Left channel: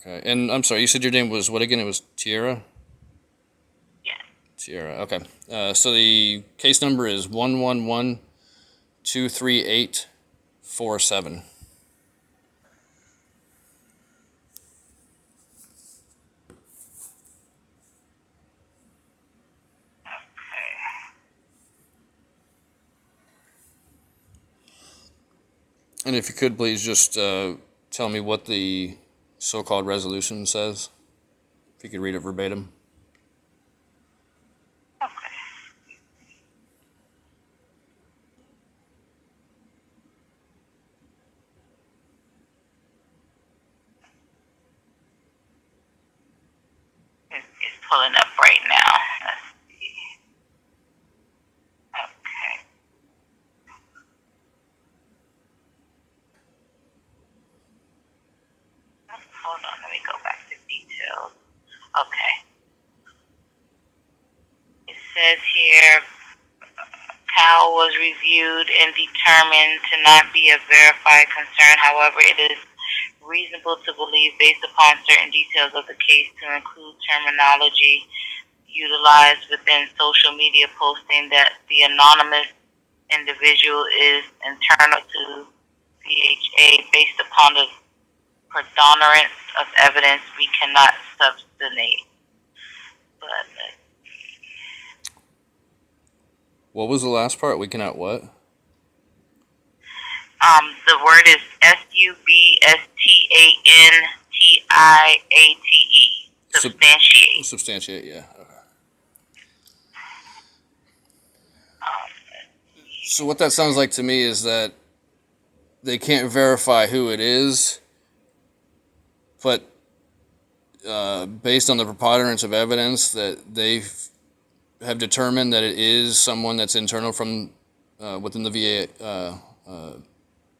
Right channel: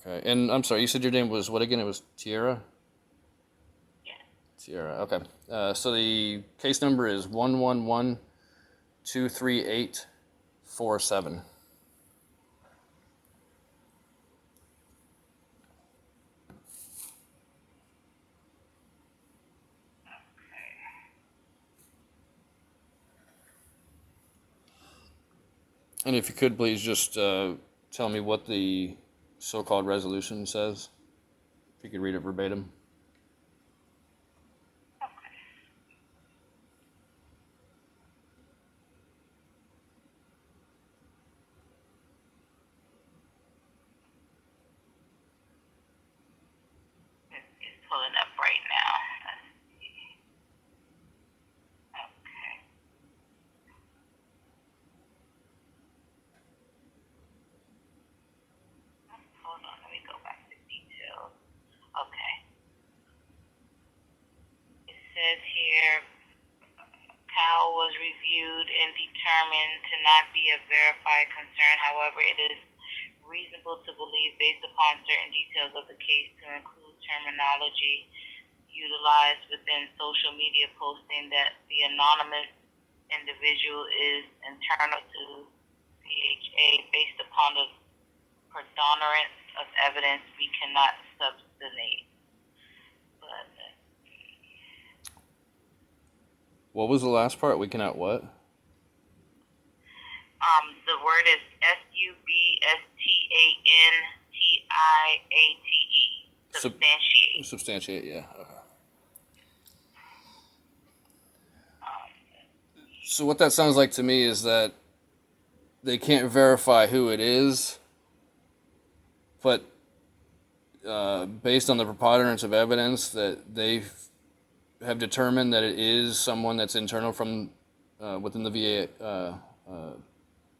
Okay. And I'm sorry, you said your name was what again? It was Tierra? Yes. Tierra. Okay. So the case number is 111-238-47. And if you could please just tell me what the so-called resolution says. If you could read it verbatim. Okay. It's pulling up right now. Let's see. Okay. Hold on. Let me go back to details. Okay. It says here, Powell was reviewed and determined to not be a verified concern. However, it is reasonable to believe, based upon certain details of the case, to include terminology utilized within social media posting, that the anonymous individual is internal to VHA. Based upon the predominance of evidence, we cannot substantiate. But What was the last part? We cannot what? the word is substantiate. Substantiate. Substantiate, yeah. Okay. So what that sounds like to me is that they can't verify who it is, but based on the preponderance of evidence that they have determined that it is someone that's internal from within the VA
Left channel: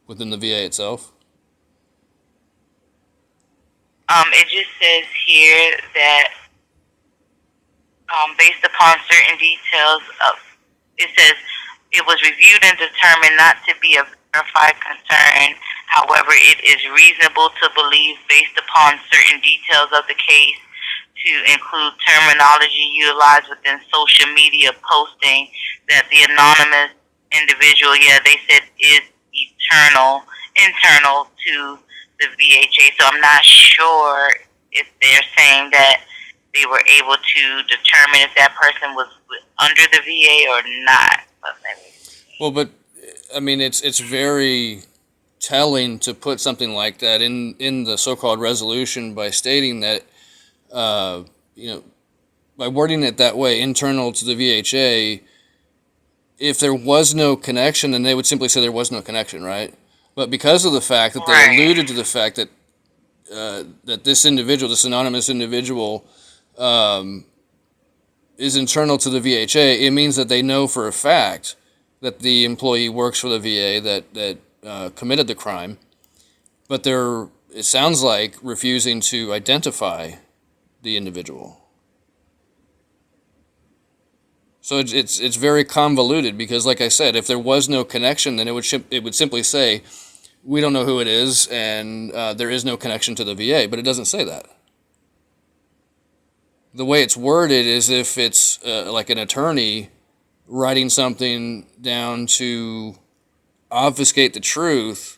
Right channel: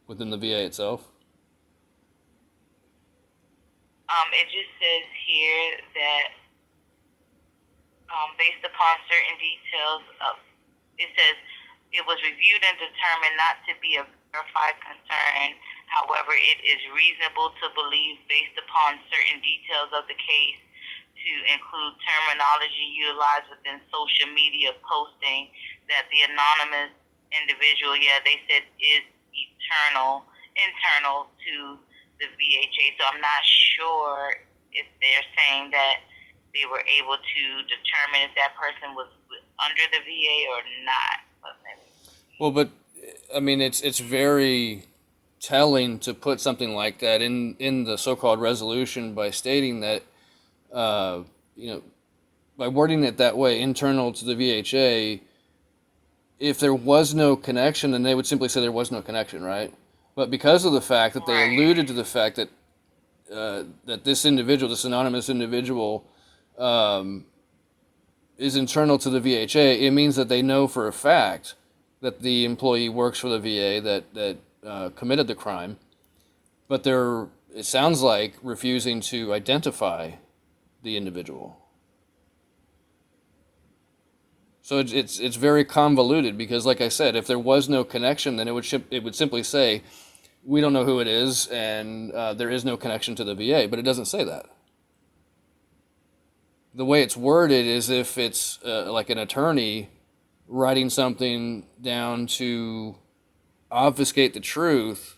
within the VA itself. It just says here that based upon certain details of, it says it was reviewed and determined not to be a verified concern. However, it is reasonable to believe, based upon certain details of the case, to include terminology utilized within social media posting, that the anonymous individual, yeah, they said is internal to the VHA. So I'm not sure if they're saying that they were able to determine if that person was under the VA or not. Well, but I mean, it's very telling to put something like that in the so-called resolution by stating that you know, by wording it that way, internal to the VHA. If there was no connection, then they would simply say there was no connection, right? But because of the fact that they alluded to the fact that that this individual, this anonymous individual, is internal to the VHA, it means that they know for a fact that the employee works for the VA that committed the crime, but they're, it sounds like, refusing to identify the individual. So it's very convoluted because, like I said, if there was no connection, then it would simply say, we don't know who it is, and there is no connection to the VA. But it doesn't say that. The way it's worded is if it's like an attorney writing something down to obfuscate the truth,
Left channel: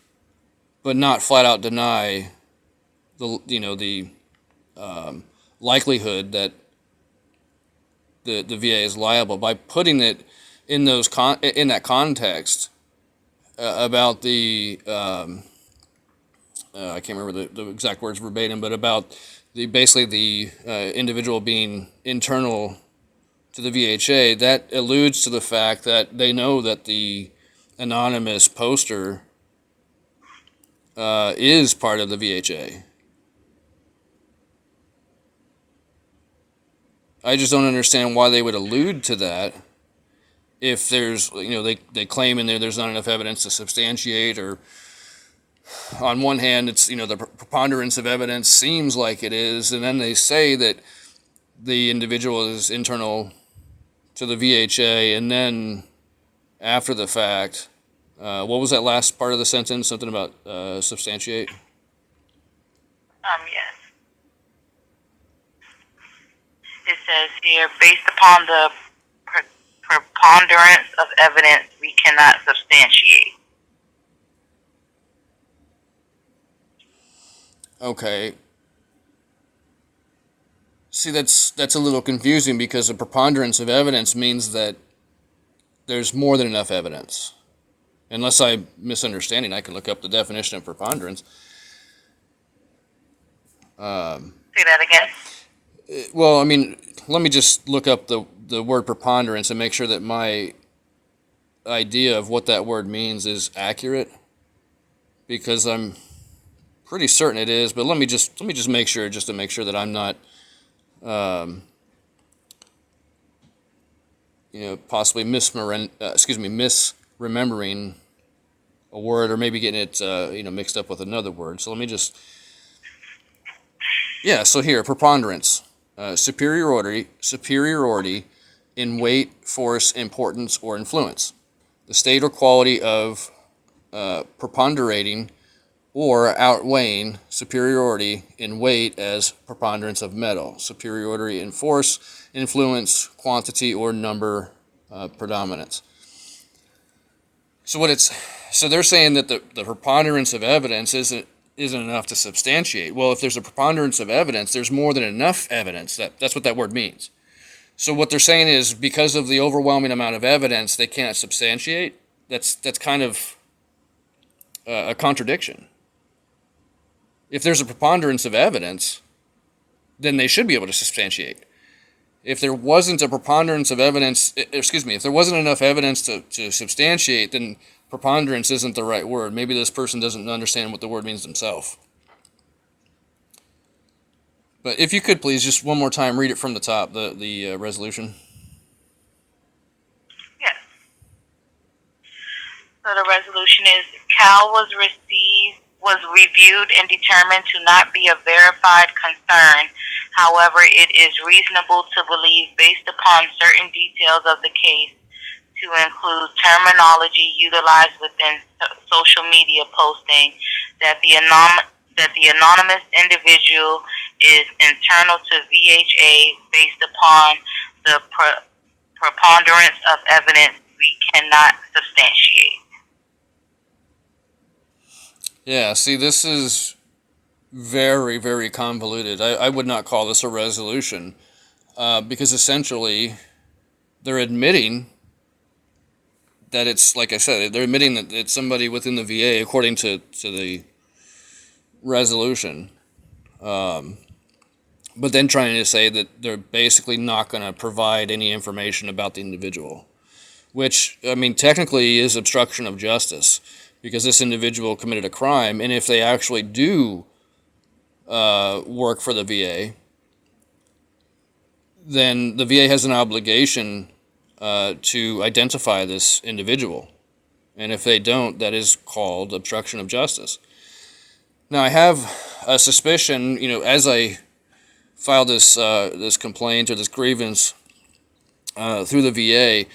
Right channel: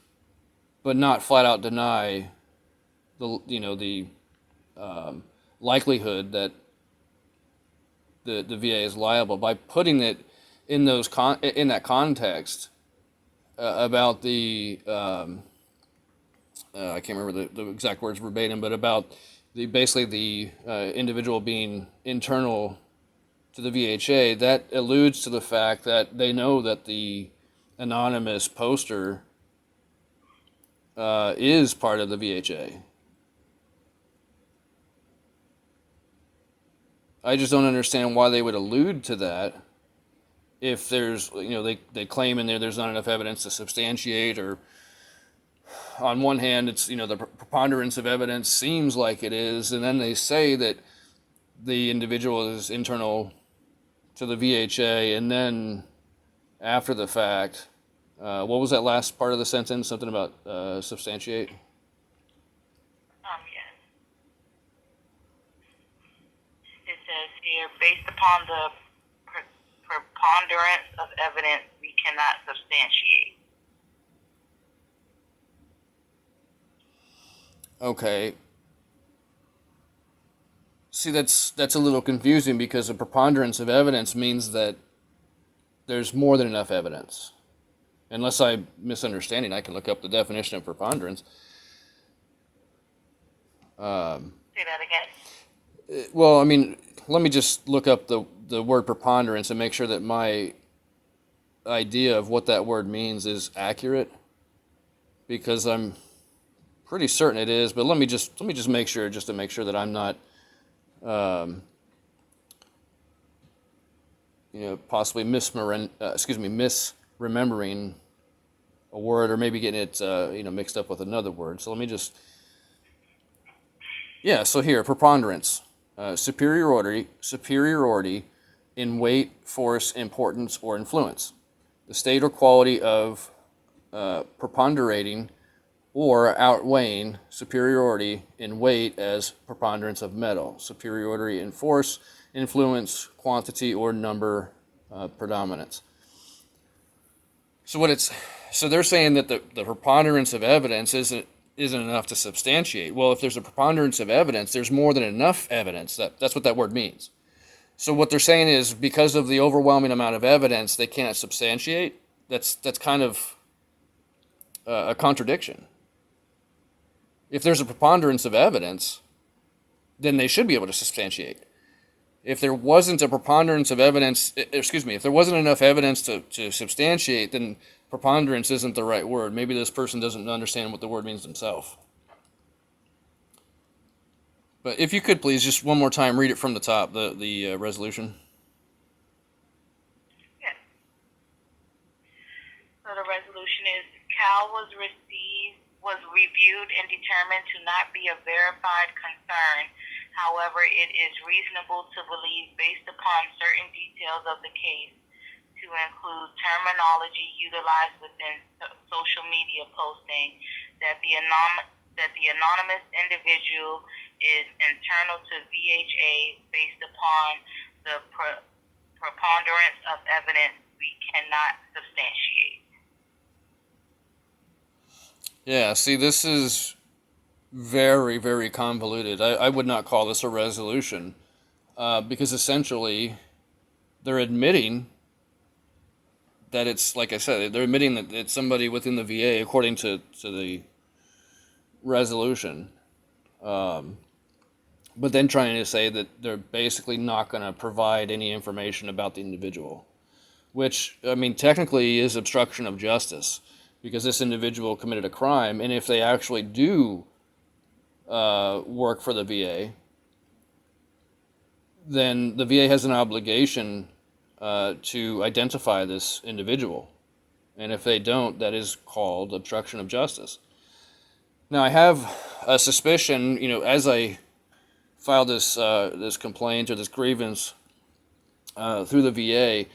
but not flat out deny the likelihood that the VA is liable by putting it in in that context about the I can't remember the exact words verbatim, but about basically the individual being internal to the VHA. That alludes to the fact that they know that the anonymous poster is part of the VHA. I just don't understand why they would allude to that if there's, they claim in there's not enough evidence to substantiate, or on one hand, it's, the preponderance of evidence seems like it is, and then they say that the individual is internal to the VHA, and then after the fact, what was that last part of the sentence? Something about substantiate? Yes. says here, based upon the preponderance of evidence, we cannot substantiate. Okay. See, that's a little confusing because a preponderance of evidence means that there's more than enough evidence. Unless I'm misunderstanding, I can look up the definition of preponderance. Say that again. Well, I mean, let me just look up the word preponderance and make sure that my idea of what that word means is accurate, because I'm pretty certain it is. But let me just make sure, just to make sure that I'm not, possibly misremembering a word, or maybe getting it, mixed up with another word. So let me just, so here, preponderance, superiority in weight, force, importance, or influence. The state or quality of preponderating or outweighing superiority in weight as preponderance of metal, superiority in force, influence, quantity, or number, predominance. So they're saying that the preponderance of evidence isn't enough to substantiate. Well, if there's a preponderance of evidence, there's more than enough evidence. That's what that word means. So what they're saying is, because of the overwhelming amount of evidence, they can't substantiate. That's kind of a contradiction. If there's a preponderance of evidence, then they should be able to substantiate. If there wasn't a preponderance of evidence, if there wasn't enough evidence to substantiate, then preponderance isn't the right word. Maybe this person doesn't understand what the word means themselves. But if you could please, just one more time, read it from the top, the resolution. Yes. So the resolution is, Cal was reviewed and determined to not be a verified concern. However, it is reasonable to believe, based upon certain details of the case, to include terminology utilized within social media posting, that the anonymous individual is internal to VHA based upon the preponderance of evidence we cannot substantiate. Yeah, see, this is very, very convoluted. I would not call this a resolution, because essentially they're admitting that it's, like I said, they're admitting that it's somebody within the VA, according to the resolution, but then trying to say that they're basically not going to provide any information about the individual, which, I mean, technically is obstruction of justice, because this individual committed a crime, and if they actually do work for the VA, then the VA has an obligation to identify this individual, and if they don't, that is called obstruction of justice. Now, I have a suspicion, as I filed this complaint or this grievance through the VA.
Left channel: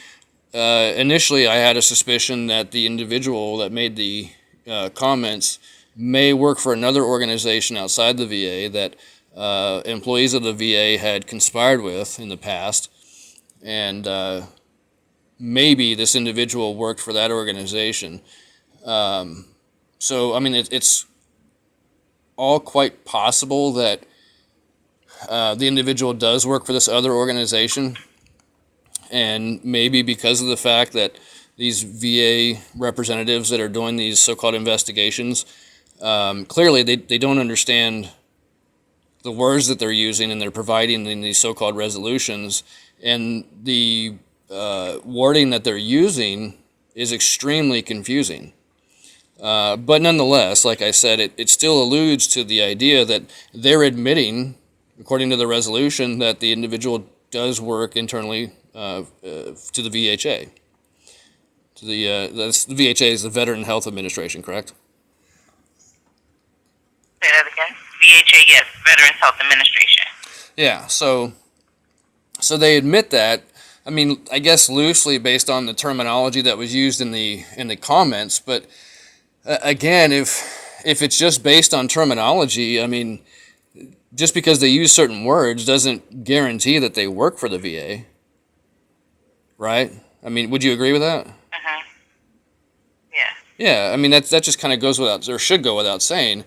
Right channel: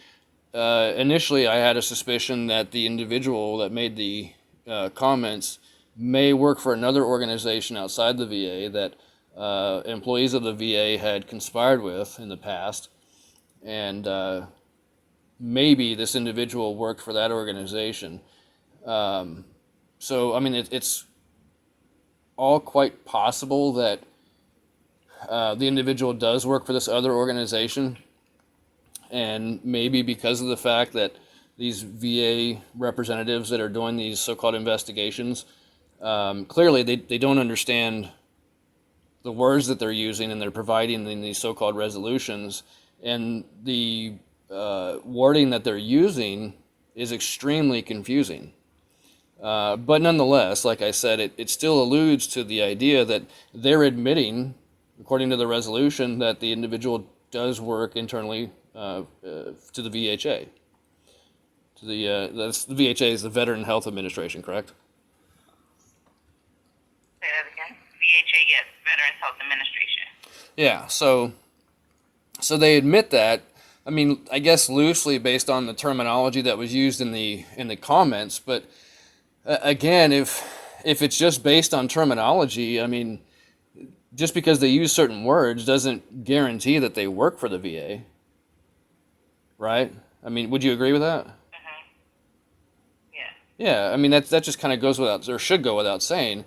Initially, I had a suspicion that the individual that made the comments may work for another organization outside the VA that employees of the VA had conspired with in the past, and maybe this individual worked for that organization. So, I mean, it's all quite possible that the individual does work for this other organization. And maybe because of the fact that these VA representatives that are doing these so-called investigations, clearly they don't understand the words that they're using, and they're providing in these so-called resolutions, and the wording that they're using is extremely confusing. But nonetheless, like I said, it still alludes to the idea that they're admitting, according to the resolution, that the individual does work internally to the VHA. The VHA is the Veteran Health Administration, correct? Say that again. VHA, yes, Veterans Health Administration. Yeah. So they admit that. I mean, I guess loosely based on the terminology that was used in the comments, but again, if it's just based on terminology, I mean, just because they use certain words doesn't guarantee that they work for the VA, right? I mean, would you agree with that? Mhm. Yeah. Yeah, I mean that just kind of goes without, or should go without saying,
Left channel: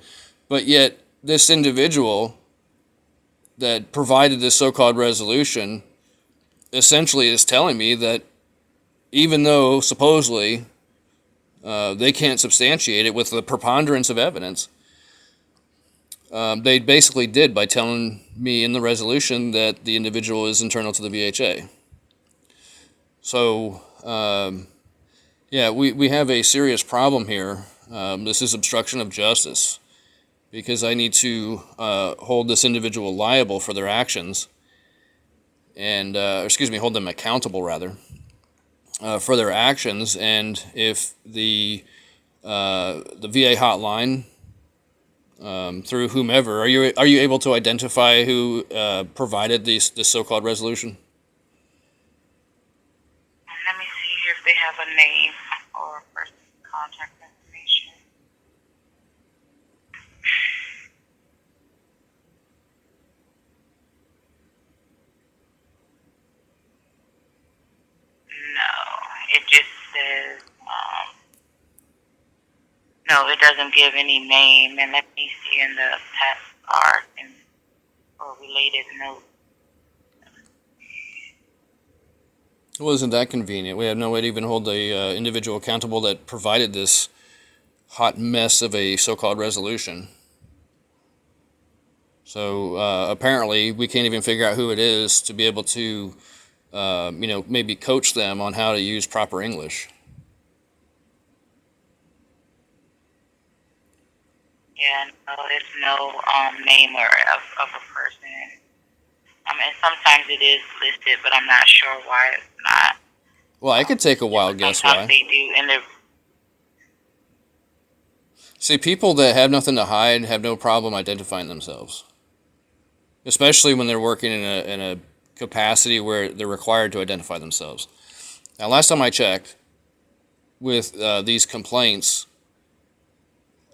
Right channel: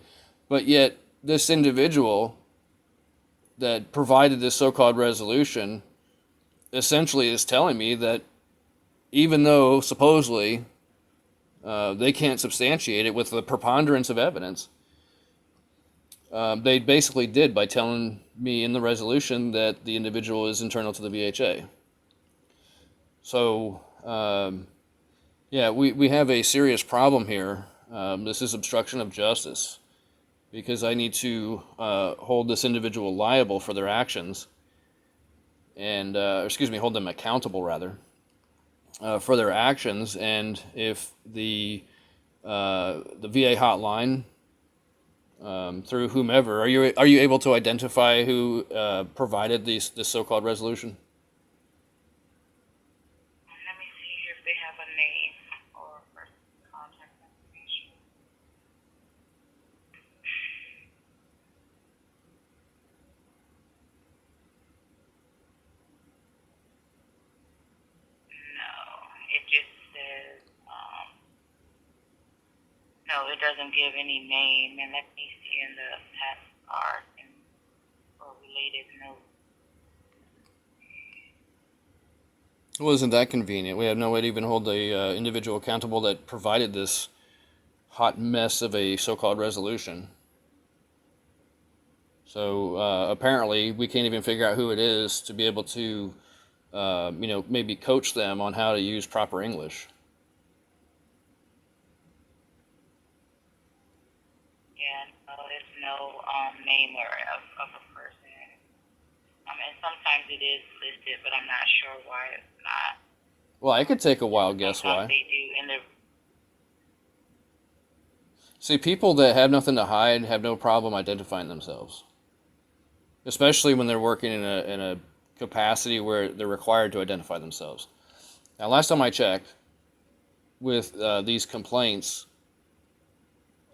but yet this individual that provided this so-called resolution essentially is telling me that even though supposedly they can't substantiate it with the preponderance of evidence, they basically did by telling me in the resolution that the individual is internal to the VHA. So, yeah, we have a serious problem here. This is obstruction of justice because I need to hold this individual liable for their actions and, excuse me, hold them accountable rather for their actions. And if the VA hotline through whomever, are you able to identify who provided this so-called resolution? Let me see here if they have a name or a person's contact information. No, it just says, no, it doesn't give any name. And let me see in the past card and or related note. Well, isn't that convenient? We have no way to even hold the individual accountable that provided this hot mess of a so-called resolution. So apparently, we can't even figure out who it is to be able to, maybe coach them on how to use proper English. Yeah, no, there's no name or of a person. And sometimes it is listed, but I'm not sure why it's not. Well, I could take a wild guess Sometimes why. they do, and See, people that have nothing to hide have no problem identifying themselves, especially when they're working in a capacity where they're required to identify themselves. Now, last time I checked with these complaints,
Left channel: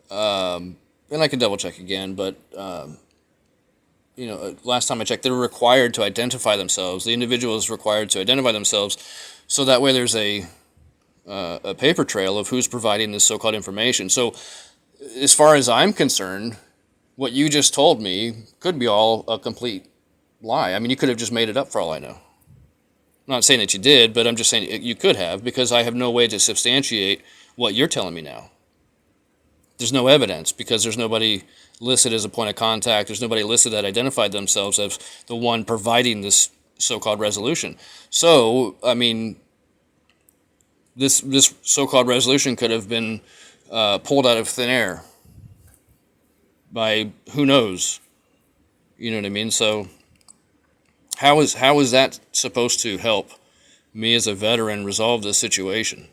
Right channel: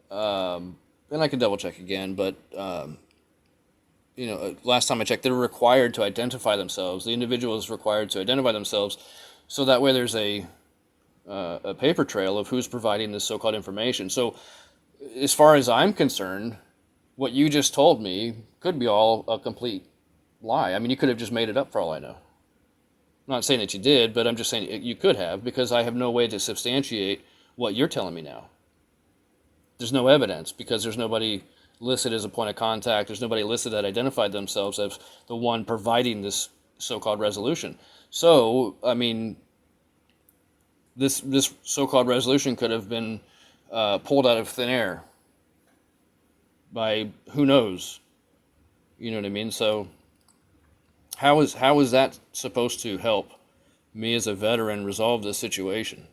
and I can double check again, but last time I checked, they're required to identify themselves. The individual is required to identify themselves, so that way there's a paper trail of who's providing this so-called information. So, as far as I'm concerned, what you just told me could be all a complete lie. I mean, you could have just made it up for all I know. I'm not saying that you did, but I'm just saying you could have, because I have no way to substantiate what you're telling me now. There's no evidence because there's nobody listed as a point of contact. There's nobody listed that identified themselves as the one providing this so-called resolution. So, I mean, this so-called resolution could have been pulled out of thin air by who knows. You know what I mean? So, how is that supposed to help me as a veteran resolve this situation?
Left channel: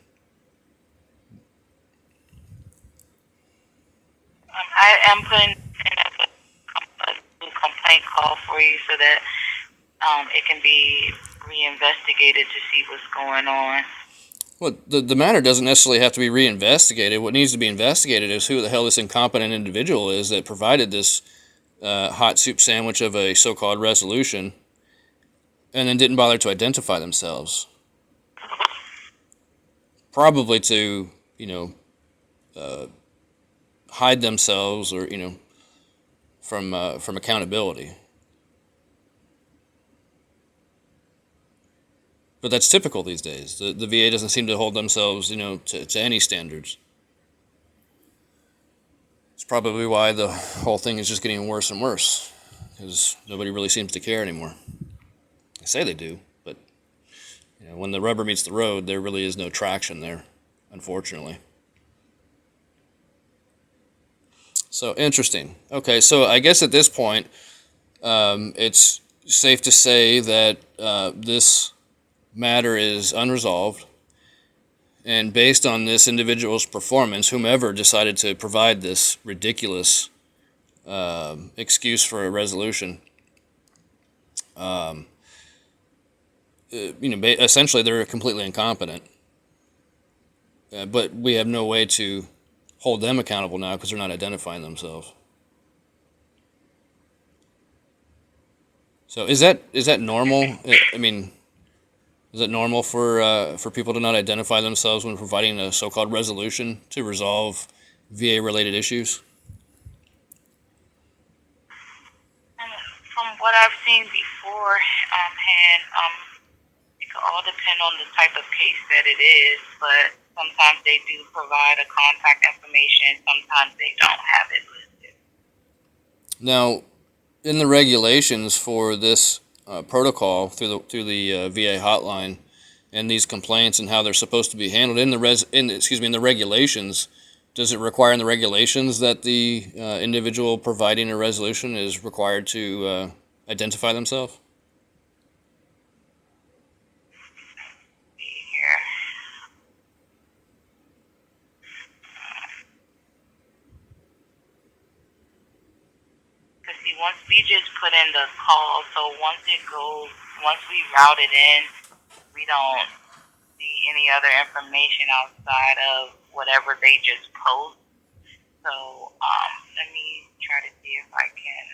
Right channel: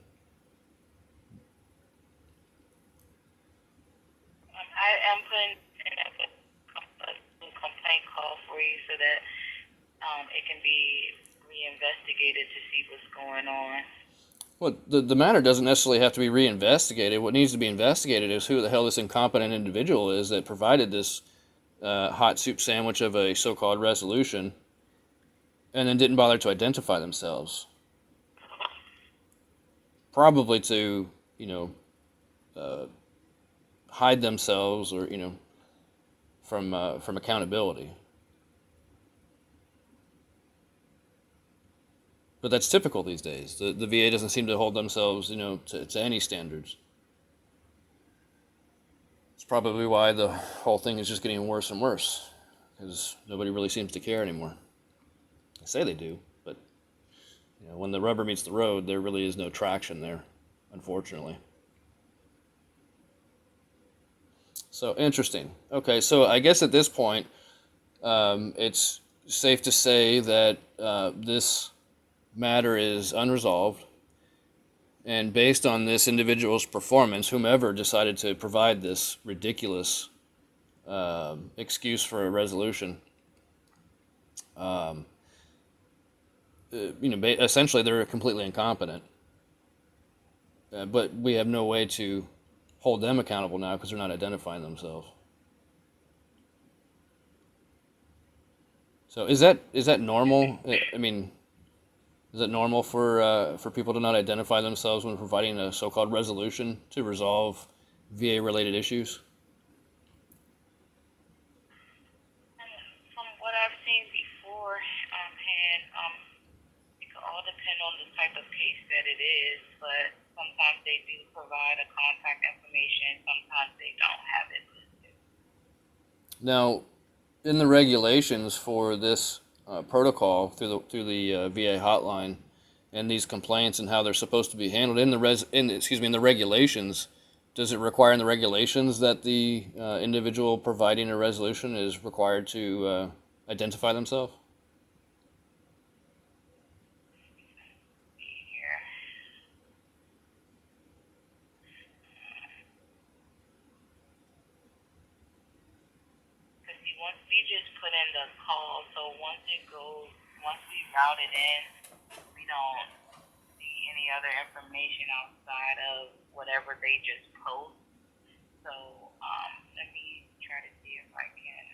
I am putting in a complaint call for you so that it can be reinvestigated to see what's going on. Well, the matter doesn't necessarily have to be reinvestigated. What needs to be investigated is who the hell this incompetent individual is that provided this hot soup sandwich of a so-called resolution and then didn't bother to identify themselves. Probably to, hide themselves or, from accountability. But that's typical these days. The VA doesn't seem to hold themselves, to any standards. It's probably why the whole thing is just getting worse and worse, because nobody really seems to care anymore. They say they do, but when the rubber meets the road, there really is no traction there, unfortunately. So interesting. Okay, so I guess at this point, it's safe to say that this matter is unresolved, and based on this individual's performance, whomever decided to provide this ridiculous excuse for a resolution, essentially they're completely incompetent. But we have no way to hold them accountable now because they're not identifying themselves. So is that normal? I mean, is it normal for people to not identify themselves when providing a so-called resolution to resolve VA-related issues? From what I've seen before, and it could all depend on the type of case that it is, but sometimes they do provide a contact information, sometimes they don't have it listed. Now, in the regulations for this protocol through the VA hotline and these complaints and how they're supposed to be handled in the regulations, does it require in the regulations that the individual providing a resolution is required to identify themselves? Here. Because see, once we just put in the call, so once we route it in, we don't see any other information outside of whatever they just post. So let me try to see if I can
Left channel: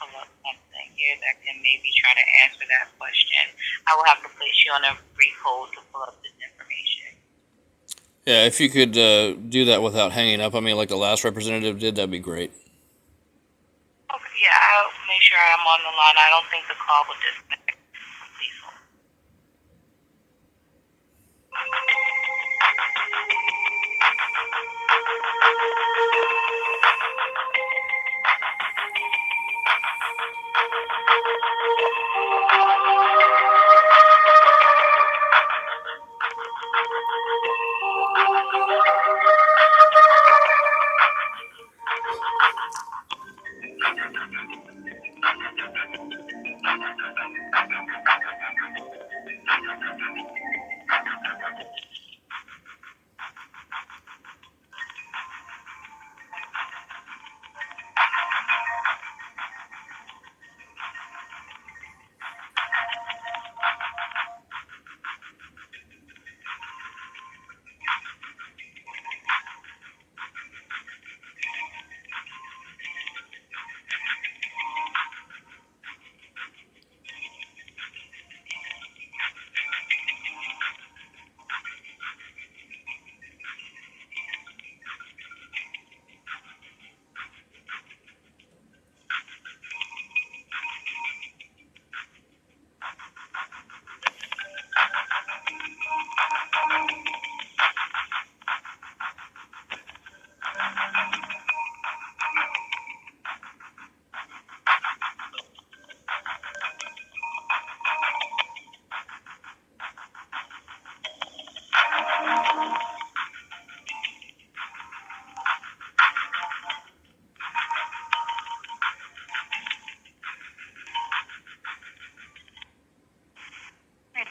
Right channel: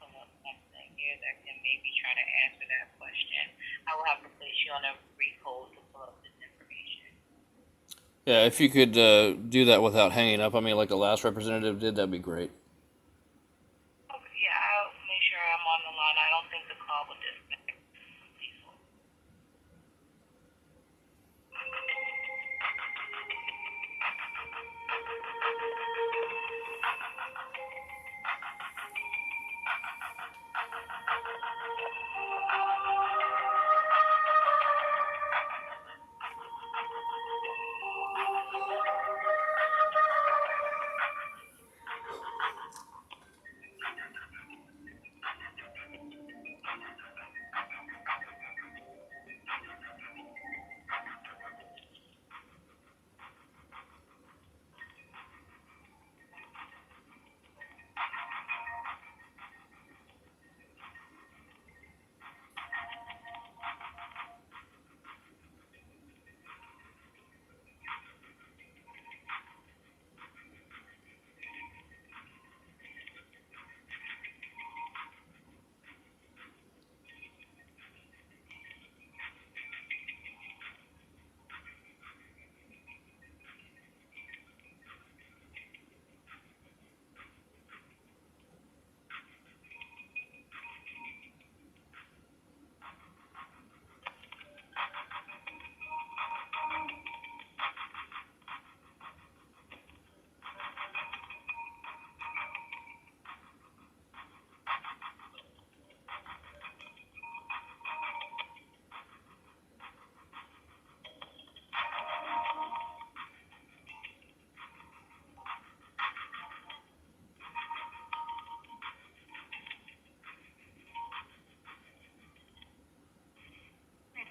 pull up something here that can maybe try to answer that question. I will have to place you on a brief hold to pull up this information. Yeah, if you could do that without hanging up on me like the last representative did, that'd be great. Okay, yeah, I'll make sure I'm on the line. I don't think the call will disconnect. Please hold.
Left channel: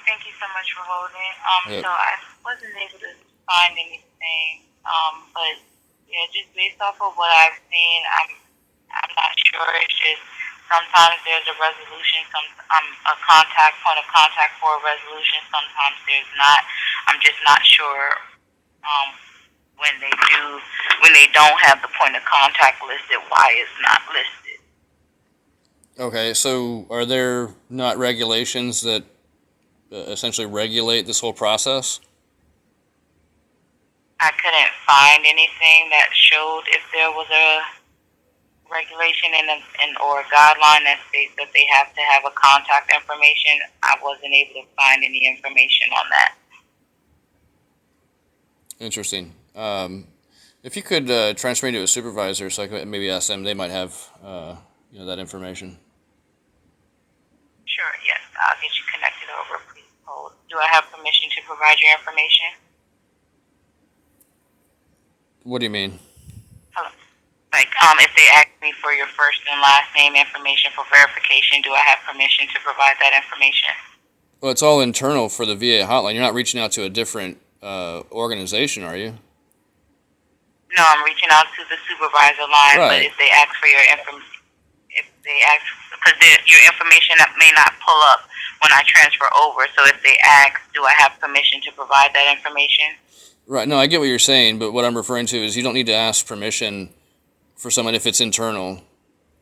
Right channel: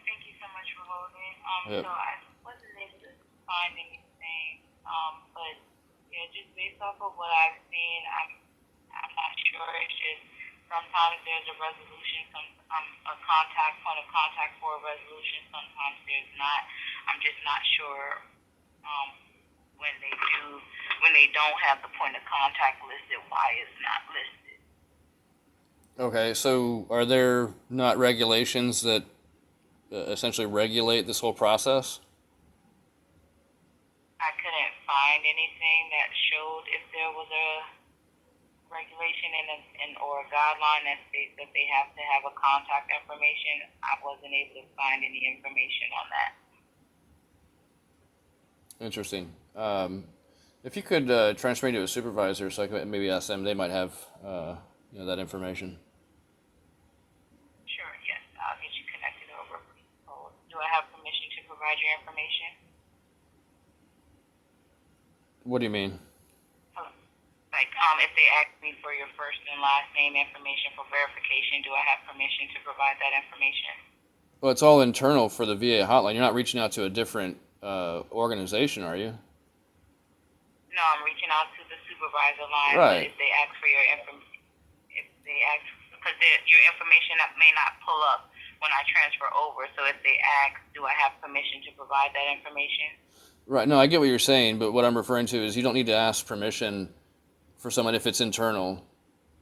Thank you so much for holding. Yep. So I wasn't able to find anything, but yeah, just based off of what I've seen, I'm not sure. It's just sometimes there's a resolution, a contact point of contact for a resolution. Sometimes there's not. I'm just not sure um, when they don't have the point of contact listed, why it's not listed. Okay, so are there not regulations that essentially regulate this whole process? I couldn't find anything that showed if there was a regulation or a guideline that states that they have to have a contact information. I wasn't able to find any information on that. Interesting. If you could transfer me to a supervisor, so I could maybe ask them, they might have that information. Sure, yes, I'll get you connected over. Please hold. Do I have permission to provide your information? What do you mean? Hello. Like, if they ask me for your first and last name information for verification, do I have permission to provide that information? Well, it's all internal for the VA hotline. You're not reaching out to a different organization, are you? No, I'm reaching out to the supervisor line. Right. But if they ask for your because your information may not pull up when I transfer over. So if they ask, do I have permission to provide that information? Right. No, I get what you're saying, but what I'm referring to is you don't need to ask permission for someone if it's internal.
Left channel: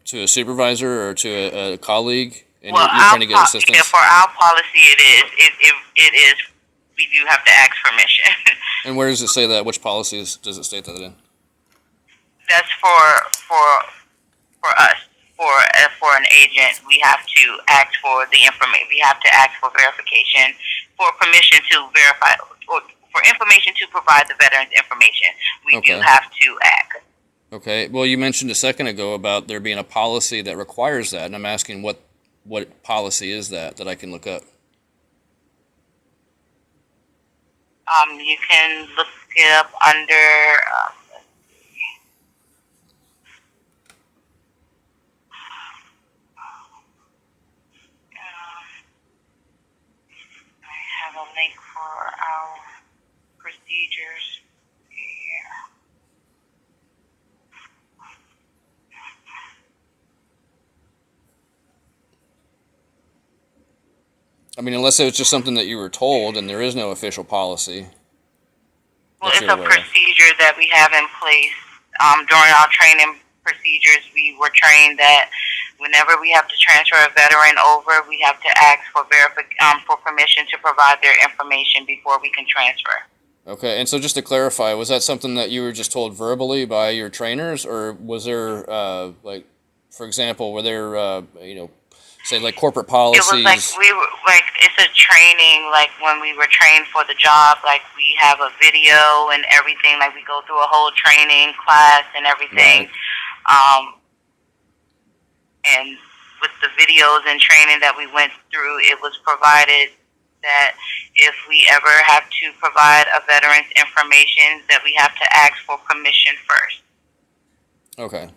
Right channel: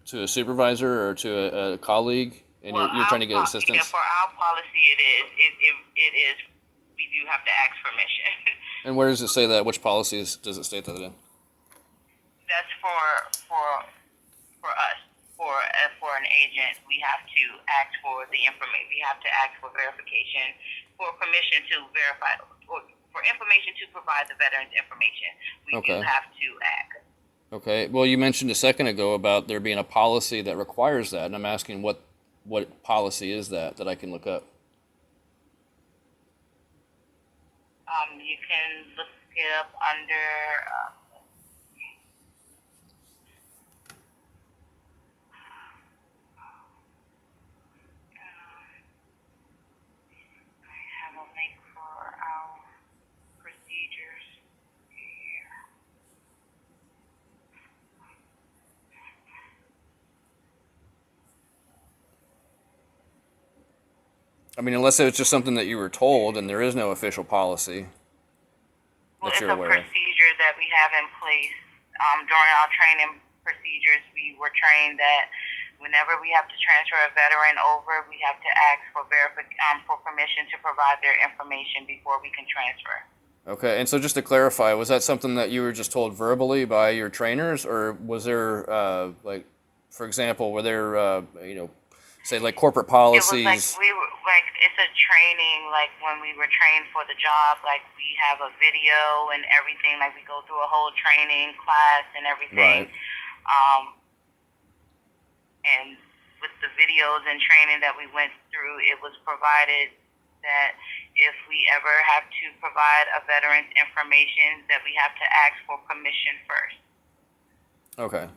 to a supervisor or to a colleague, and Well, you're trying to get yeah, assistance. for our policy, it is. It is. We do have to ask permission. And where does it say that? Which policies does it state that in? That's for us. For an agent, we have to ask for the information. We have to ask for verification, for permission to verify, or for information to provide the veterans information. We do Okay. have to ask. Okay. Well, you mentioned a second ago about there being a policy that requires that, and I'm asking what policy is that I can look up? You can look it up under. I have a link for our procedures here. I mean, unless it was just something that you were told, and there is no official policy. Well, that it's you're a aware of. procedure that we have in place. During our training procedures, we were trained that whenever we have to transfer a veteran over, we have to ask for for permission to provide their information before we can transfer. Okay, and so just to clarify, was that something that you were just told verbally by your trainers, or was there, like, for example, were there, say like corporate It was like policies? we were like it's a training. Like when we were trained for the job, like we have a video and everything. Like we go through a whole training class and everything. Right. And with the videos and training that we went through, it was provided that if we ever have to provide a veteran's information, that we have to ask for permission first. Okay.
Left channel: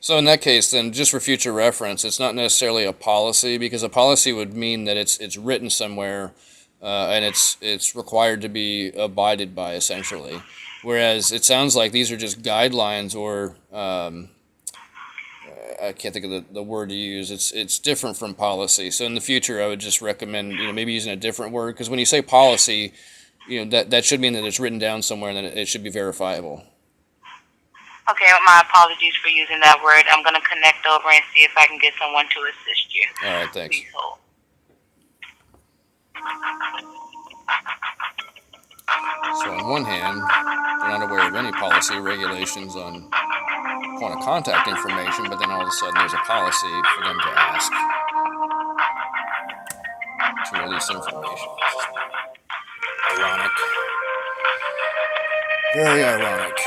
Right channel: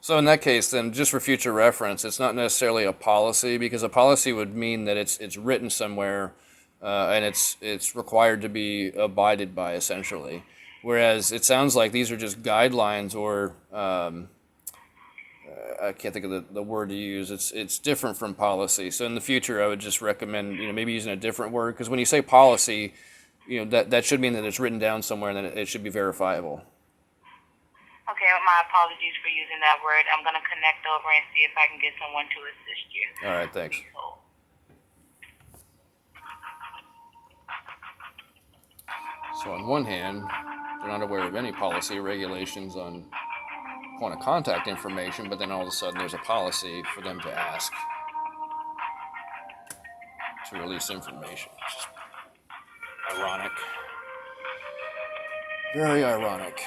So in that case, then, just for future reference, it's not necessarily a policy, because a policy would mean that it's written somewhere, and it's required to be abided by, essentially. Whereas it sounds like these are just guidelines, or I can't think of the word to use. It's different from policy. So in the future, I would just recommend maybe using a different word, because when you say policy, that should mean that it's written down somewhere and that it should be verifiable. Okay, my apologies for using that word. I'm going to connect over and see if I can get someone to assist you. All right, thanks. Please hold. So on one hand, they're not aware of any policy or regulations on point of contact information, but then all of a sudden there's a policy for them to ask to release information. Ironic. Very ironic.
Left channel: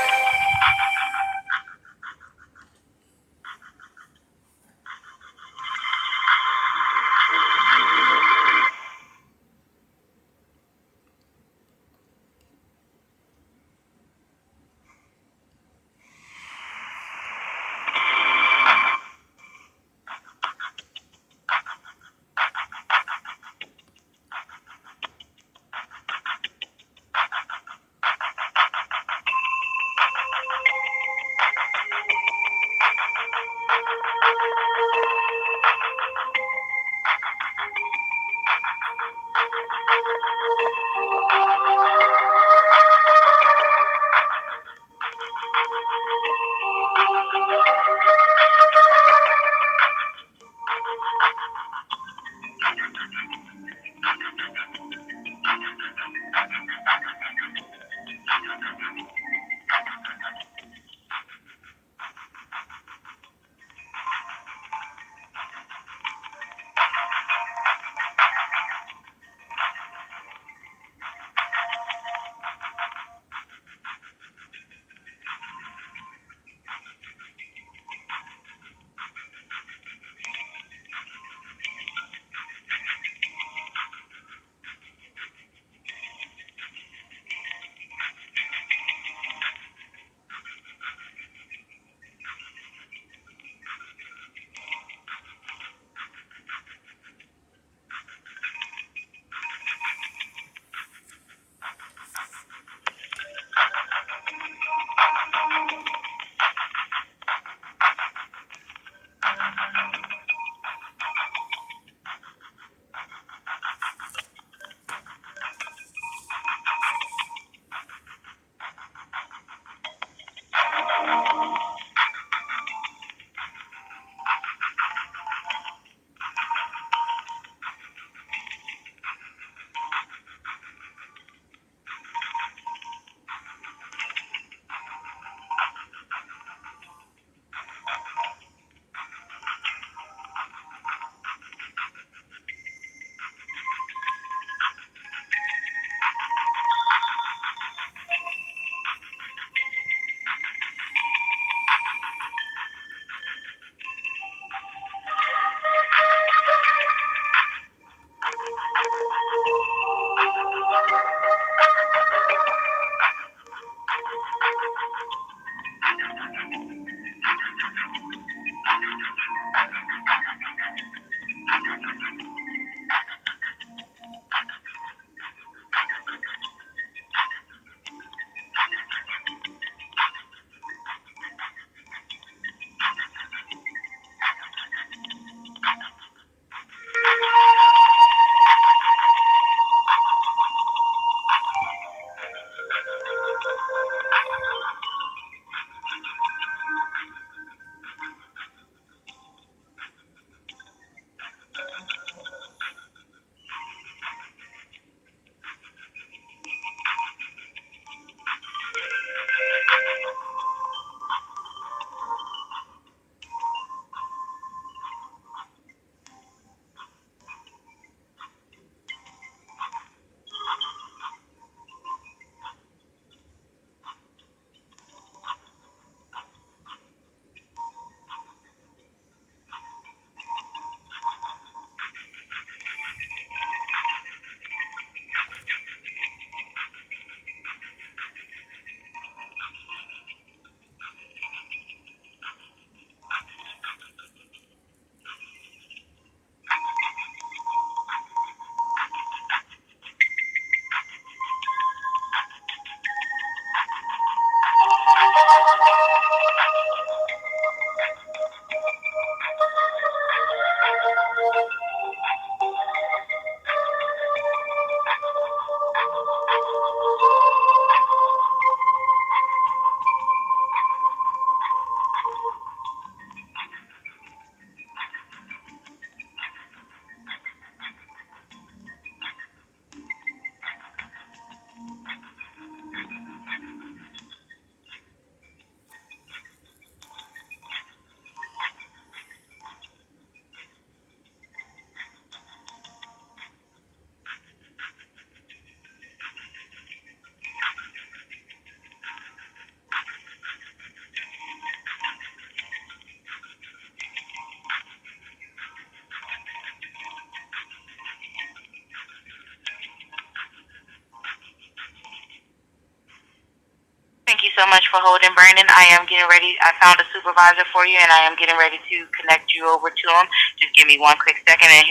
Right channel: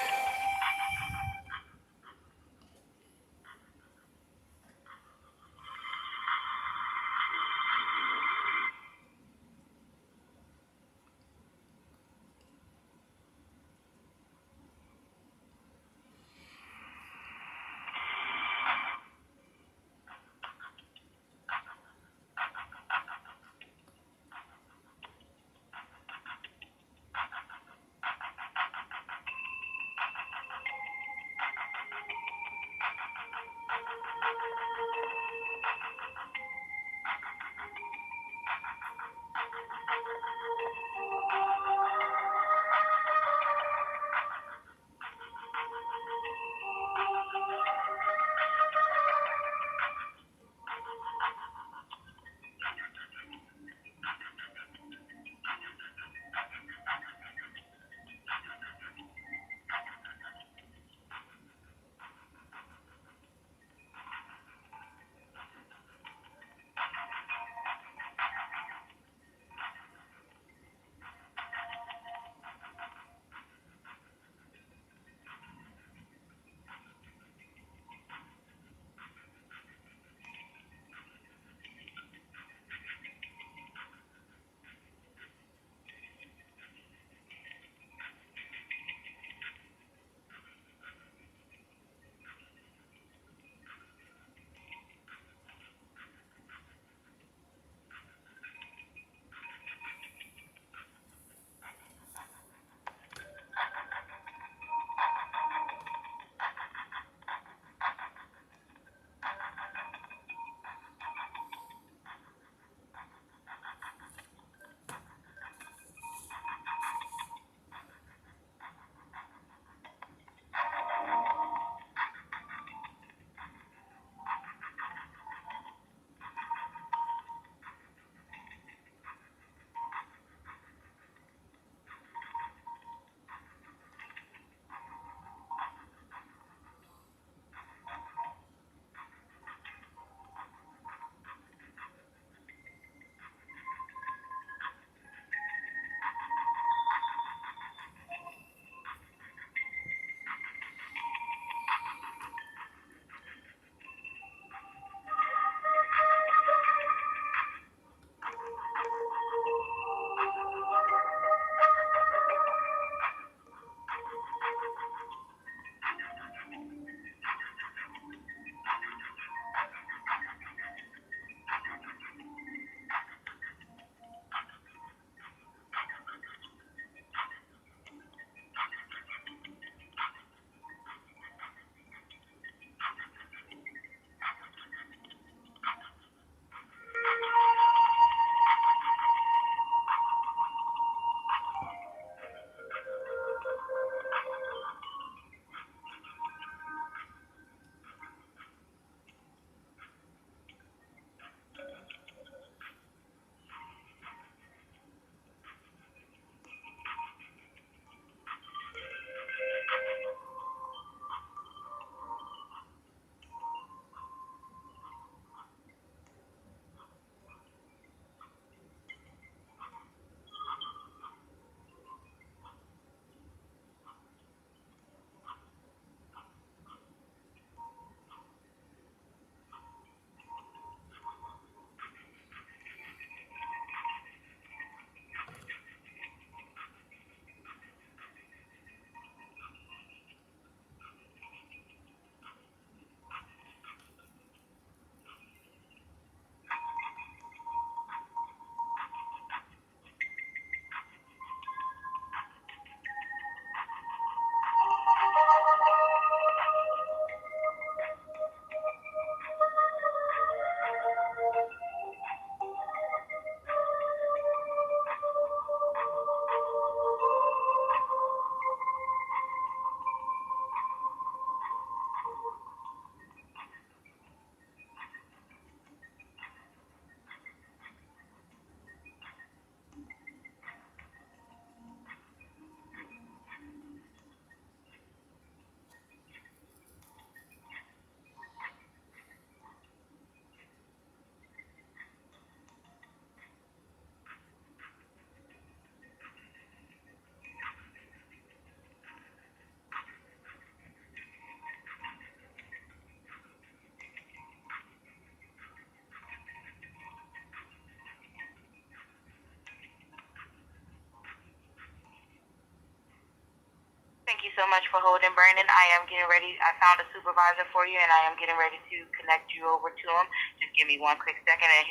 so much for holding, Brandon. I am getting ready. I found a supervisor for you, and I am getting ready to connect you over to him. Just give me one quick second, and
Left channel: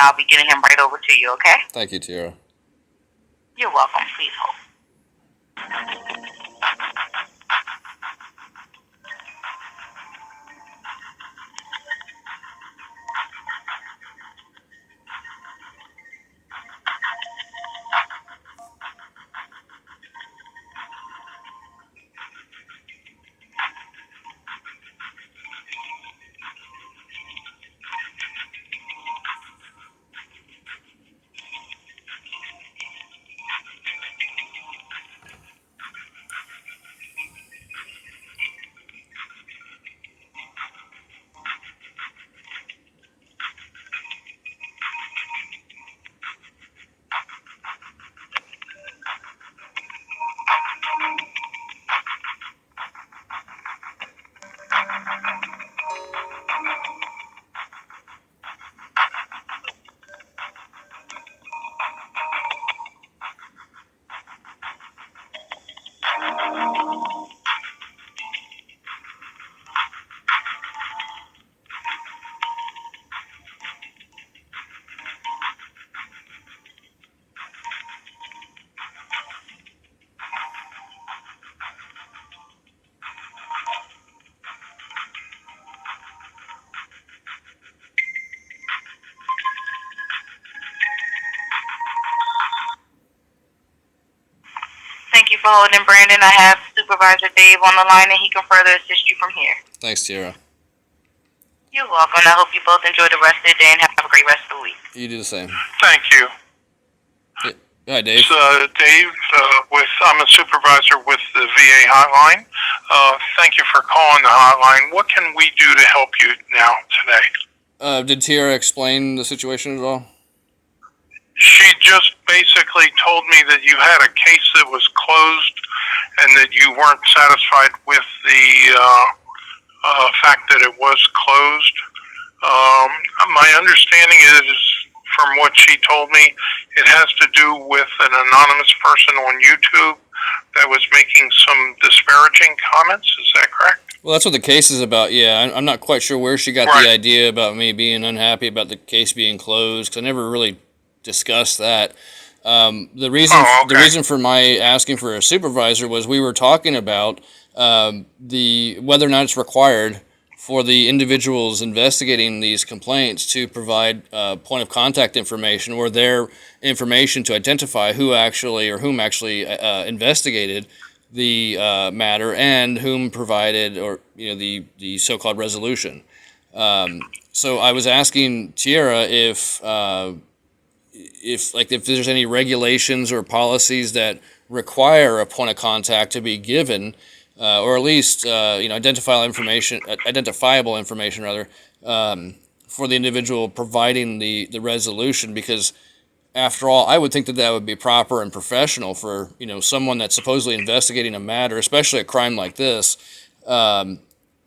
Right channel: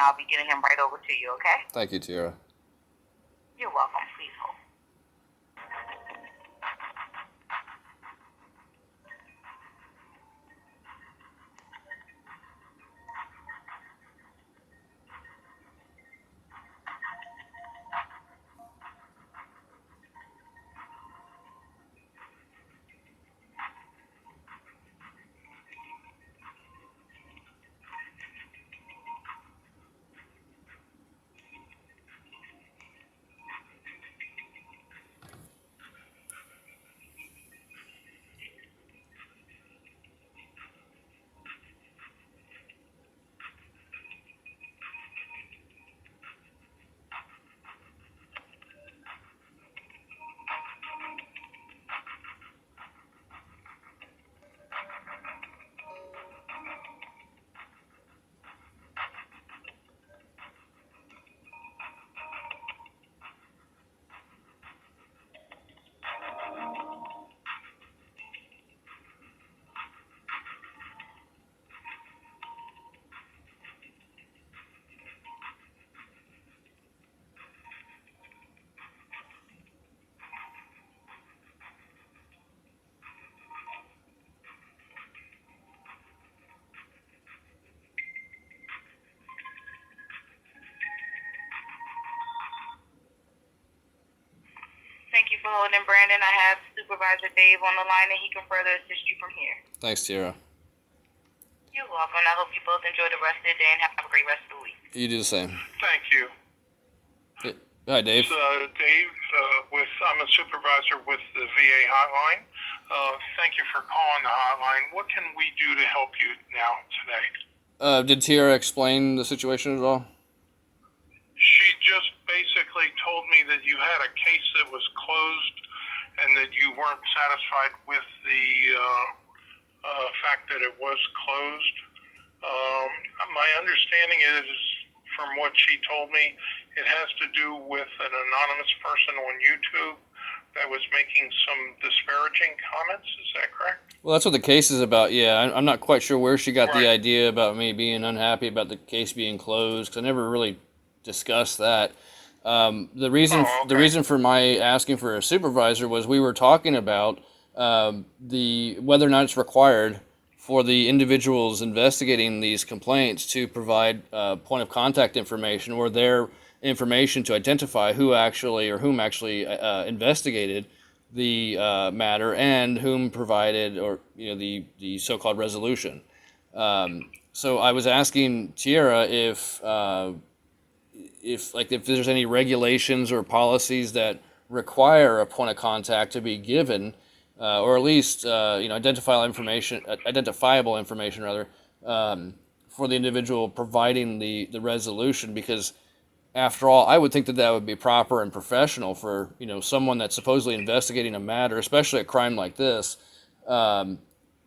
I'll be getting him right over to you. Okay? Thank you, Tiara. You're welcome. Please hold. Thank you for holding, Brandon. I have Supervisor Dave on the line, and he can further assist you from here. Thanks, Tiara. You're welcome. I hope you both enjoy the rest of the day and have a great rest of the week. You do the same. Thank you. Hi, Dave. It's Dave. I'm a supervisor with the VA hotline. Thank you for calling the hotline. What can we do to help you now today? Did Tiara explain the situation at all? She just basically told me that you had a case that was closed and that you weren't satisfied with the fact that it was closed. My understanding is, from what she told me, it has to do with an anonymous person on YouTube that was making some disparaging comments. Is that correct? Well, that's what the case is about. Yeah, I'm not quite sure where she got Right. the idea about me being unhappy about the case being closed, because I never really discussed that. The reason for my asking for a supervisor was we were talking about the whether or not it's required for the individuals investigating these complaints to provide point of contact information or their information to identify whom actually investigated the matter and whom provided the so-called resolution. So I was asking Tiara if there's any regulations or policies that require a point of contact to be given, or at least identifiable information for the individual providing the resolution, because after all, I would think that would be proper and professional for someone that's supposedly investigating a matter, especially a crime like this, and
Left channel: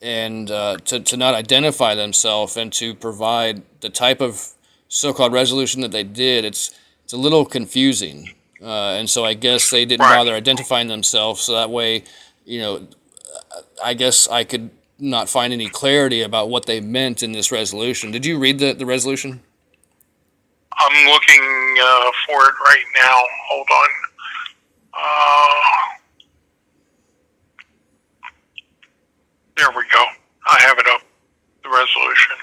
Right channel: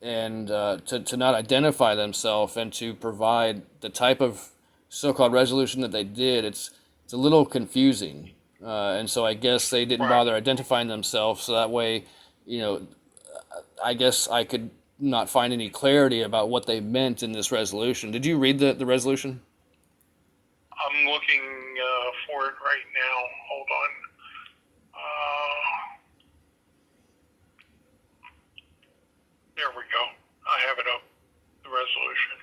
to not identify themselves and to provide the type of so-called resolution that they did. It's a little confusing, and so I guess they didn't bother identifying themselves, so that way, I guess I could not find any clarity about what they meant in this resolution. Did you read the resolution? I'm looking for it right now. Hold on. There we go. I have it up. The resolution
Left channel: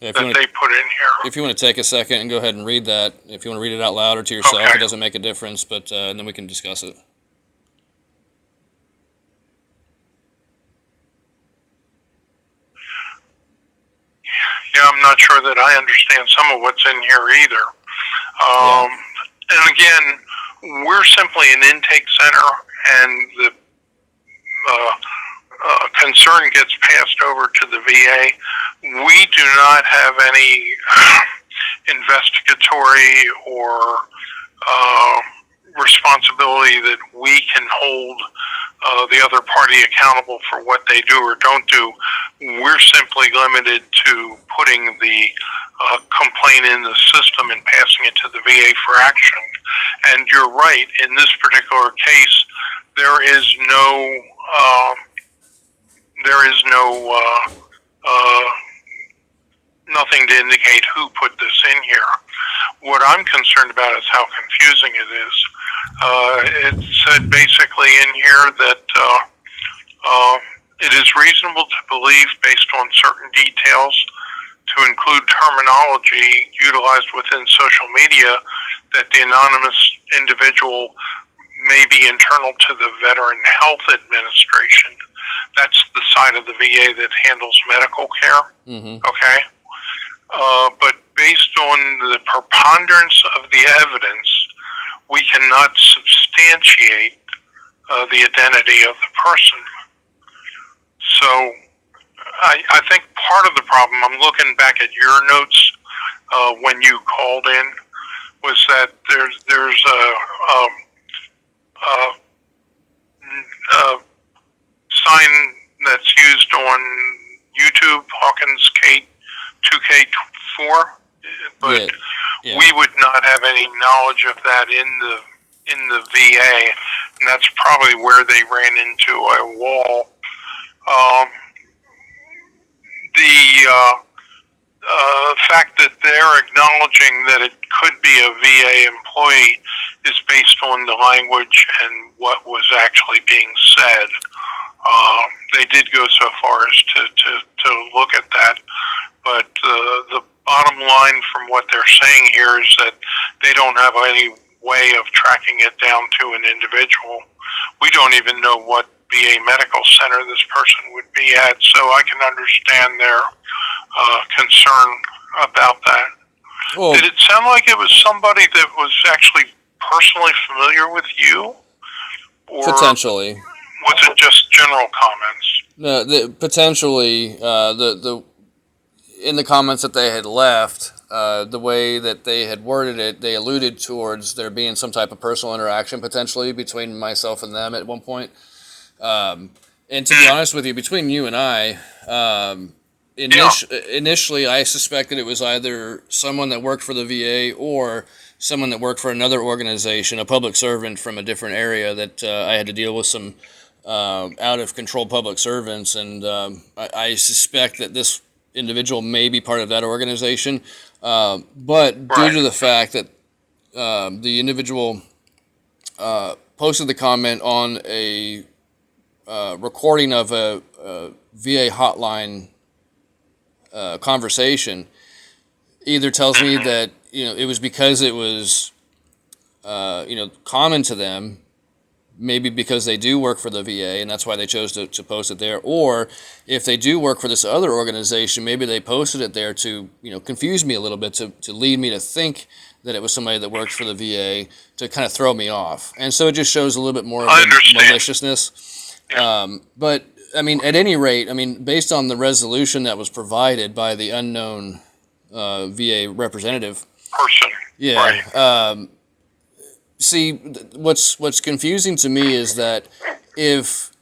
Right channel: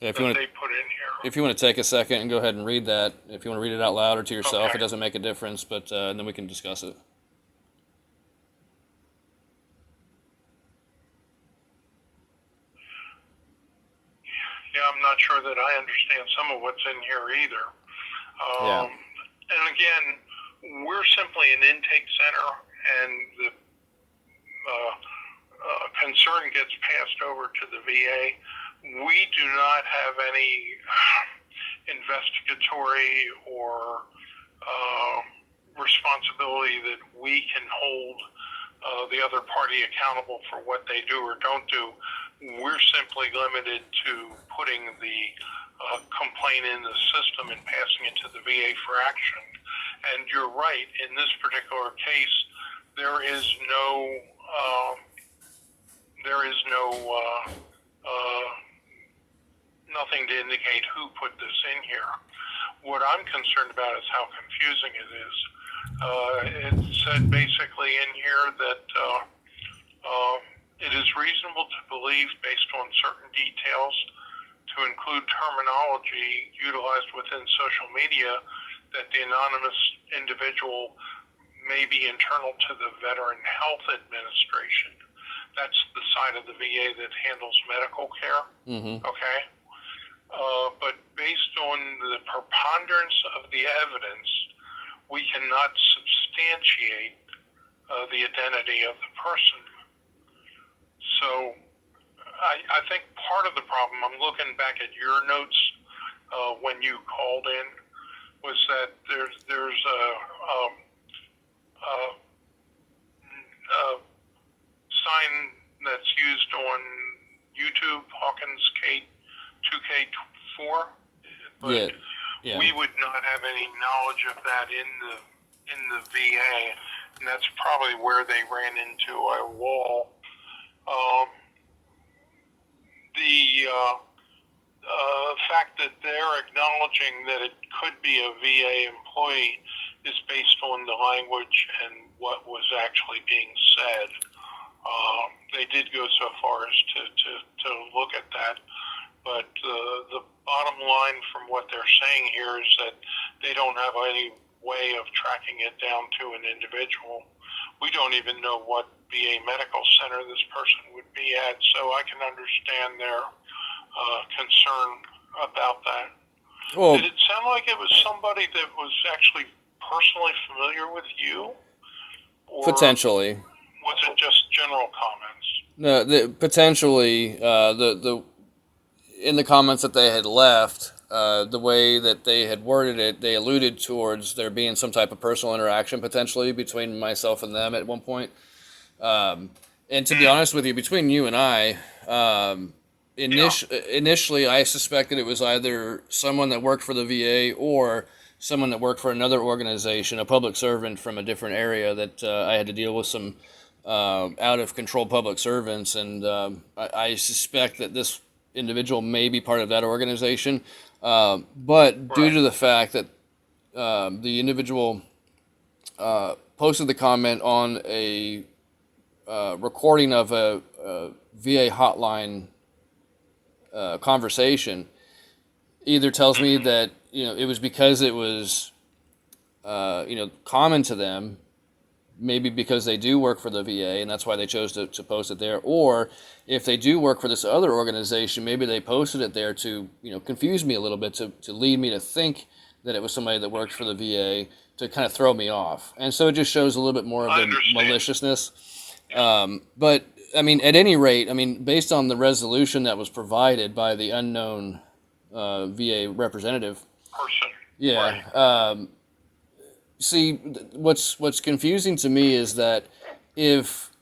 Yeah, if that they put in here. if you want to take a second and go ahead and read that, if you want to read it out loud or to yourself, Okay. It doesn't make a difference, but then we can discuss it. Yeah, I'm not sure that I understand some of what's in here either. And again, we're simply an intake center, and the concern gets passed over to the VA. We do not have any investigatory or responsibility that we can hold the other party accountable for what they do or don't do. We're simply limited to putting the complaint in the system and passing it to the VA for action. And you're right, in this particular case, there is no there is nothing to indicate who put this in here. What I'm concerned about is how confusing it is. It said basically in here that it is reasonable to believe, based on certain details, to include terminology utilized within social media, that the anonymous individual may be internal to the Veteran Health Administration. That's the side of the VA that handles medical care. Mm-hmm. Okay? But based on the preponderance of the evidence, we cannot substantiate the identity of the person. So I think part of the problem, I'm looking back at your notes when you called in, was that there's a sign that's used on YouTube, Hawkins K 2K4, but Yeah. we would not have any knowledge of that in the VA, and that's probably where they ran into a wall. The fact that they're acknowledging that it could be a VA employee is based on the language and what was actually being said. They did go so far as to look at that, but the bottom line from what they're saying here is that they don't have any way of tracking it down to an individual. We don't even know what VA medical center this person would be at, so I can understand their concern about that. Well, Did it sound like it was somebody that was actually personally familiar with you? Or potentially. was it just general comments? No, potentially the in the comments that they had left, the way that they had worded it, they alluded towards there being some type of personal interaction potentially between myself and them at one point. And to be honest with you, between you and I, initially I suspected it was either someone that worked for the VA or someone that worked for another organization, a public servant from a different area that I had to deal with some out of control public servants, and I suspect that this individual may be part of that organization. But due to the fact that the individual posted the comment on a recording of a VA hotline conversation, either tells me that it was because it was common to them, maybe because they do work for the VA and that's why they chose to post it there, or if they do work for this other organization, maybe they posted it there to confuse me a little bit, to lead me to think that it was somebody that worked for the VA, to kind of throw me off. And so it just shows a little bit more of the maliciousness. But I mean, at any rate, based on the resolution that was provided by the unknown VA representative Person. yeah Right. See, what's confusing to me is that if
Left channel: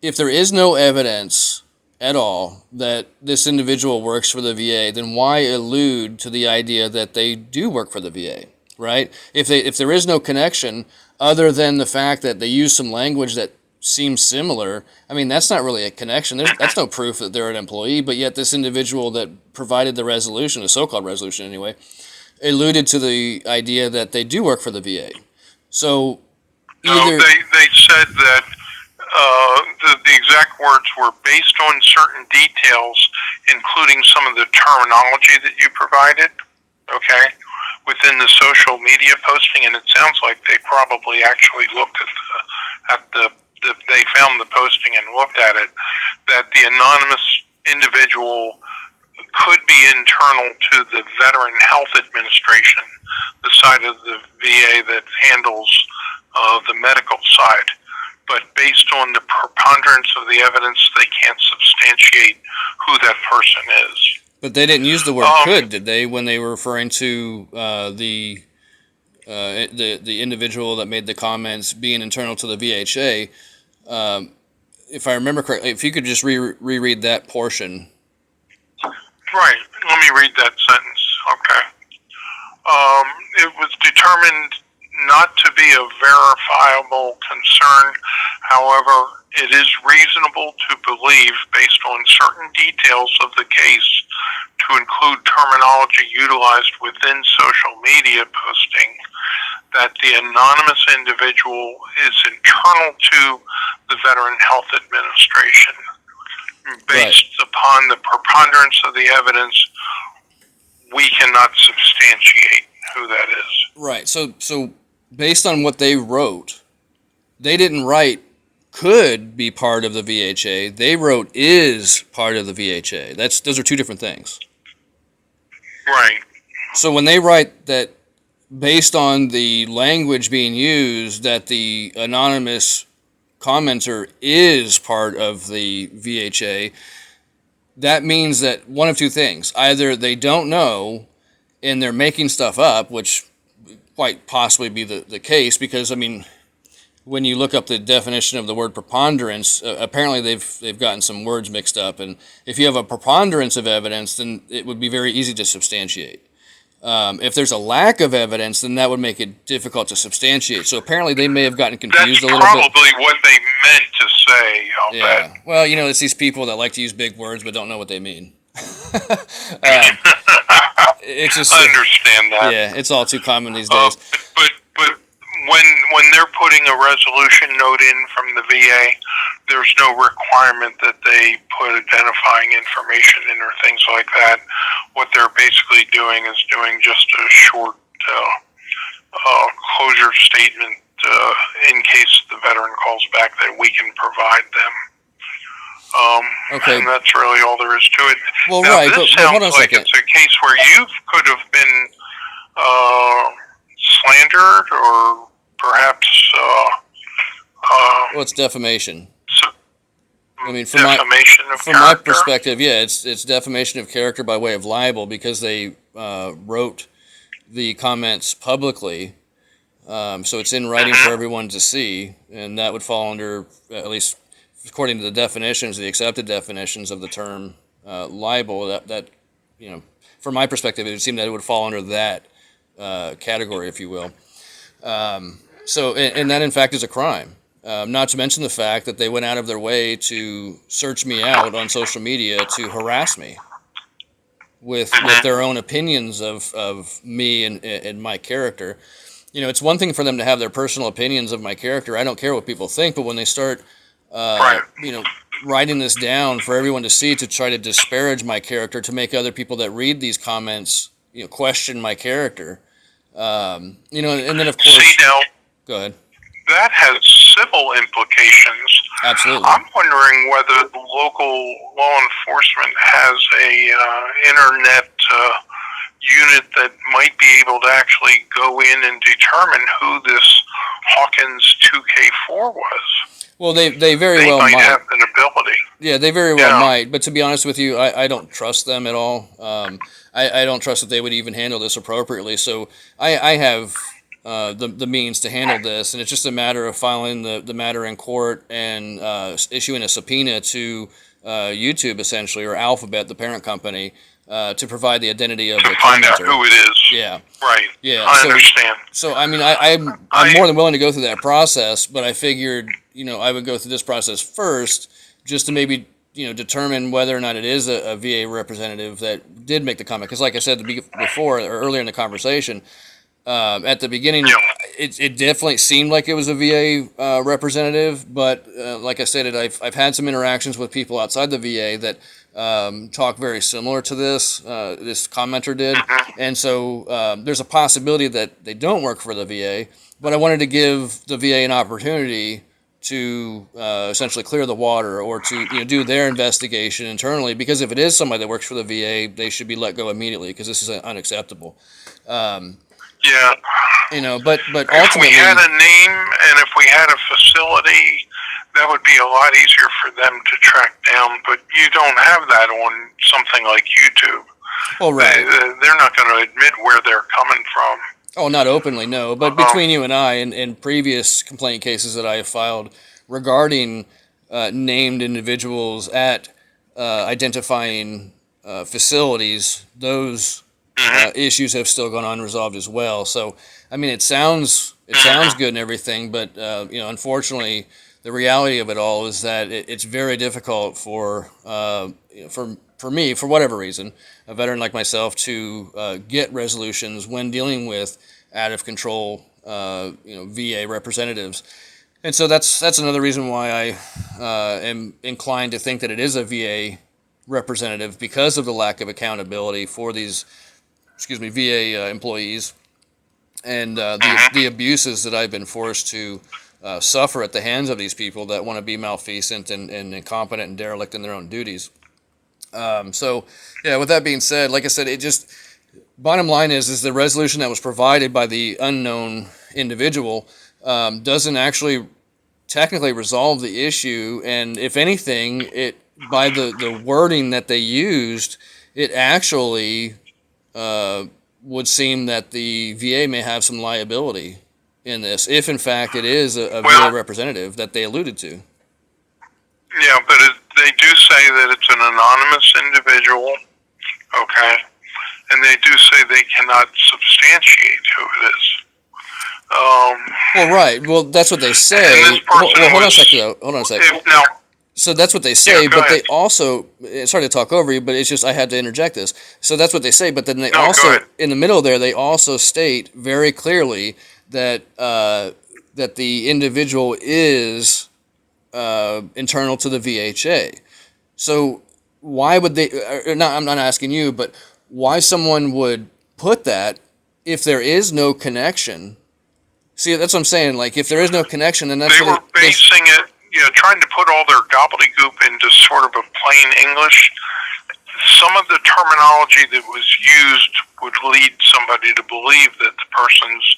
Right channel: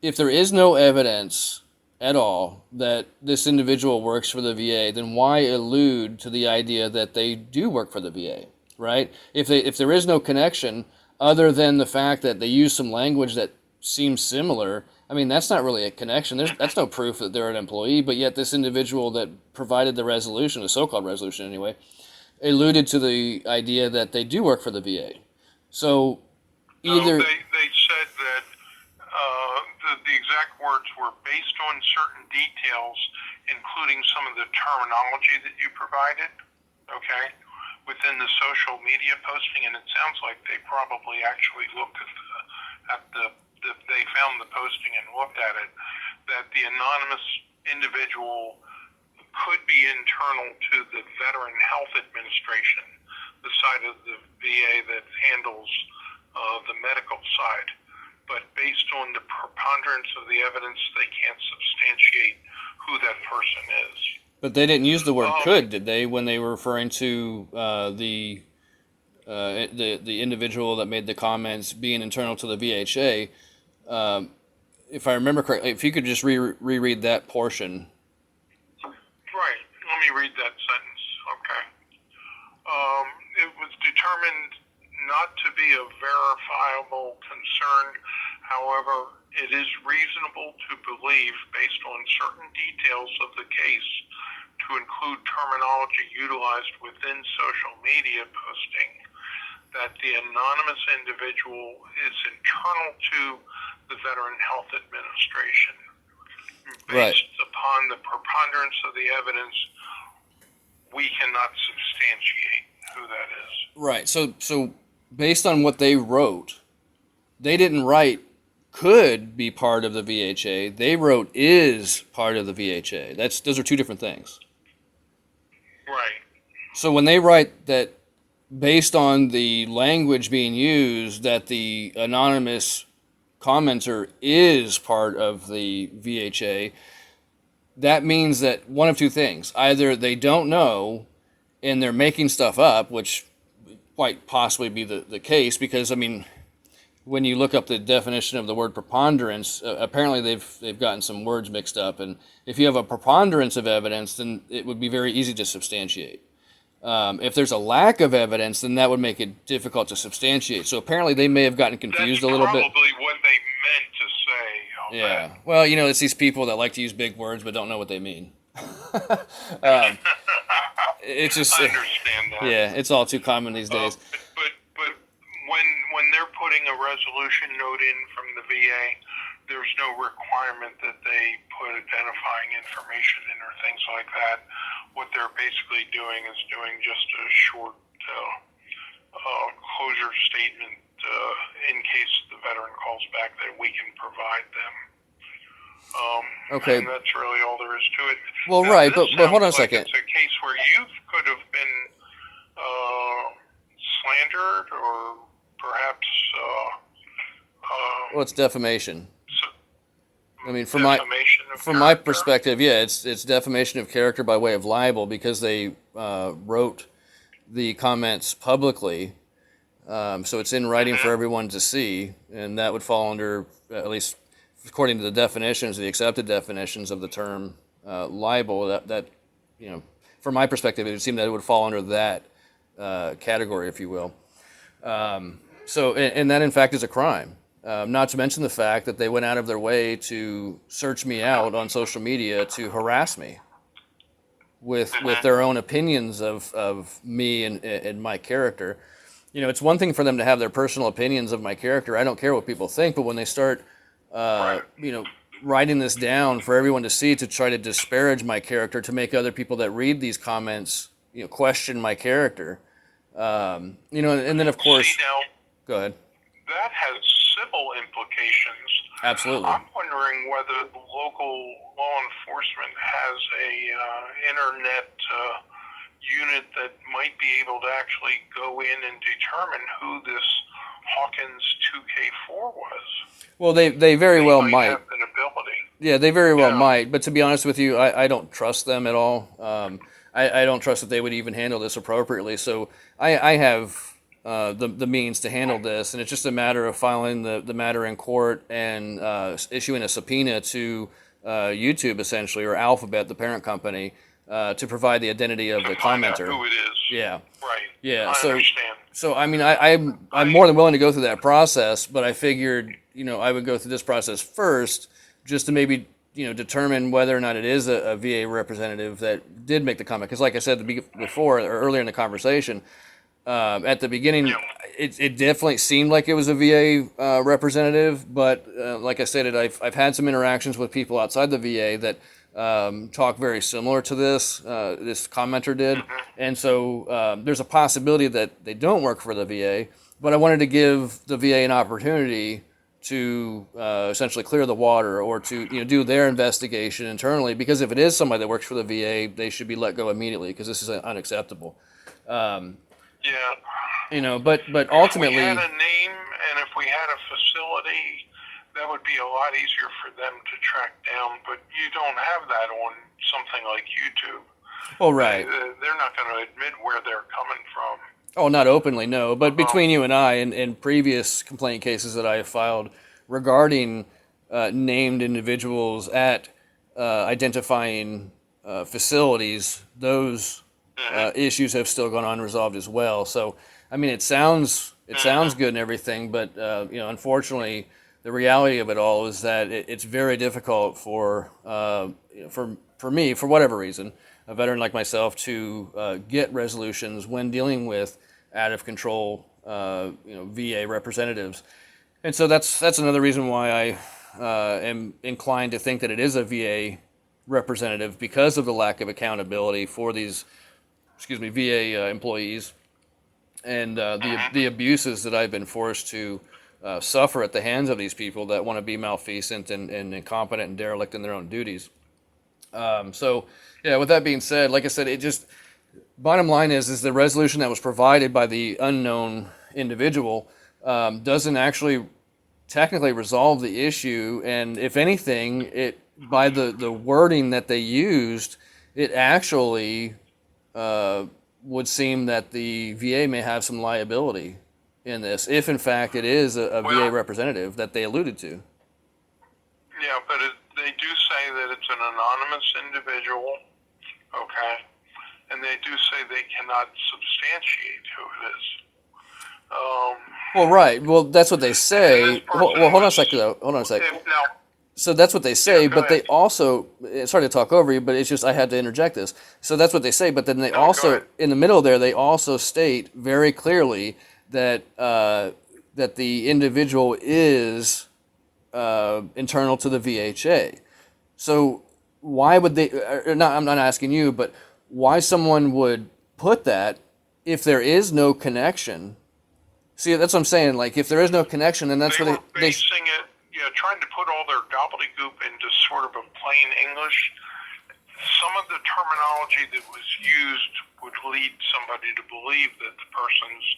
there is no evidence at all that this individual works for the VA, then why allude to the idea that they do work for the VA, right? If there is no connection other than the fact that they use some language that seems similar, that's not really a connection. That's no proof that they're an employee, but yet this individual that provided the resolution, the so-called resolution anyway, alluded to the idea that they do work for the VA. So either they said that the exact words were based on certain details, including some of the terminology that you provided, okay, within the social media posting, and it sounds like they probably actually looked they found the posting and looked at it, that the anonymous individual could be internal to the Veteran Health Administration, the side of the VA that handles the medical side. But based on the preponderance of the evidence, they can't substantiate who that person is. But they didn't use the word could, did they, when they were referring to the individual that made the comments being internal to the VHA? If I remember correctly, if you could just reread that portion. Right. Let me read that sentence. Okay. It was determined not to be a verifiable concern. However, it is reasonable to believe, based on certain details of the case, to include terminology utilized within social media posting, that the anonymous individual is internal to the Veteran Health Administration. Based upon the preponderance of the evidence, we cannot substantiate who that is. Right. So based on what they wrote, they didn't write could be part of the VHA. They wrote is part of the VHA. Those are two different things. Right. So when they write that, based on the language being used, that the anonymous commenter is part of the VHA, that means that one of two things. Either they don't know and they're making stuff up, which quite possibly be the case, because, I mean, when you look up the definition of the word preponderance, apparently they've gotten some words mixed up. And if you have a preponderance of evidence, then it would be very easy to substantiate. If there's a lack of evidence, then that would make it difficult to substantiate. So apparently they may have gotten confused a little bit. That's probably what they meant to say, I'll bet. Well, it's these people that like to use big words but don't know what they mean. It's just, I understand that. Yeah, it's all too common these days. But when they're putting a resolution note in from the VA, there's no requirement that they put identifying information in or things like that. What they're basically doing is doing just a short closure statement in case the veteran calls back that we can provide them. Okay. And that's really all there is to it. Well, now, right, but hold on a like second. It's a case where you could have been slandered or perhaps Well, it's defamation. I mean, from defamation of my character. perspective, yeah, it's defamation of character by way of libel, because they wrote the comments publicly, so it's in writing for everyone to see, and that would fall under, at least according to the definitions, the accepted definitions of the term libel. That from my perspective, it would seem that it would fall under that category, if you will. So, and that in fact is a crime. Not to mention the fact that they went out of their way to search me out on social media to harass me with their own opinions of me and my character. It's one thing for them to have their personal opinions of my character. I don't care what people think, but when they start, writing this down for everyone to see to try to disparage my character, to make other people that read these comments, question my character, and then of course, See, now, go ahead. that has civil implications. Absolutely. I'm wondering whether the local law enforcement has a internet unit that might be able to actually go in and determine who this Hawkins 2K4 was. Well, they very well might might. have an ability. Yeah, they very well Yeah. might. But to be honest with you, I don't trust them at all. I don't trust that they would even handle this appropriately. So I have the means to handle this, and it's just a matter of filing the matter in court and issuing a subpoena to YouTube, essentially, or Alphabet, the parent company, to provide the identity of the Find out commenter. who it is. Yeah. Right. Yeah, I so- understand. So I mean, I'm more than willing to go through that process, but I figured I would go through this process first, just to maybe determine whether or not it is a VA representative that did make the comment. Because like I said before, or earlier in the conversation, at the beginning, Yeah. it definitely seemed like it was a VA representative, but like I said, I've had some interactions with people outside the VA that talk very similar to this commenter did, and so there's a possibility that they don't work for the VA, but I wanted to give the VA an opportunity to essentially clear the water, or to do their investigation internally, because if it is somebody that works for the VA, they should be let go immediately, because this is unacceptable. Yeah. But If ultimately, we had a name and if we had a facility, that would be a lot easier for them to track down. But you don't have that on something like YouTube. oh right, They're not going to admit where they're coming from. oh not openly, no, but between you and I, and previous complaint cases that I have filed regarding named individuals at identifying facilities, those issues have still gone unresolved as well. So, I mean, it sounds good and everything, but unfortunately, the reality of it all is that it's very difficult for for me, for whatever reason, a veteran like myself, to get resolutions when dealing with out of control VA representatives. And so that's another reason why I am inclined to think that it is a VA representative, because of the lack of accountability for these, VA employees, and the abuses that I've been forced to suffer at the hands of these people that want to be malfeasant and incompetent and derelict in their own duties. So, yeah, with that being said, like I said, bottom line is the resolution that was provided by the unknown individual doesn't actually technically resolve the issue, and if anything, by the wording that they used, it actually would seem that the VA may have some liability in this, if in fact it is a VA representative that they alluded to. Yeah, but they do say that it's an anonymous individual, okay? And they do say they cannot substantiate who it is. Well, right. Well, that's what they say. Hold on a second, though. Hold on a second. So that's what they say, but they also, sorry to talk over you, but it's just I had to interject this. So that's what they say, but then they also, in the middle there, they also state very clearly that that the individual is internal to the VHA. So why would they, I'm not asking you, but why someone would put that if there is no connection? See, that's what I'm saying. Like, if there is no connection, then that's they were basing it, trying to put all their gobbledygook into sort of a plain English. Some of the terminology that was used would lead somebody to believe that the person's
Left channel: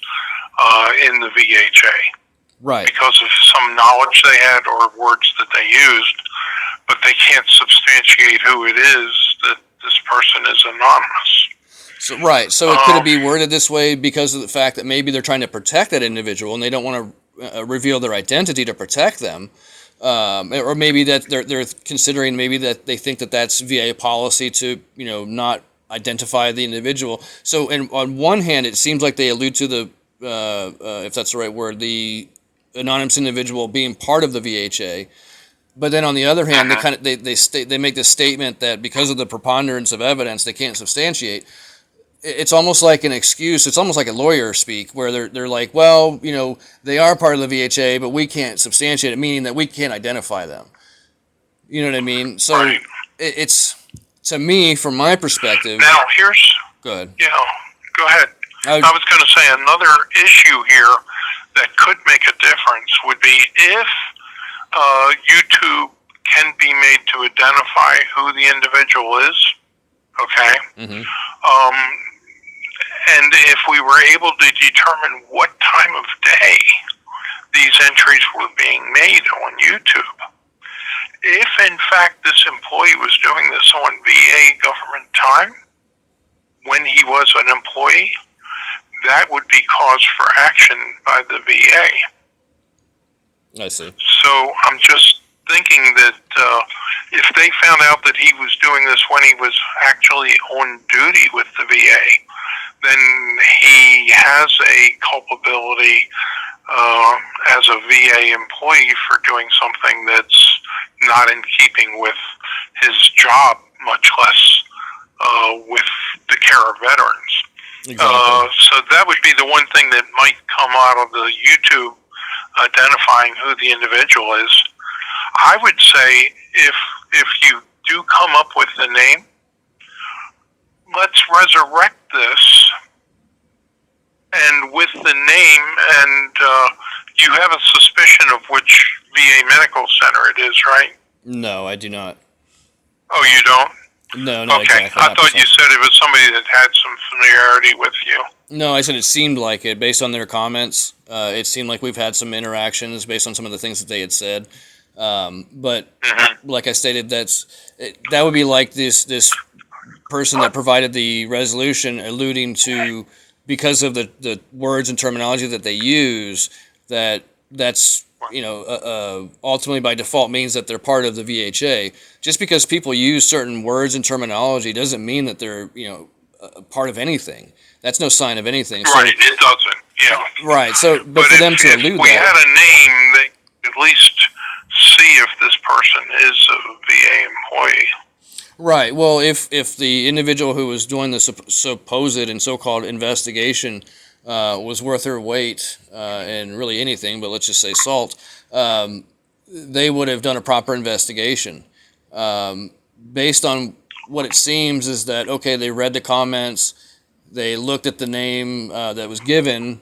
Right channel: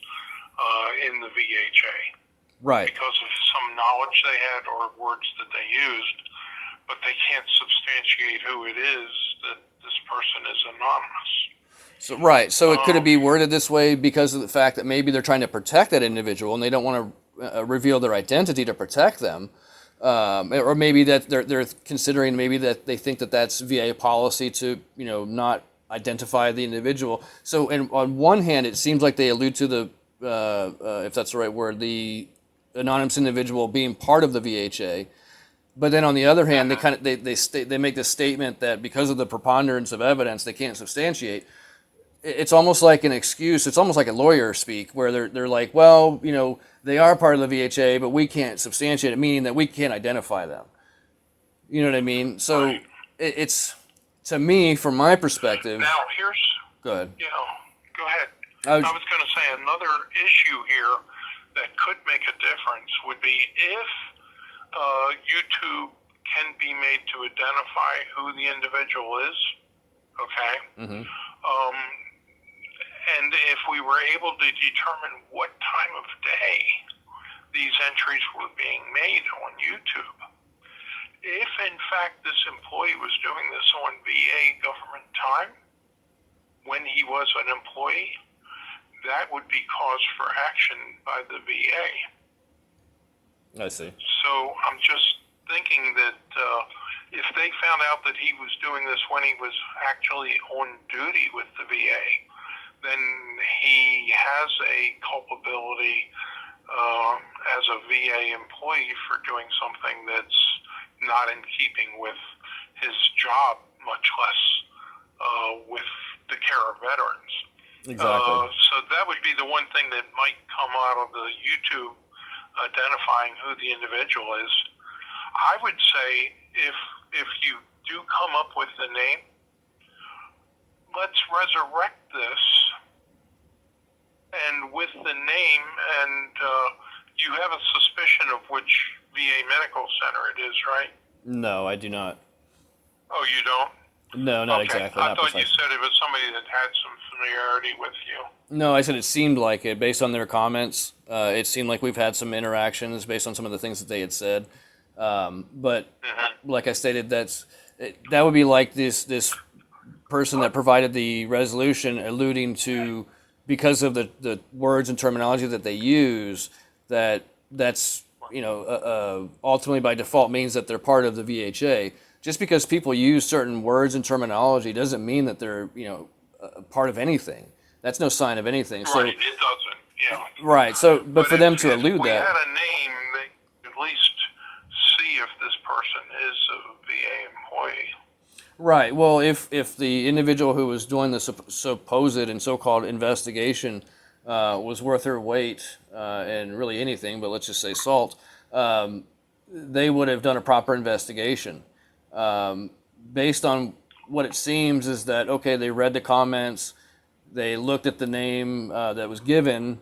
in the VHA. Right. Because of some knowledge they had or words that they used, but they can't substantiate who it is that this person is anonymous. So, right. So could it be worded this way because of the fact that maybe they're trying to protect that individual and they don't want to reveal their identity to protect them? Or maybe that they're considering maybe that they think that that's VA policy to, not identify the individual. So on one hand, it seems like they allude to the, if that's the right word, the anonymous individual being part of the VHA. But then on the other hand, they make this statement that because of the preponderance of evidence, they can't substantiate. It's almost like an excuse. It's almost like a lawyer speak, where they're like, well, they are part of the VHA, but we can't substantiate it, meaning that we can't identify them. You know what I mean? So it's, to me, from my perspective. Now here's. Go ahead. Yeah, go ahead. I was going to say another issue here that could make a difference would be if YouTube can be made to identify who the individual is. Okay. Mm-hmm. And if we were able to determine what time of day these entries were being made on YouTube, if in fact this employee was doing this on VA government time when he was an employee, that would be cause for action by the VA. I see. So I'm just thinking that if they found out that he was doing this when he was actually on duty with the VA, then he has a culpability as a VA employee for doing something that's not in keeping with his job, much less with the care of veterans. Exactly. So that would be the one thing that might come out of the YouTube identifying who the individual is. I would say if you do come up with the name, let's resurrect this, and with the name, and you have a suspicion of which VA medical center it is, right? No, I do not. Oh, you don't? No, okay. Exactly. I thought you said it was somebody that had some familiarity with you. No, I said it seemed like it. Based on their comments, it seemed like we've had some interactions based on some of the things that they had said. But like I stated, that would be like this person that provided the resolution alluding to, because of the words and terminology that they use, that's ultimately by default means that they're part of the VHA. Just because people use certain words and terminology doesn't mean that they're a part of anything. That's no sign of anything. Right, it doesn't. Yeah. Right. So, but for them to allude we that, had a name that at least see if this person is a VA employee. Right. Well, if the individual who was doing the supposed and so-called investigation was worth her weight in really anything, but let's just say salt, they would have done a proper investigation. Based on what it seems is that, okay, they read the comments, they looked at the name that was given,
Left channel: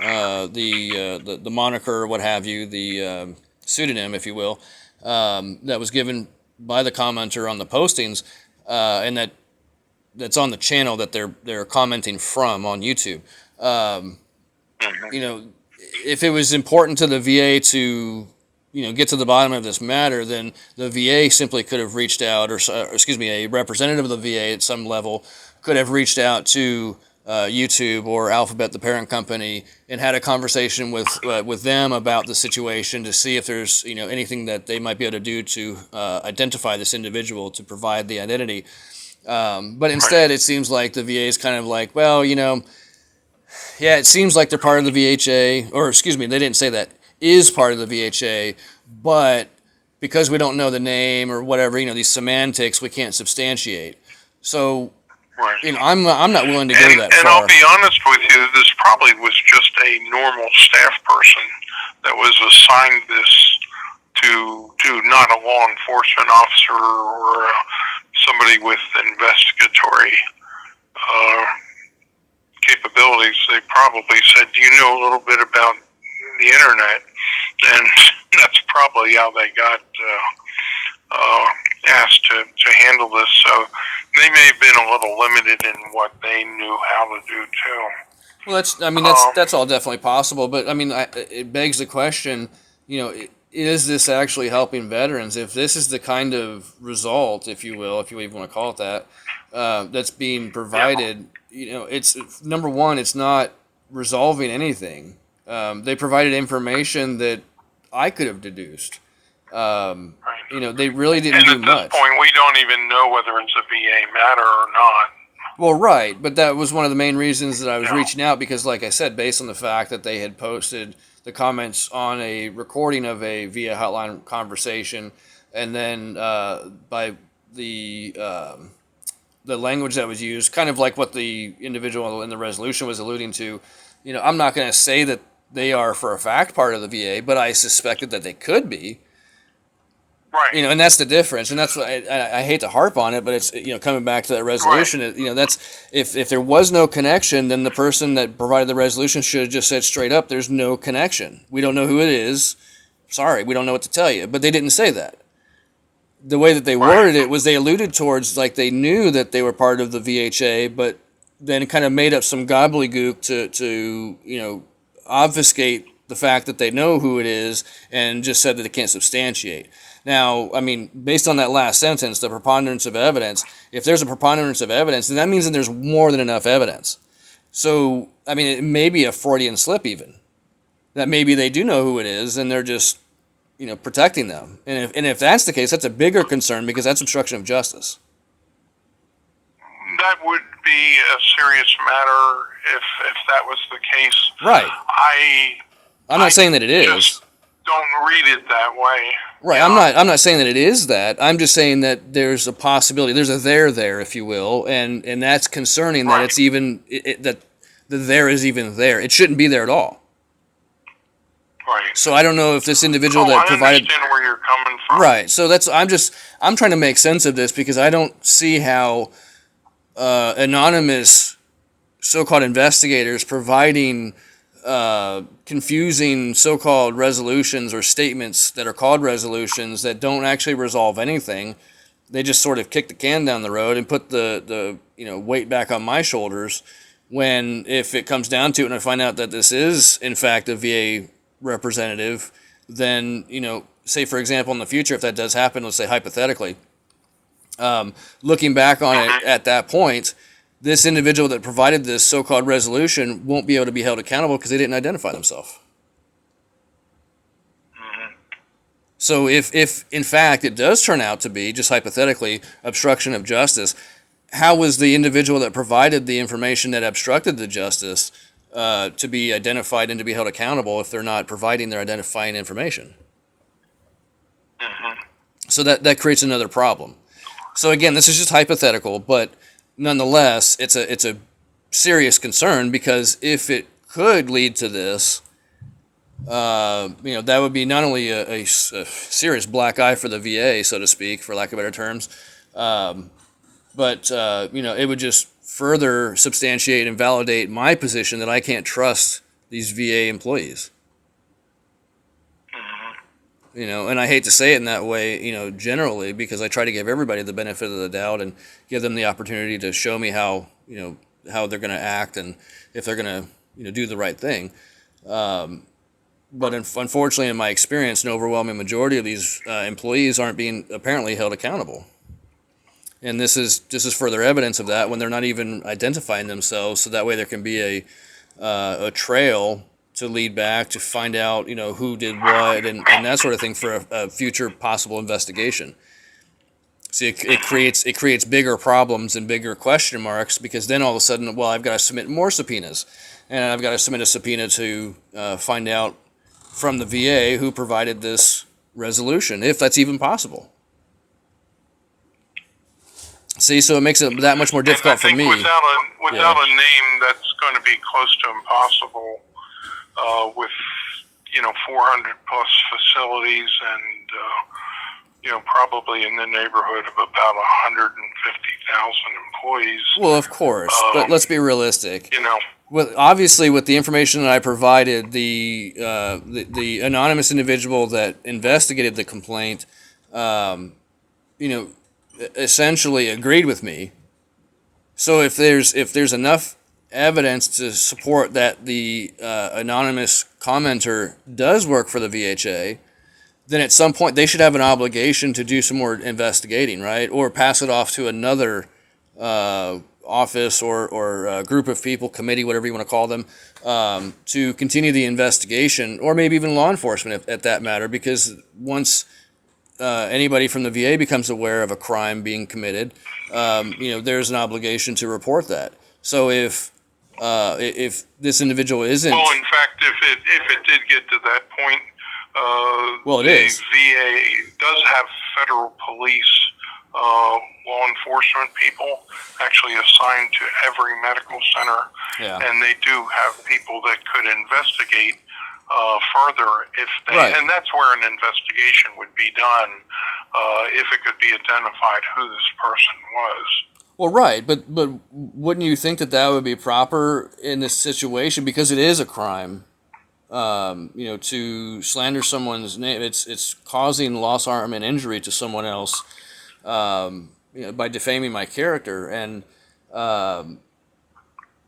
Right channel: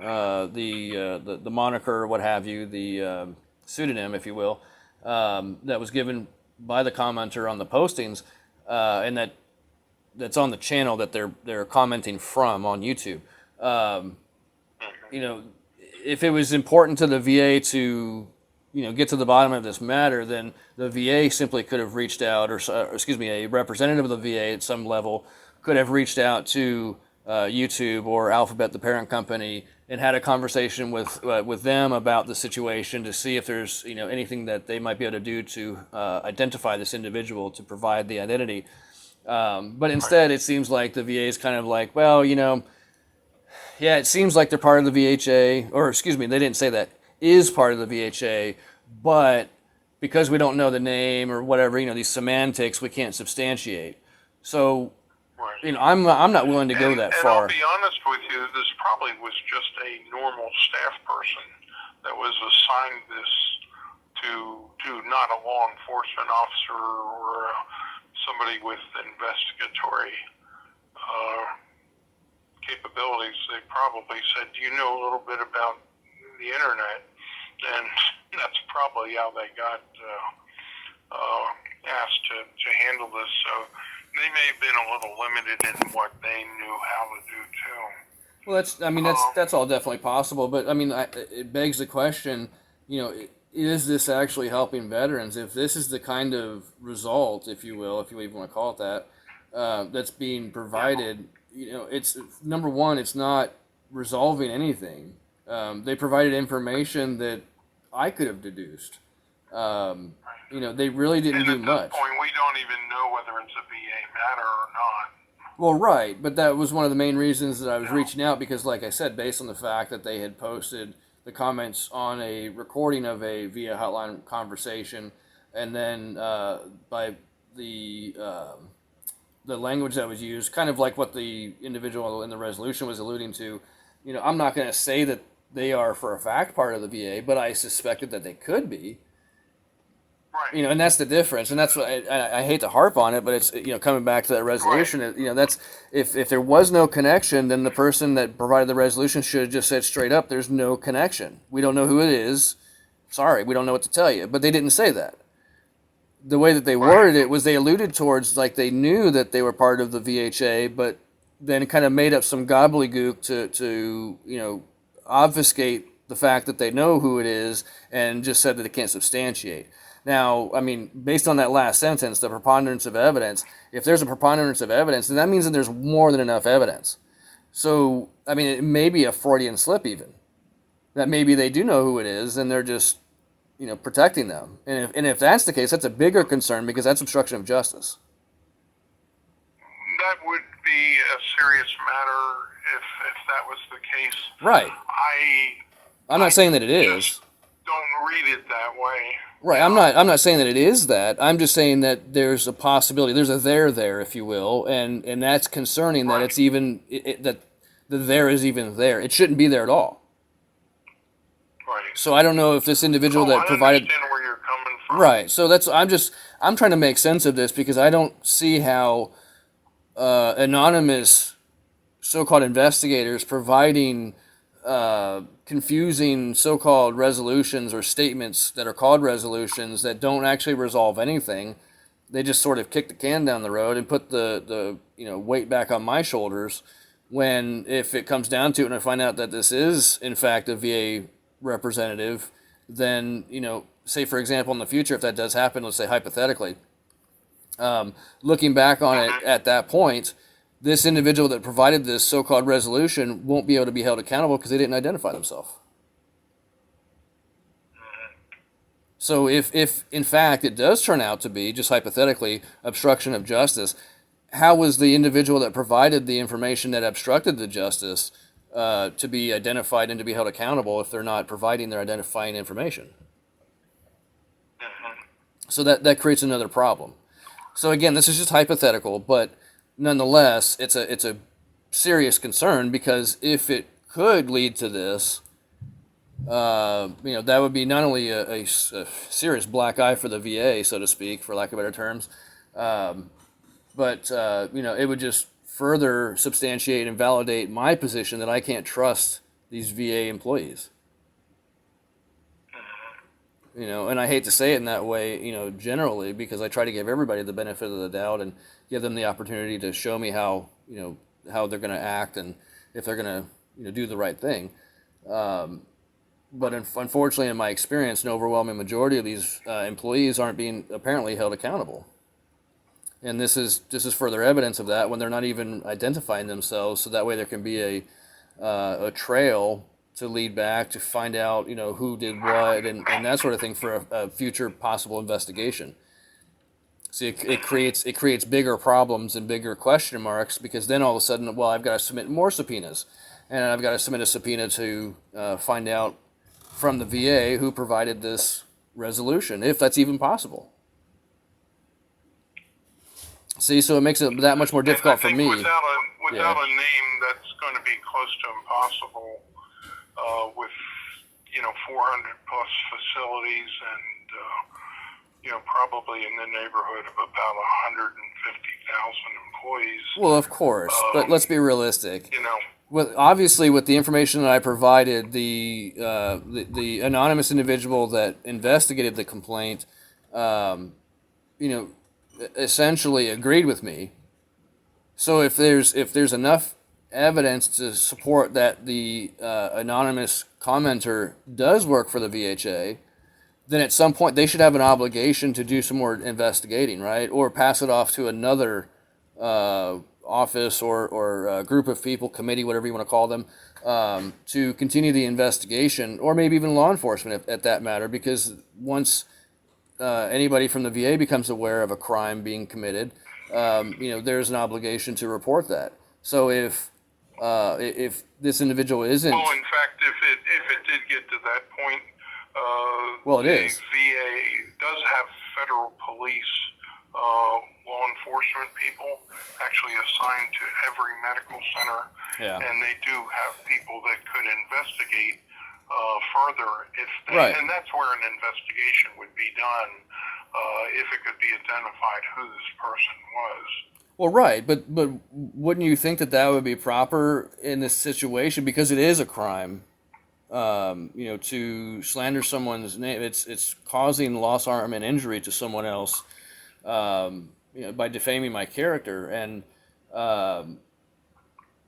the moniker or what have you, the pseudonym, if you will, that was given by the commenter on the postings, and that's on the channel that they're commenting from on YouTube. You know, if it was important to the VA to, you know, get to the bottom of this matter, then the VA simply could have reached out, or excuse me, a representative of the VA at some level could have reached out to YouTube or Alphabet, the parent company, and had a conversation with them about the situation to see if there's, you know, anything that they might be able to do to identify this individual to provide the identity. But instead, it seems like the VA is kind of like, well, you know, yeah, it seems like they're part of the VHA, or excuse me, they didn't say that, is part of the VHA, but because we don't know the name or whatever, you know, these semantics, we can't substantiate. So, Right. you know, I'm not willing to go that and far. I'll be honest with you, this probably was just a normal staff person that was assigned this to not a law enforcement officer or somebody with investigatory capabilities. They probably said, "Do you know a little bit about the internet?" And that's probably how they got asked to handle this. So they may have been a little limited in what they knew how to do too. Well, that's all definitely possible, but I mean, it begs the question, you know, is this actually helping veterans? If this is the kind of result, if you will, if you even want to call it that, that's being provided, you know, it's number one, it's not resolving anything. They provided information that I could have deduced. Right. You know, they really didn't do And much. at this point, we don't even know whether it's a VA matter or not. Well, right, but that was one of the main reasons that I was Yeah. reaching out because, like I said, based on the fact that they had posted the comments on a recording of a VA hotline conversation, and then by the language that was used, kind of like what the individual in the resolution was alluding to. You know, I'm not going to say that they are for a fact part of the VA, but I suspected that they could be. Right. You know, and that's the difference, and that's what I hate to harp on it, but it's, you know, coming back to that resolution. You know, that's if there was no connection, then the person that provided the resolution should have just said straight up, "There's no connection. We don't know who it is. Sorry, we don't know what to tell you." But they didn't say that. The way that they worded it was they alluded towards like they knew that they were part of the VHA, but then kind of made up some gobbledygook to you know, obfuscate the fact that they know who it is, and just said that they can't substantiate. Now, I mean, based on that last sentence, the preponderance of evidence, if there's a preponderance of evidence, then that means that there's more than enough evidence. So, I mean, it may be a Freudian slip even. That maybe they do know who it is, and they're just, you know, protecting them. And if that's the case, that's a bigger concern because that's obstruction of justice. That would be a serious matter if that was the case. Right. I'm not saying that it is. Just don't read it that way. Right. I'm not saying that it is that. I'm just saying that there's a possibility. There's a there, if you will, and that's concerning that it's even that the there is even there. It shouldn't be there at all. Right. So I don't know if this individual that provided. I understand where you're coming from. Right. So I'm trying to make sense of this because I don't see how anonymous so-called investigators providing confusing so-called resolutions or statements that are called resolutions that don't actually resolve anything. They just sort of kick the can down the road and put the you know, weight back on my shoulders when, if it comes down to it and I find out that this is in fact a VA representative, then, you know, say for example in the future, if that does happen, let's say hypothetically, looking back on it at that point, this individual that provided this so-called resolution won't be able to be held accountable because they didn't identify themselves. So if in fact it does turn out to be, just hypothetically, obstruction of justice, how was the individual that provided the information that obstructed the justice to be identified and to be held accountable if they're not providing their identifying information? So that creates another problem. So again, this is just hypothetical, but nonetheless, it's a serious concern, because if it could lead to this, that would be not only a serious black eye for the VA, so to speak, for lack of better terms, but it would just further substantiate and validate my position that I can't trust these VA employees. And I hate to say it in that way, generally, because I try to give everybody the benefit of the doubt and give them the opportunity to show me how they're going to act and if they're going to, do the right thing. But unfortunately, in my experience, an overwhelming majority of these employees aren't being apparently held accountable. And this is further evidence of that, when they're not even identifying themselves, so that way there can be a trail to lead back to find out, who did what and that sort of thing for a future possible investigation. See, it creates bigger problems and bigger question marks, because then all of a sudden, well, I've got to submit more subpoenas, and I've got to submit a subpoena to find out from the VA who provided this resolution, if that's even possible. See, so it makes it that much more difficult for me. Without a name, that's going to be close to impossible. With 400 plus facilities and probably in the neighborhood of about 150,000 employees. Well, of course, but let's be realistic. Obviously, with the information that I provided, the anonymous individual that investigated the complaint, essentially agreed with me. So if there's enough evidence to support that the anonymous commenter does work for the VHA, then at some point they should have an obligation to do some more investigating, right? Or pass it off to another office or group of people, committee, whatever you want to call them, to continue the investigation, or maybe even law enforcement at that matter, because once anybody from the VA becomes aware of a crime being committed, there's an obligation to report that. So if this individual isn't, well, in fact, if it did get to that point, well, it is. VA does have federal police, law enforcement people actually assigned to every medical center, and they do have people that could investigate further if they, right. And that's where an investigation would be done if it could be identified who this person was. Well, right, but wouldn't you think that would be proper in this situation, because it is a crime, to slander someone's name? It's causing loss, harm, and injury to someone else, by defaming my character, and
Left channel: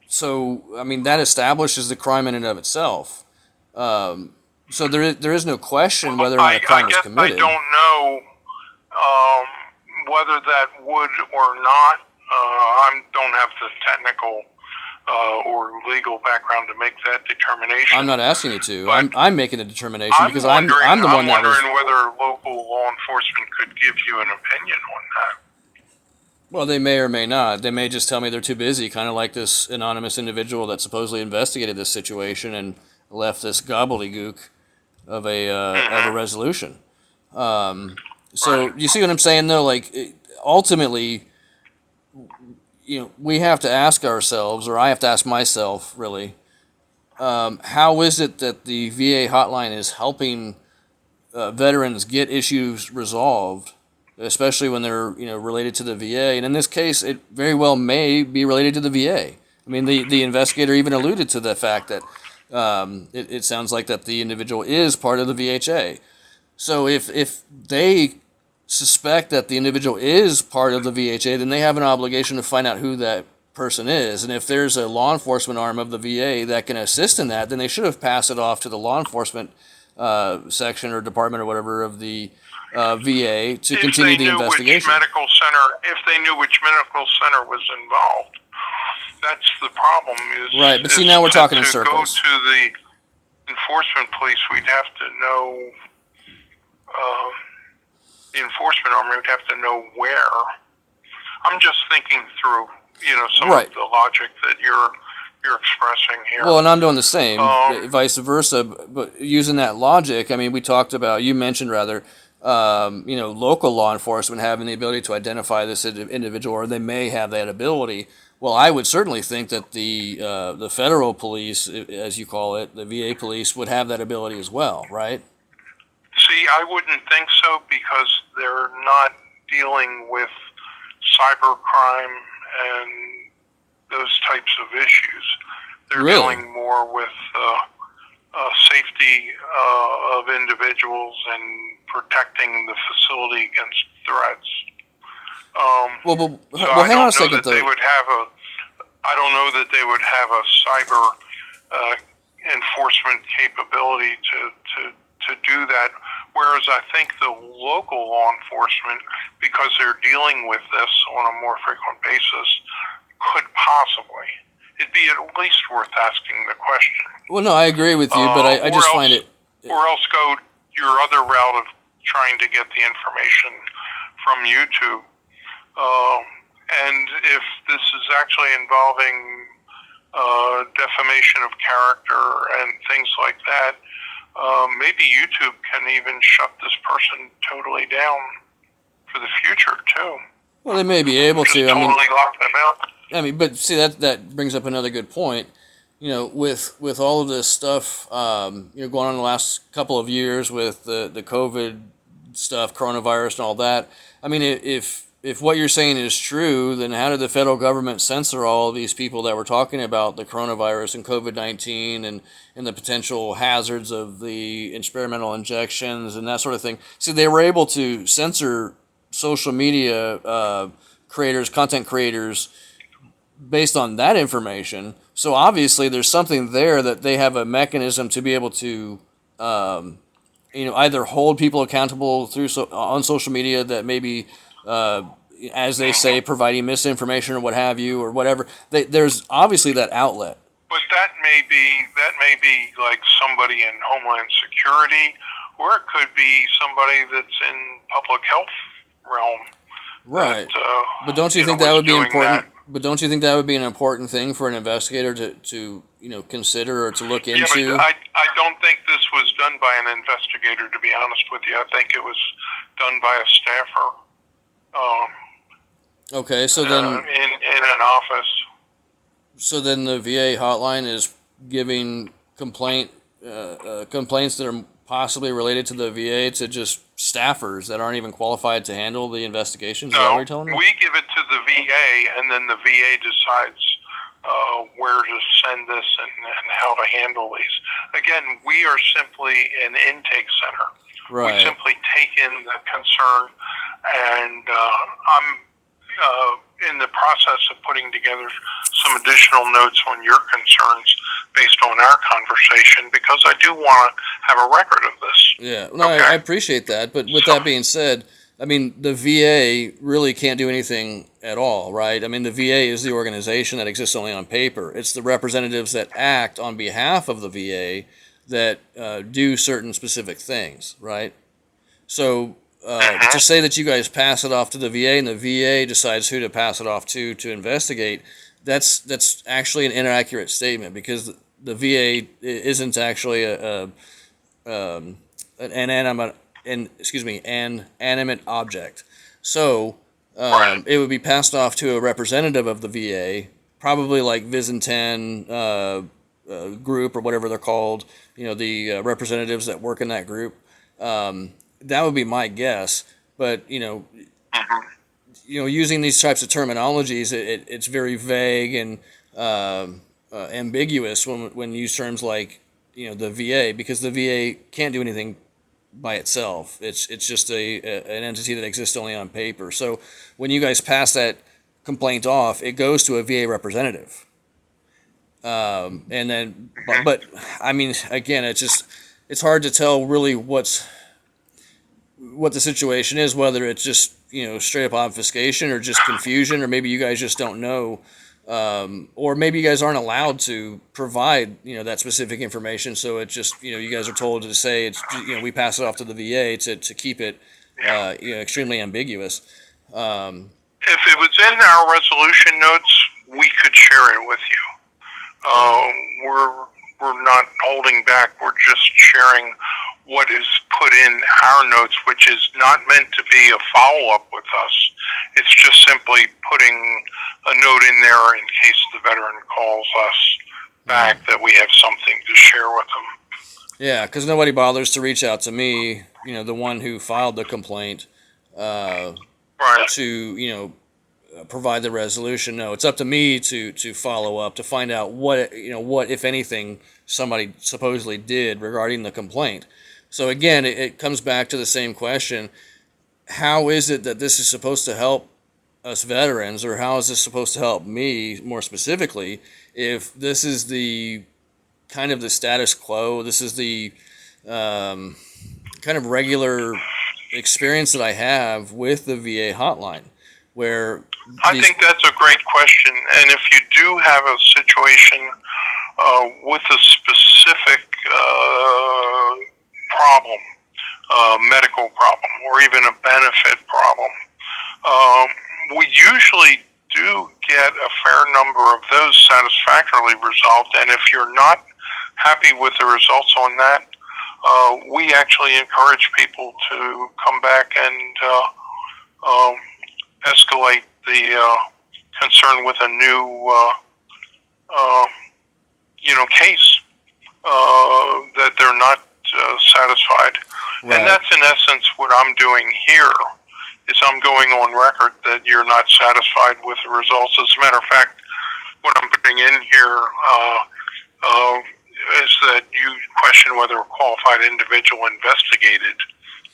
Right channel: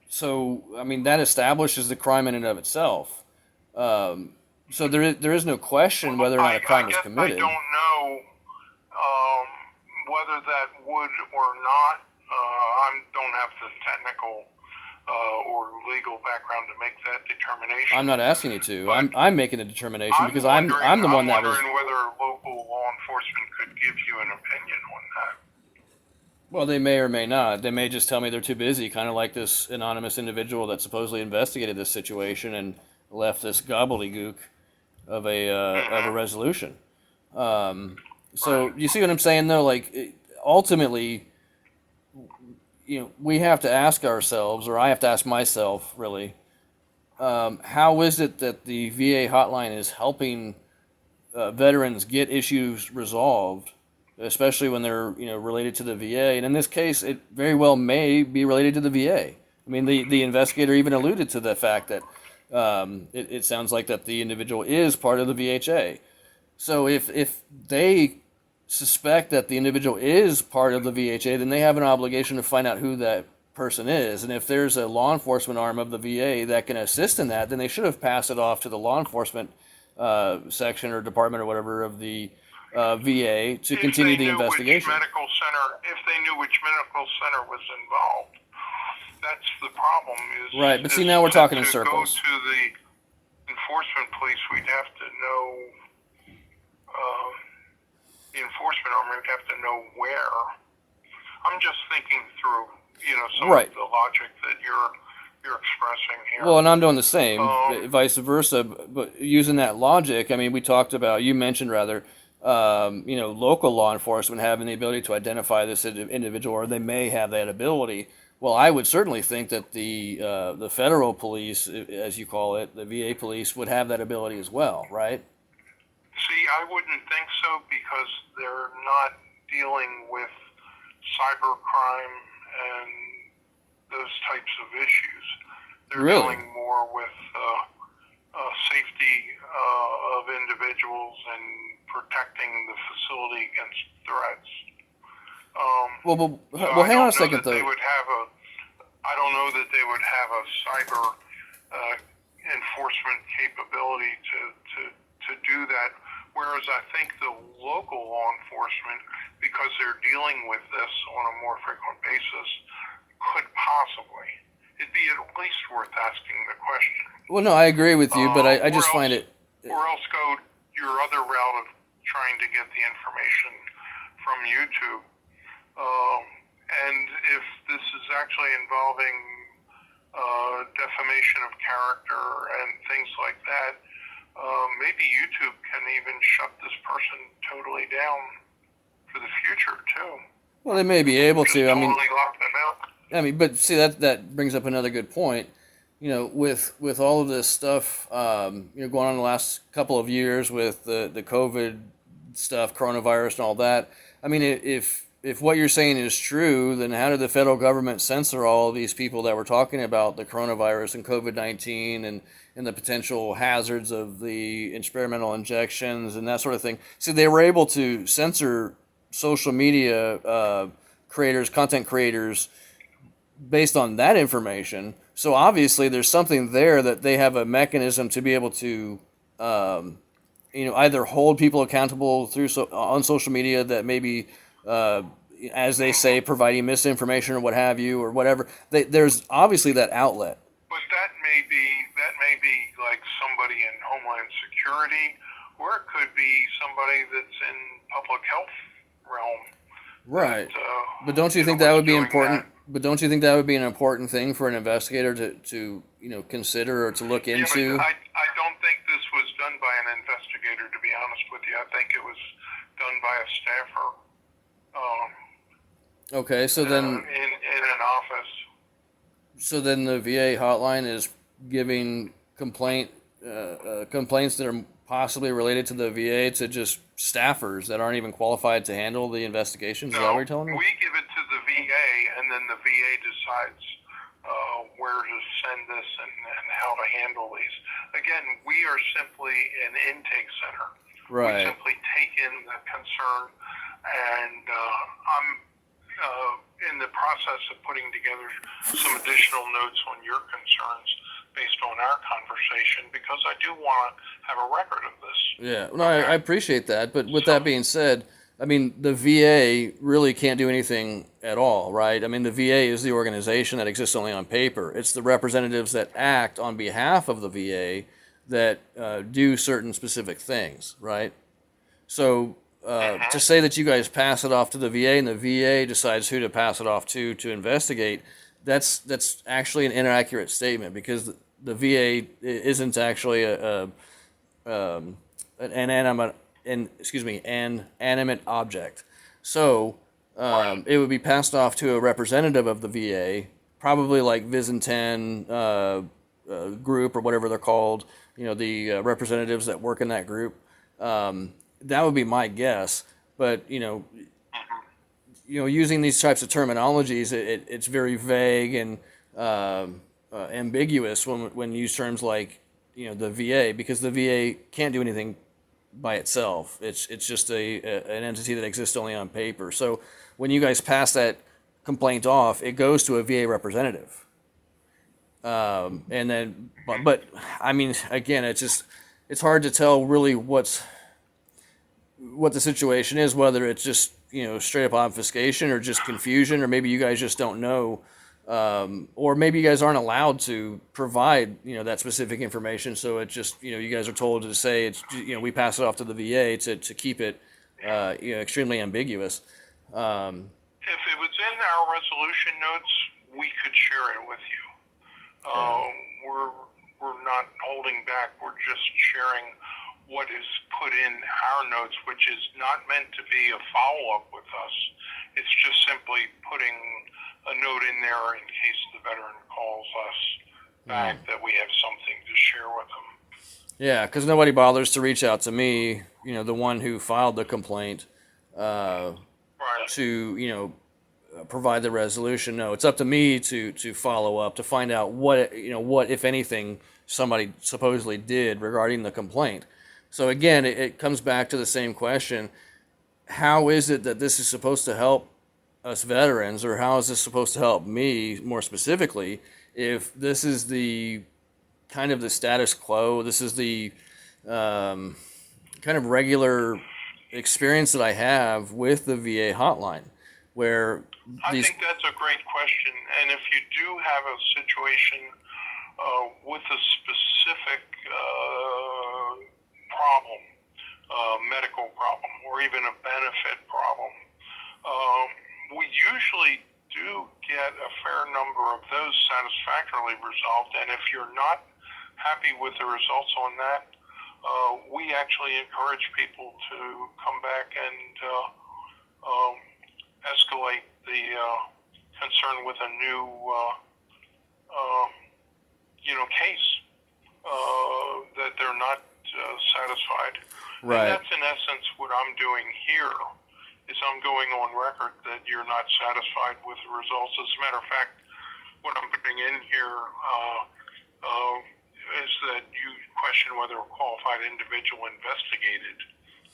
so I mean that establishes the crime in and of itself. So there is no question whether or not a crime is committed. I don't know whether that would or not. I don't have the technical or legal background to make that determination. I'm not asking you to. I'm making a determination because I'm the one that was. I'm wondering whether local law enforcement could give you an opinion on that. Well, they may or may not. They may just tell me they're too busy, kind of like this anonymous individual that supposedly investigated this situation and left this gobbledygook of a resolution. So you see what I'm saying, though? Like, ultimately, we have to ask ourselves, or I have to ask myself, really, how is it that the VA hotline is helping veterans get issues resolved, especially when they're related to the VA? And in this case, it very well may be related to the VA. I mean, the investigator even alluded to the fact that it sounds like that the individual is part of the VHA. So if they suspect that the individual is part of the VHA, then they have an obligation to find out who that person is. And if there's a law enforcement arm of the VA that can assist in that, then they should have passed it off to the law enforcement section or department or whatever of the VA to continue the investigation. If they knew which medical center was involved. That's the problem. Right, but see, now we're talking in circles. To go to the enforcement police, we'd have to know, the enforcement arm would have to know where. I'm just thinking through, some right. of the logic that you're expressing here. Well, and I'm doing the same, vice versa. But using that logic, I mean, you mentioned rather, local law enforcement having the ability to identify this individual, or they may have that ability. Well, I would certainly think that the federal police, as you call it, the VA police, would have that ability as well, right? See, I wouldn't think so because they're not dealing with cybercrime and those types of issues. They're Really? dealing more with safety of individuals and protecting the facility against threats. Well, So well, I hang on a don't know second, that they though. would have I don't know that they would have a cyber enforcement capability to do that. Whereas I think the local law enforcement, because they're dealing with this on a more frequent basis, could possibly. It'd be at least worth asking the question. Well, no, I agree with you, but I Or just find it. Or else go your other route of trying to get the information from YouTube. And if this is actually involving defamation of character and things like that, maybe YouTube can even shut this person totally down for the future too. Well, they may be able Just to. totally lock them out. But see that brings up another good point. With all of this stuff, going on in the last couple of years with the COVID stuff, coronavirus, and all that. I mean, if what you're saying is true, then how did the federal government censor all of these people that were talking about the coronavirus and COVID-19 and the potential hazards of the experimental injections and that sort of thing? See, they were able to censor social media creators, content creators, based on that information. So obviously there's something there that they have a mechanism to be able to either hold people accountable on social media that maybe as they say, providing misinformation or what have you or whatever. There's obviously that outlet. But that may be like somebody in Homeland Security, or it could be somebody that's in public health realm. Right. That, but don't you think that would be important? That. But don't you think that would be an important thing for an investigator to consider or to look into? But I don't think this was done by an investigator, to be honest with you. I think it was done by a staffer. Okay, so then in an office. So then the VA hotline is giving complaints that are possibly related to the VA to just staffers that aren't even qualified to handle the investigations. Is that what you're telling me? We give it to the VA, and then the VA decides where to send this and how to handle these. Again, we are simply an intake center. Right. We simply take in the concern, and I'm in the process of putting together some additional notes on your concerns based on our conversation, because I do want to have a record of this. Yeah, no, okay. I appreciate that. But with that being said, I mean, the VA really can't do anything at all, right? I mean, the VA is the organization that exists only on paper. It's the representatives that act on behalf of the VA that do certain specific things, right? So to say that you guys pass it off to the VA and the VA decides who to pass it off to investigate, that's actually an inaccurate statement, because the VA isn't actually an animate object. So it would be passed off to a representative of the VA, probably like VISN-10 group or whatever they're called. The representatives that work in that group. That would be my guess. But using these types of terminologies, it's very vague and ambiguous when you use terms like the VA, because the VA can't do anything by itself. It's just an entity that exists only on paper. So when you guys pass that complaint off, it goes to a VA representative. And then, but I mean, again, it's hard to tell really what the situation is, whether it's just straight up obfuscation or just confusion, or maybe you guys just don't know, or maybe you guys aren't allowed to provide that specific information. So it's just you guys are told to say it's we pass it off to the VA to keep it extremely ambiguous. If it was in our resolution notes, we could share it with you. We're not holding back. We're just sharing what is put in our notes, which is not meant to be a follow-up with us. It's just simply putting a note in there in case the veteran calls us back that we have something to share with them. Yeah, because nobody bothers to reach out to me, the one who filed the complaint, Right. to provide the resolution. No, it's up to me to follow up to find out what if anything somebody supposedly did regarding the complaint. So again, it comes back to the same question: how is it that this is supposed to help us veterans, or how is this supposed to help me more specifically? If this is the kind of the status quo, this is the kind of regular experience that I have with the VA hotline, where I think that's a great question. And if you do have a situation with a specific problem, medical problem, or even a benefit problem, we usually do get a fair number of those satisfactorily resolved. And if you're not happy with the results on that, we actually encourage people to come back and escalate the concern with a new, case that they're not satisfied. Right. And that's in essence what I'm doing here. Is I'm going on record that you're not satisfied with the results. As a matter of fact, what I'm putting in here is that you question whether a qualified individual investigated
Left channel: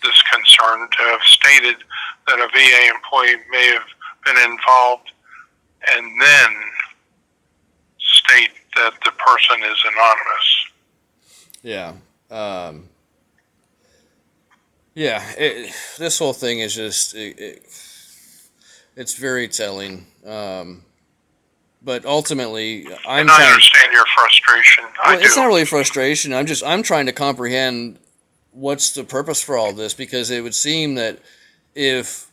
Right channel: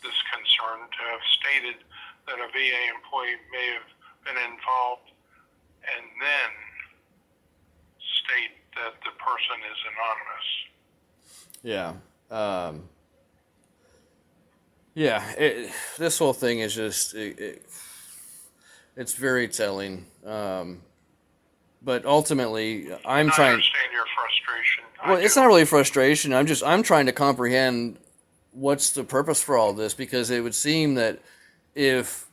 this concern to have stated that a VA employee may have been involved, and then state that the person is anonymous. Yeah. This whole thing is just, it's very telling. But ultimately, I understand your frustration. Well, it's not really frustration. I'm trying to comprehend what's the purpose for all this, because it would seem that if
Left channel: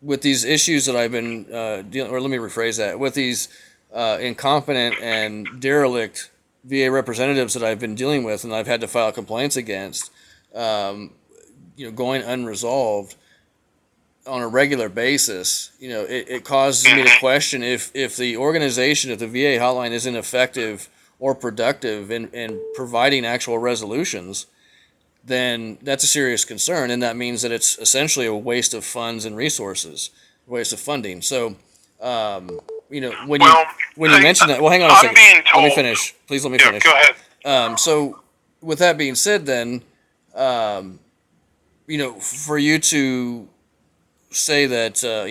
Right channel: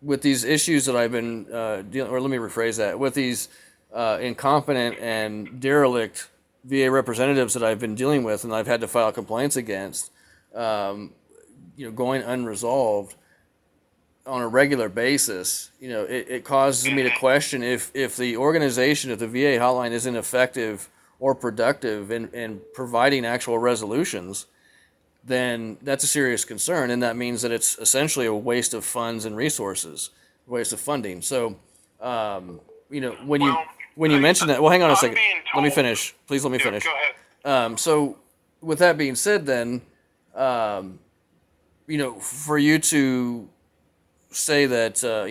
with these issues that I've been dealing, or let me rephrase that, with these incompetent and derelict VA representatives that I've been dealing with and I've had to file complaints against, going unresolved on a regular basis, it causes me to question if the organization, if the VA hotline isn't effective or productive in providing actual resolutions, then that's a serious concern, and that means that it's essentially a waste of funds and resources, a waste of funding. So, when you mention that, well, hang on a second. Let me finish. Please let me finish. Go ahead. So, with that being said, then, for you to say that, to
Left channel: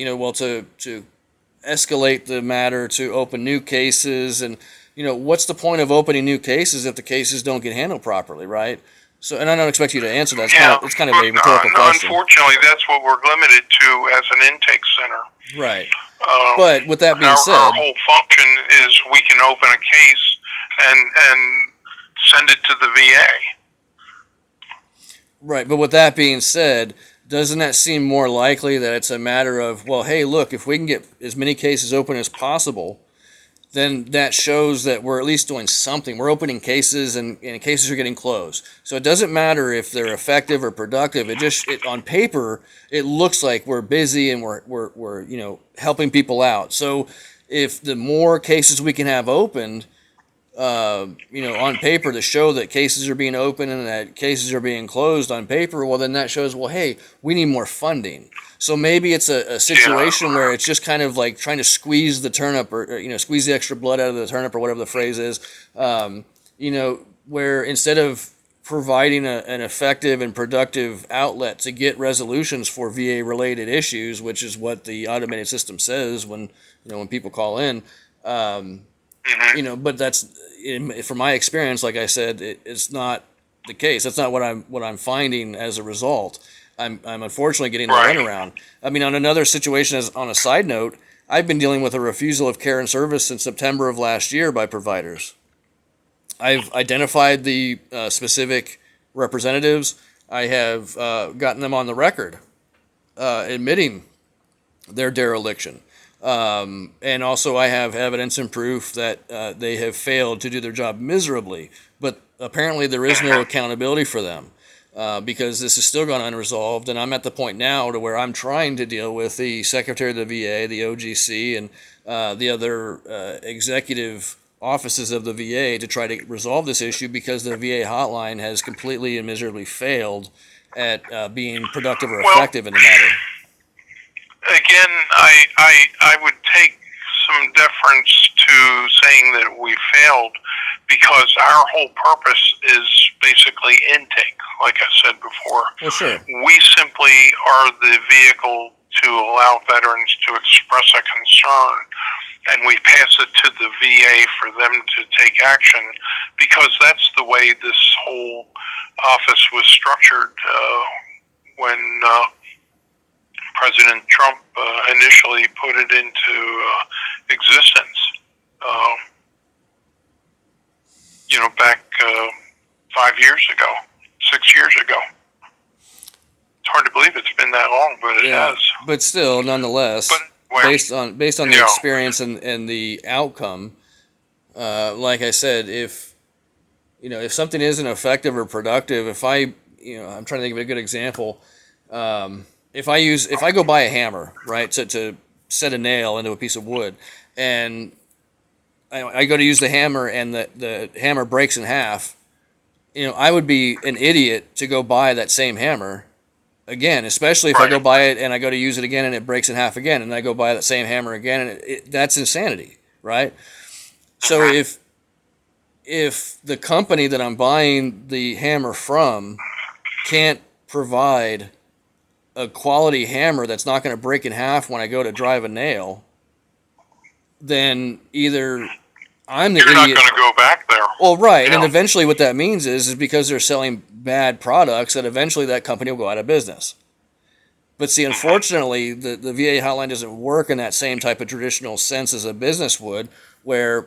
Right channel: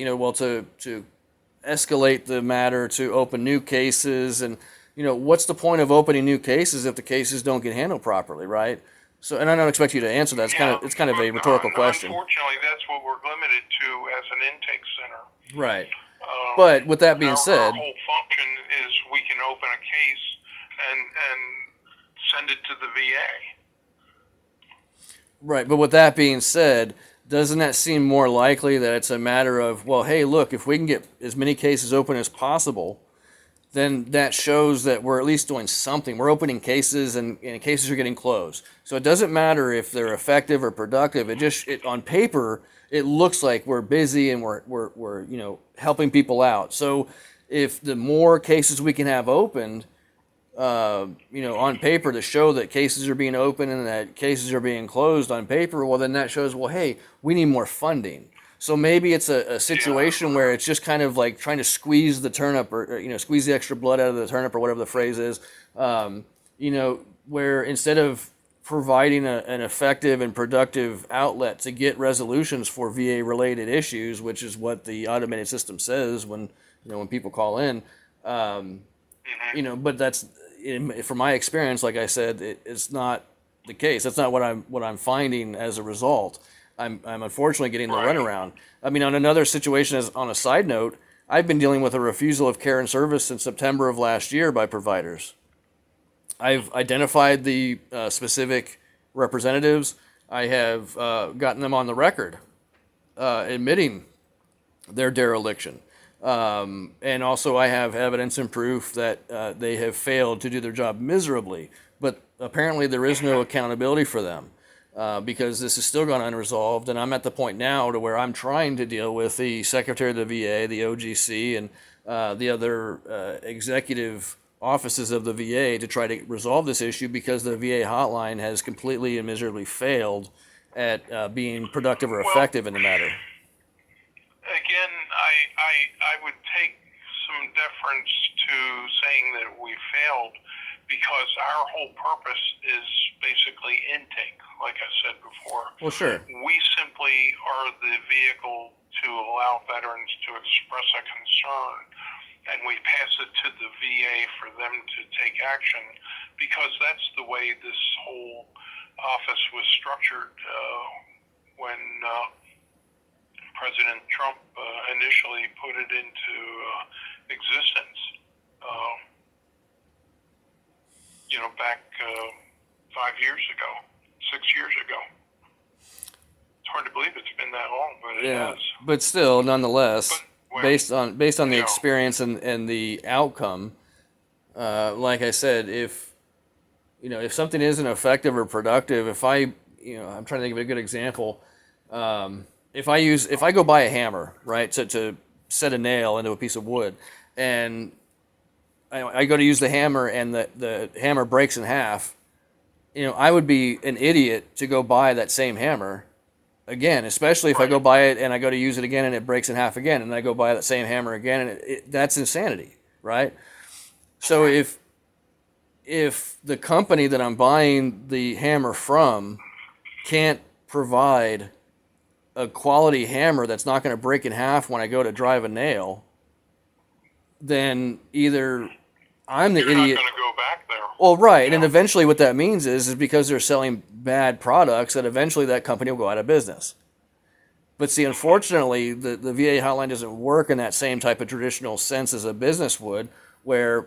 escalate the matter, to open new cases, and, what's the point of opening new cases if the cases don't get handled properly, right? So, and I don't expect you to answer that. It's kind of a rhetorical question. Unfortunately, that's what we're limited to as an intake center. Right. But with that being said, our whole function is we can open a case and send it to the VA. Right. But with that being said, doesn't that seem more likely that it's a matter of, well, hey, look, if we can get as many cases open as possible, then that shows that we're at least doing something. We're opening cases, and cases are getting closed. So it doesn't matter if they're effective or productive. On paper, it looks like we're busy and we're helping people out. So if the more cases we can have opened, on paper to show that cases are being opened and that cases are being closed on paper, well, then that shows, well, hey, we need more funding. So maybe it's a situation where it's just kind of like trying to squeeze the turnip, or squeeze the extra blood out of the turnip, or whatever the phrase is. Where instead of providing an effective and productive outlet to get resolutions for VA related issues, which is what the automated system says when people call in, but that's, from my experience, like I said, it's not the case. That's not what I'm finding as a result. I'm unfortunately getting the runaround. I mean, on another situation, as on a side note, I've been dealing with a refusal of care and service since September of last year by providers. I've identified the specific representatives. I have gotten them on the record admitting their dereliction. And also I have evidence and proof that they have failed to do their job miserably, but apparently there is no accountability for them. because this is still gone unresolved, and I'm at the point now to where I'm trying to deal with the Secretary of the VA, the OGC, and the other executive offices of the VA to try to resolve this issue, because the VA hotline has completely and miserably failed at being productive or effective in the matter. Again, I would take some deference to saying that we failed, because our whole purpose is basically intake, like I said before. Well, sure. We simply are the vehicle to allow veterans to express a concern, and we pass it to the VA for them to take action, because that's the way this whole office was structured when President Trump initially put it into existence. Back 5 years ago, 6 years ago. It's hard to believe it's been that long, but it has. But still, nonetheless, based on the Yeah. experience and the outcome, like I said, if something isn't effective or productive, if I'm trying to think of a good example. If I go buy a hammer, right, to set a nail into a piece of wood, and I go to use the hammer and the hammer breaks in half, I would be an idiot to go buy that same hammer again, especially if I go buy it and I go to use it again and it breaks in half again, and I go buy that same hammer again, and that's insanity, right? So if the company that I'm buying the hammer from can't provide a quality hammer that's not going to break in half when I go to drive a nail, then either I'm the You're idiot. not going to go back there. Well, right, Yeah. and eventually what that means is because they're selling bad products, that eventually that company will go out of business. But see, unfortunately, the VA hotline doesn't work in that same type of traditional sense as a business would, where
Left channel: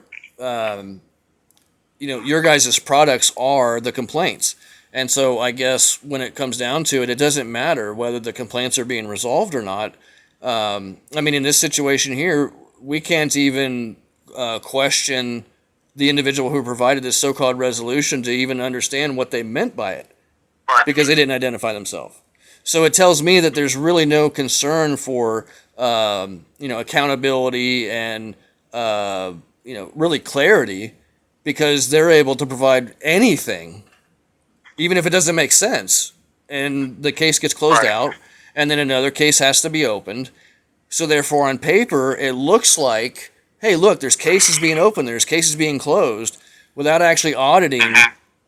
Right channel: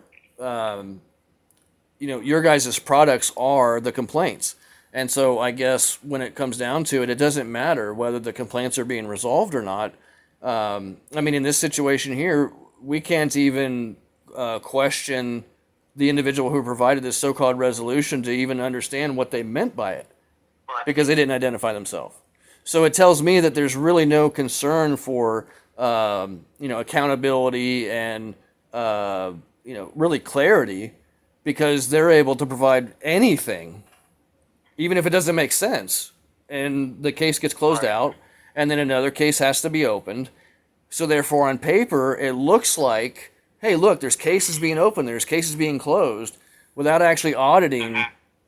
your guys' products are the complaints. And so I guess when it comes down to it, it doesn't matter whether the complaints are being resolved or not. In this situation here, we can't even question the individual who provided this so-called resolution to even understand what they meant by it, because they didn't identify themselves. So it tells me that there's really no concern for accountability and really clarity, because they're able to provide anything, even if it doesn't make sense, and the case gets closed out, and then another case has to be opened. So therefore, on paper, it looks like, hey, look, there's cases being opened, there's cases being closed, without actually auditing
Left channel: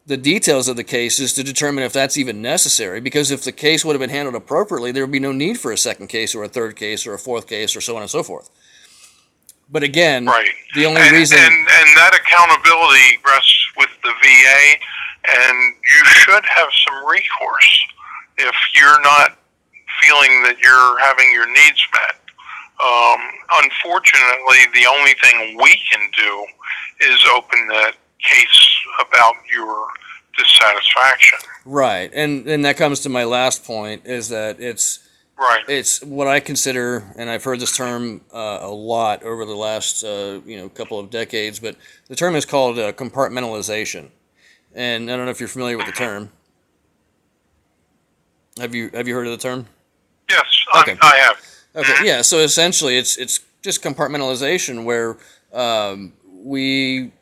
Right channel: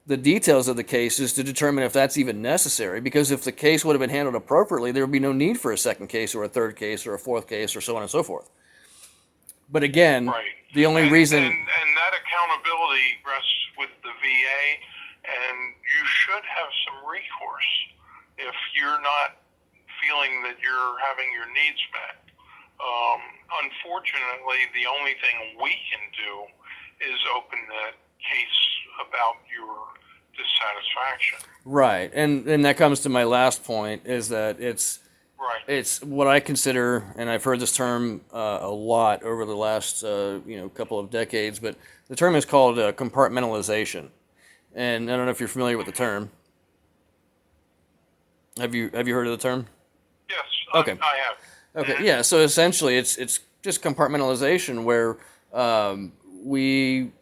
the details of the cases to determine if that's even necessary. Because if the case would have been handled appropriately, there would be no need for a second case or a third case or a fourth case or so on and so forth. But again, the only reason... And that accountability rests with the VA, and you should have some recourse if you're not feeling that you're having your needs met. Unfortunately, the only thing we can do is open that case about your dissatisfaction. Right, and that comes to my last point, is that it's what I consider, and I've heard this term a lot over the last couple of decades, but the term is called compartmentalization. And I don't know if you're familiar with the term. Have you heard of the term? Yes, Okay. I have. Okay, yeah. So essentially, it's just compartmentalization, where we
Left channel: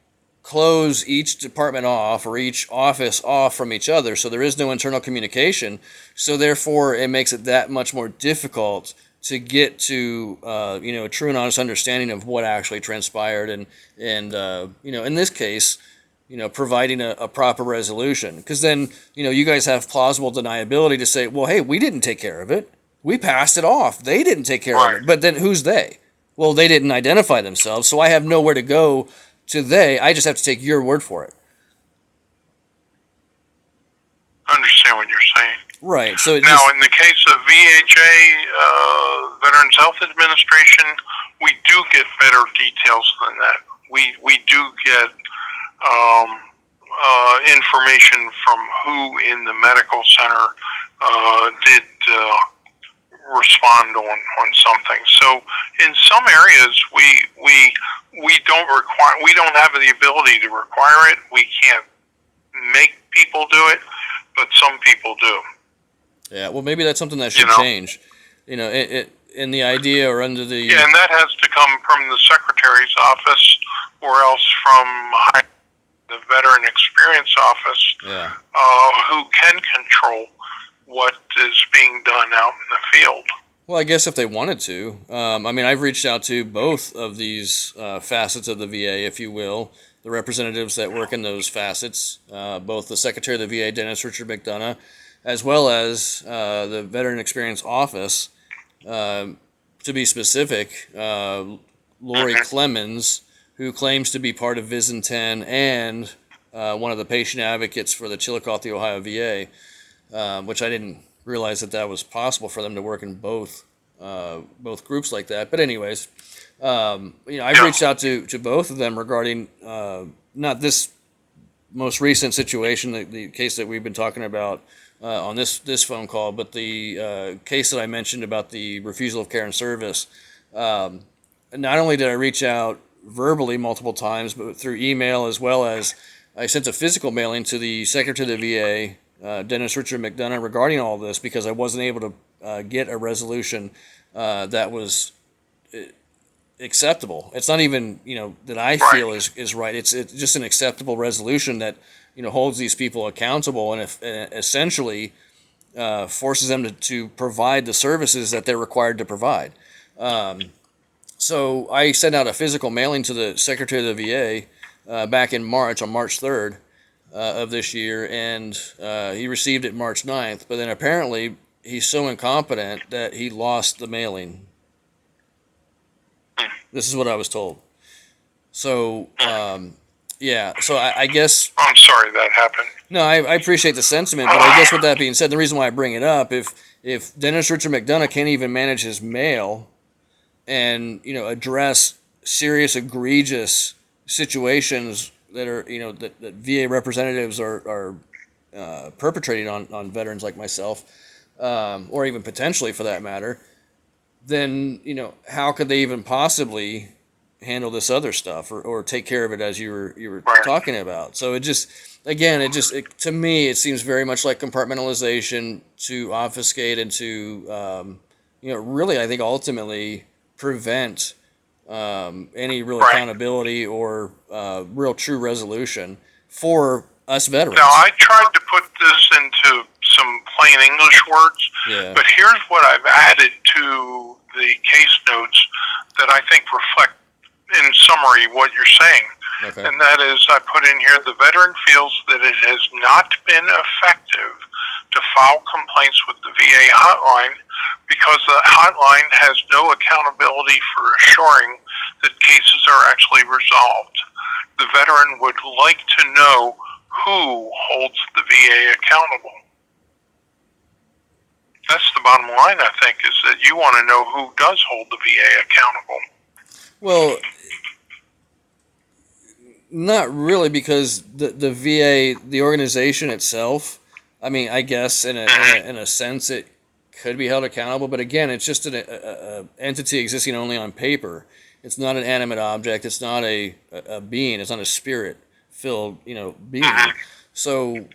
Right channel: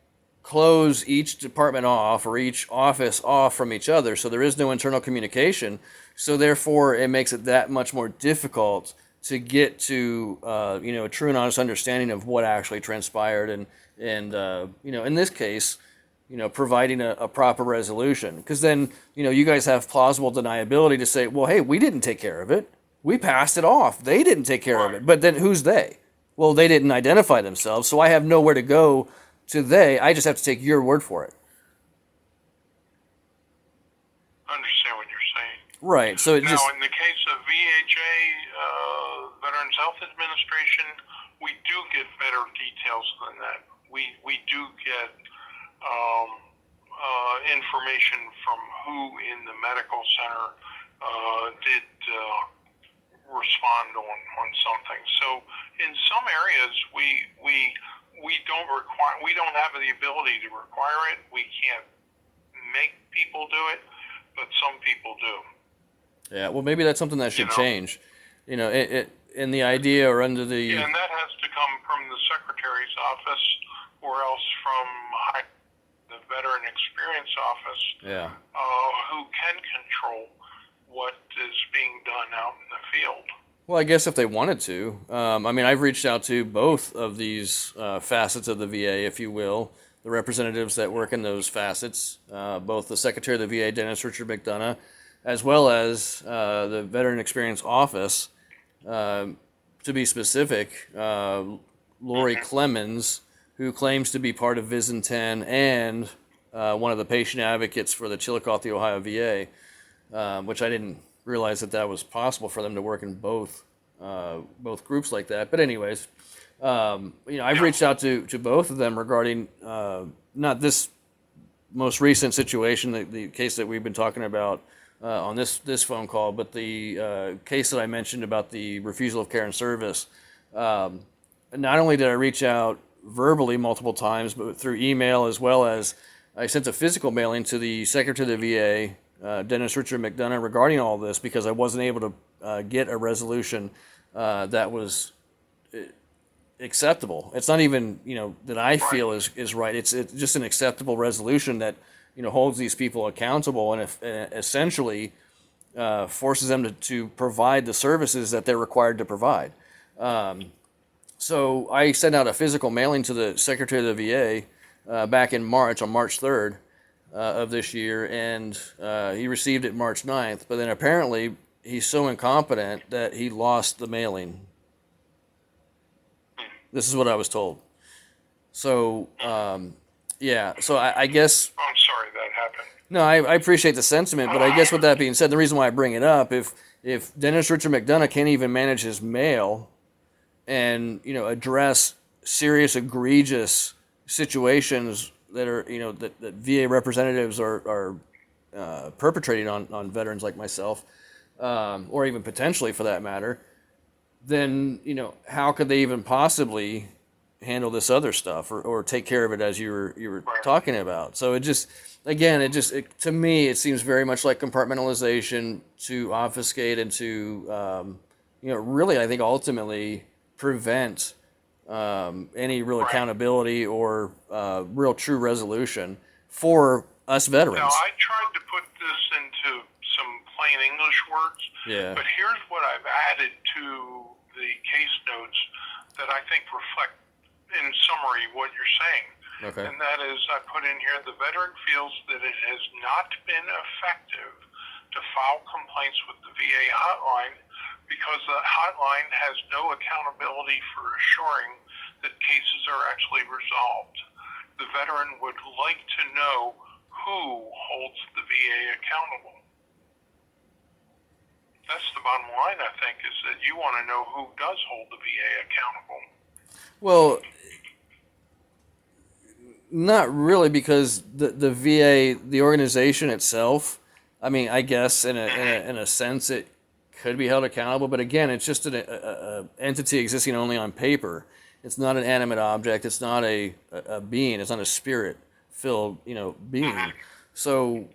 close each department off, or each office off from each other, so there is no internal communication. So therefore, it makes it that much more difficult to get to a true and honest understanding of what actually transpired, and in this case, providing a proper resolution. Because then you guys have plausible deniability to say, well, hey, we didn't take care of it. We passed it off. They didn't take care of it. But then who's they? Well, they didn't identify themselves, so I have nowhere to go to they. I just have to take your word for it. I understand what you're saying. Right. So in the case of VHA, Veterans Health Administration, we do get better details than that. We do get information from who in the medical center did respond on something. So in some areas we don't have the ability to require it. We can't make people do it, but some people do. Yeah, well, maybe that's something that should know? change. In the idea or under the Yeah, and that has to come from the secretary's office, or else from the veteran experience office, yeah. who can control what is being done out in the field. Well, I guess if they wanted to, I've reached out to both of these facets of the VA, if you will, the representatives that work in those facets, both the Secretary of the VA, Dennis Richard McDonough, as well as the Veteran Experience Office. To be specific, Lori Clemens, who claims to be part of VISN 10 and one of the patient advocates for the Chillicothe, Ohio VA, which I didn't realize that was possible for them to work in both groups like that. But anyways, I've reached out to both of them regarding not this most recent situation, the case that we've been talking about on this phone call, but the case that I mentioned about the refusal of care and service. Not only did I reach out verbally multiple times, but through email, as well as I sent a physical mailing to the Secretary of the VA, Dennis Richard McDonough, regarding all this, because I wasn't able to get a resolution that was acceptable. It's not even that I feel is right. It's just an acceptable resolution that holds these people accountable and essentially forces them to provide the services that they're required to provide. So I sent out a physical mailing to the Secretary of the VA back in March, on March 3rd of this year, and he received it March 9th, but then apparently he's so incompetent that he lost the mailing. This is what I was told. So, so I guess... I'm sorry that happened. No, I appreciate the sentiment, but I guess with that being said, the reason why I bring it up, if Dennis Richard McDonough can't even manage his mail and, address serious, egregious situations that are, that VA representatives are perpetrating on veterans like myself, or even potentially for that matter, then, how could they even possibly handle this other stuff or take care of it as you were talking about? So it just, again, to me, it seems very much like compartmentalization to obfuscate and to, really, I think ultimately prevent any real accountability or real true resolution for us veterans. Now, I tried to put this into some plain English words, but here's what I've added to the case notes that I think reflect, in summary, what you're saying. Okay. And that is, I put in here, the veteran feels that it has not been effective to file complaints with the VA hotline because the hotline has no accountability for assuring that cases are actually resolved. The veteran would like to know who holds the VA accountable. That's the bottom line, I think, is that you want to know who does hold the VA accountable. Well, not really, because the VA, the organization itself, I guess in a sense it could be held accountable, but again, it's just an entity existing only on paper. It's not an animate object. It's not a being. It's not a spirit-filled being. So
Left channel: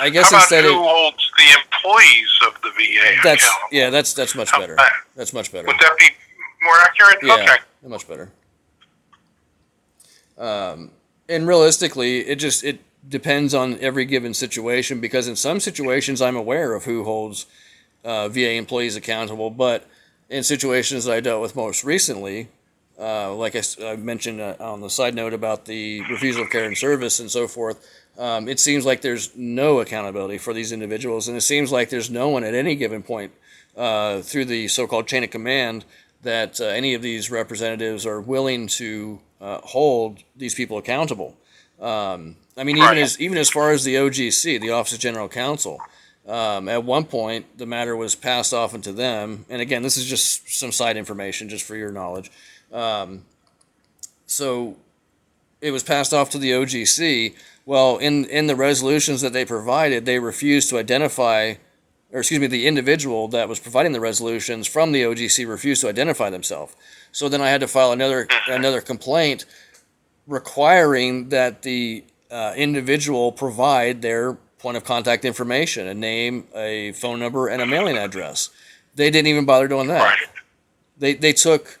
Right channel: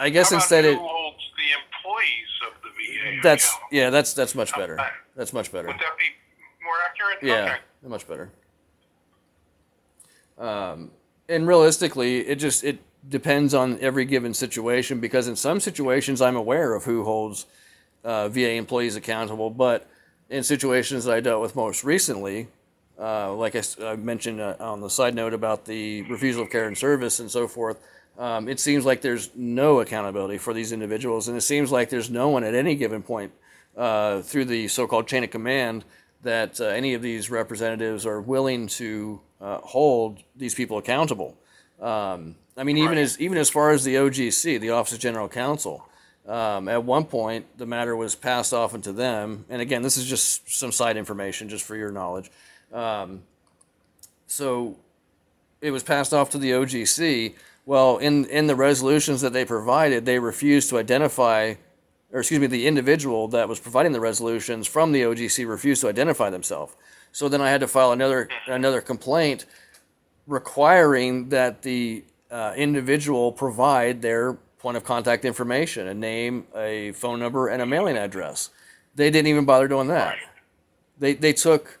I guess how about instead who holds the employees of the VA accountable? That's much better. That's much better. Would that be more accurate? Yeah, okay. Much better. And realistically, it depends on every given situation, because in some situations I'm aware of who holds VA employees accountable, but in situations that I dealt with most recently, like I mentioned on the side note about the refusal of care and service and so forth, it seems like there's no accountability for these individuals, and it seems like there's no one at any given point through the so-called chain of command that any of these representatives are willing to hold these people accountable. Even as far as the OGC, the Office of General Counsel, at one point the matter was passed off into them, and again, this is just some side information just for your knowledge. So it was passed off to the OGC. Well, in the resolutions that they provided, they refused to identify, the individual that was providing the resolutions from the OGC refused to identify themselves. So then I had to file another complaint requiring that the individual provide their point of contact information, a name, a phone number, and a mailing address. They didn't even bother doing that. Right. They took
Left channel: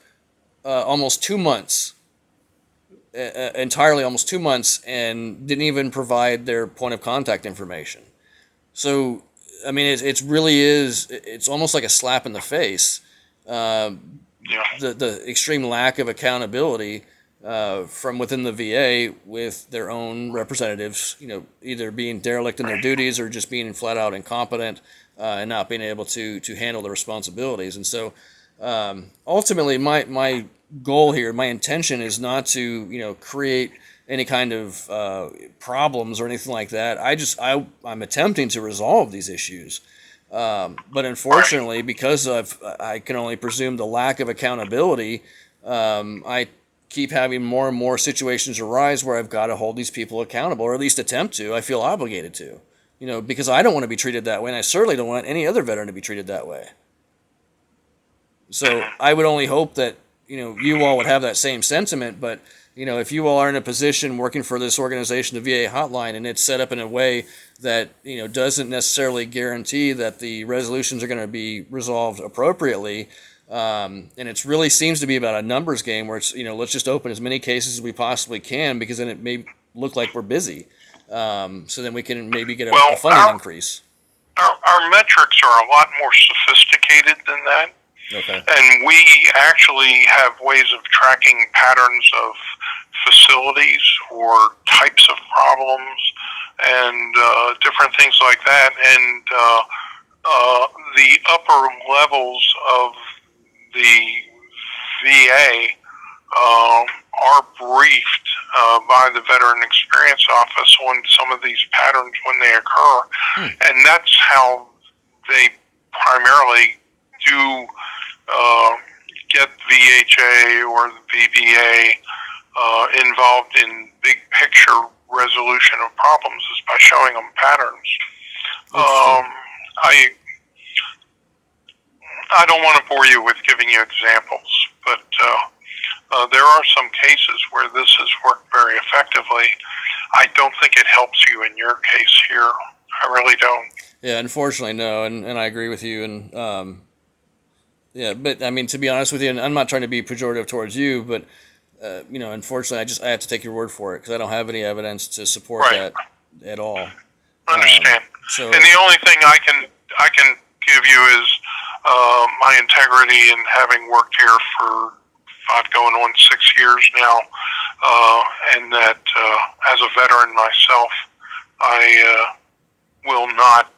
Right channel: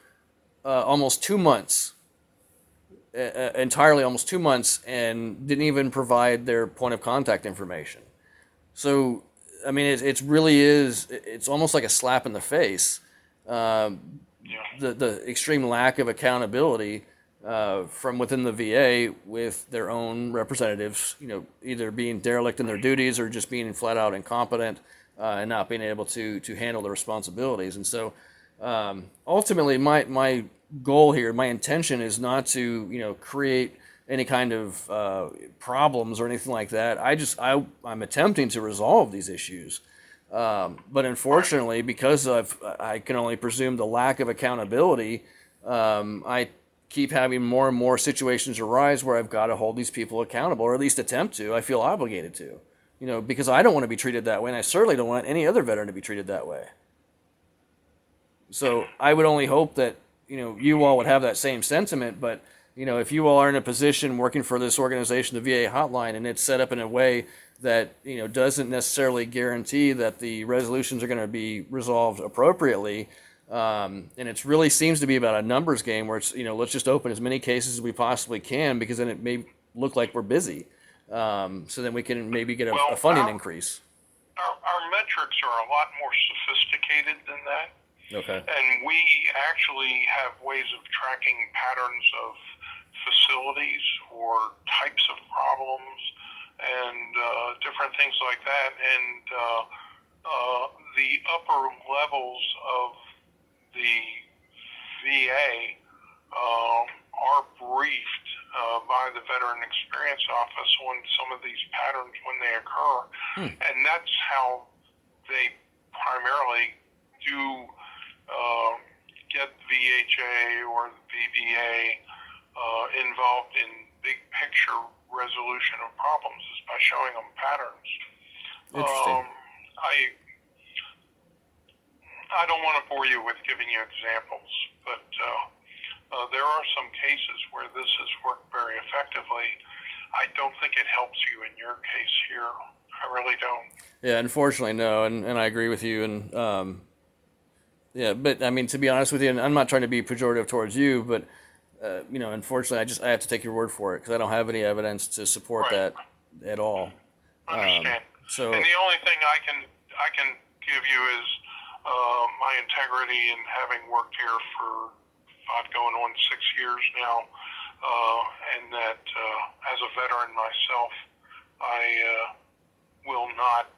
almost 2 months, entirely almost 2 months, and didn't even provide their point of contact information. So, I mean, it's really is. It's almost like a slap in the face. Yeah. The extreme lack of accountability from within the VA with their own representatives, either being derelict in their duties or just being flat out incompetent and not being able to handle the responsibilities. And so, ultimately, my goal here, my intention is not to create any kind of problems or anything like that. I'm attempting to resolve these issues. But unfortunately, because I can only presume the lack of accountability, I keep having more and more situations arise where I've got to hold these people accountable, or at least attempt to. I feel obligated to, because I don't want to be treated that way, and I certainly don't want any other veteran to be treated that way. So I would only hope that, you all would have that same sentiment, but, if you all are in a position working for this organization, the VA Hotline, and it's set up in a way that, doesn't necessarily guarantee that the resolutions are going to be resolved appropriately, and it really seems to be about a numbers game where it's, let's just open as many cases as we possibly can, because then it may look like we're busy. So then we can maybe get a funding increase. Our metrics are a lot more sophisticated than that. Okay. And we actually have ways of tracking patterns of facilities or types of problems and different things like that. And the upper levels of the VA are briefed by the Veteran Experience Office on some of these patterns when they occur. And that's how they primarily do get VHA or the VBA involved in big picture resolution of problems, is by showing them patterns. I don't want to bore you with giving you examples, but there are some cases where this has worked very effectively. I don't think it helps you in your case here. I really don't. Yeah, unfortunately, no, and I agree with you. And yeah, but I mean, to be honest with you, and I'm not trying to be pejorative towards you, but unfortunately, I have to take your word for it, because I don't have any evidence to support that at all. Understand. So, and the only thing I can give you is my integrity in having worked here for going on 6 years now, and that as a veteran myself, I will not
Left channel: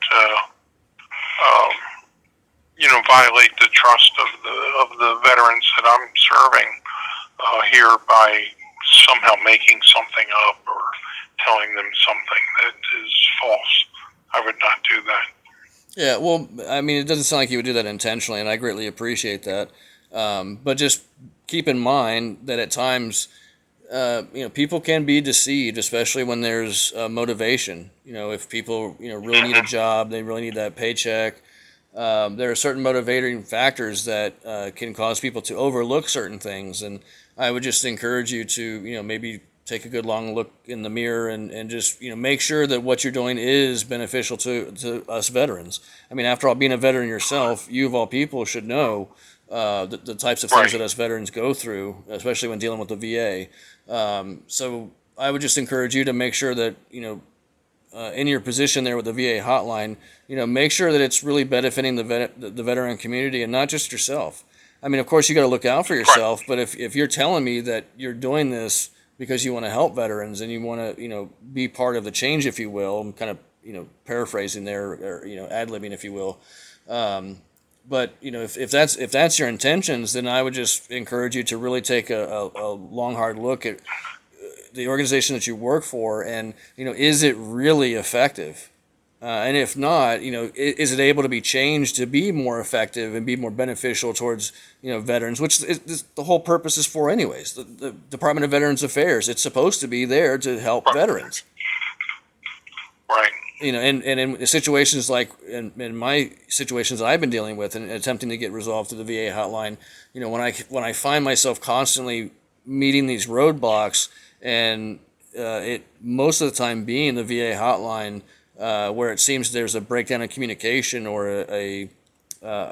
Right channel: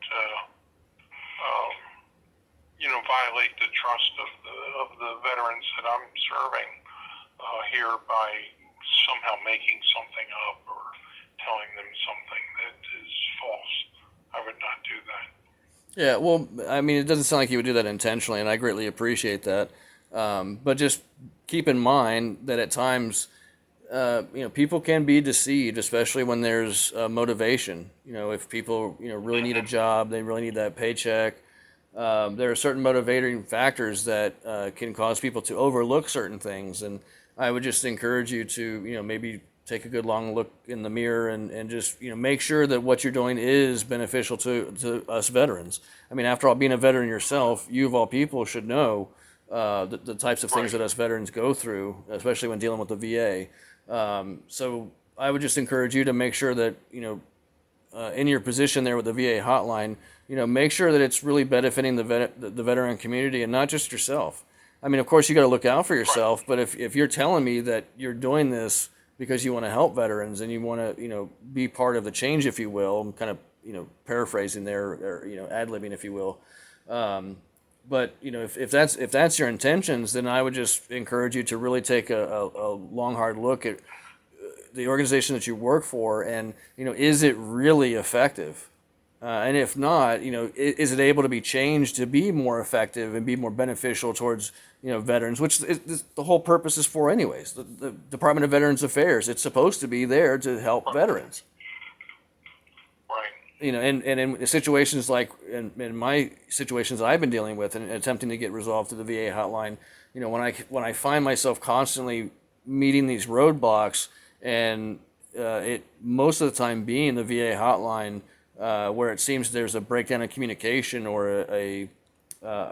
violate the trust of the veterans that I'm serving here by somehow making something up or telling them something that is false. I would not do that. Yeah, well, I mean, it doesn't sound like you would do that intentionally, and I greatly appreciate that. But just keep in mind that at times, people can be deceived, especially when there's motivation. If people, really need a job, they really need that paycheck. There are certain motivating factors that can cause people to overlook certain things, and I would just encourage you to, maybe take a good long look in the mirror and just, make sure that what you're doing is beneficial to us veterans. I mean, after all, being a veteran yourself, you of all people should know the types of things that us veterans go through, especially when dealing with the VA. So I would just encourage you to make sure that, in your position there with the VA hotline, make sure that it's really benefiting the veteran community and not just yourself. I mean, of course, you got to look out for yourself, but if you're telling me that you're doing this because you want to help veterans and you want to, be part of the change, if you will, I'm kind of, paraphrasing there, or, ad-libbing, if you will. But, if that's your intentions, then I would just encourage you to really take a long, hard look at the organization that you work for, and, is it really effective? And if not, is it able to be changed to be more effective and be more beneficial towards, veterans, which the whole purpose is for anyways. The Department of Veterans Affairs, it's supposed to be there to help veterans. Right. And in situations like in my situations that I've been dealing with and attempting to get resolved through the VA hotline, when I find myself constantly meeting these roadblocks and it most of the time being the VA hotline, where it seems there's a breakdown in communication or a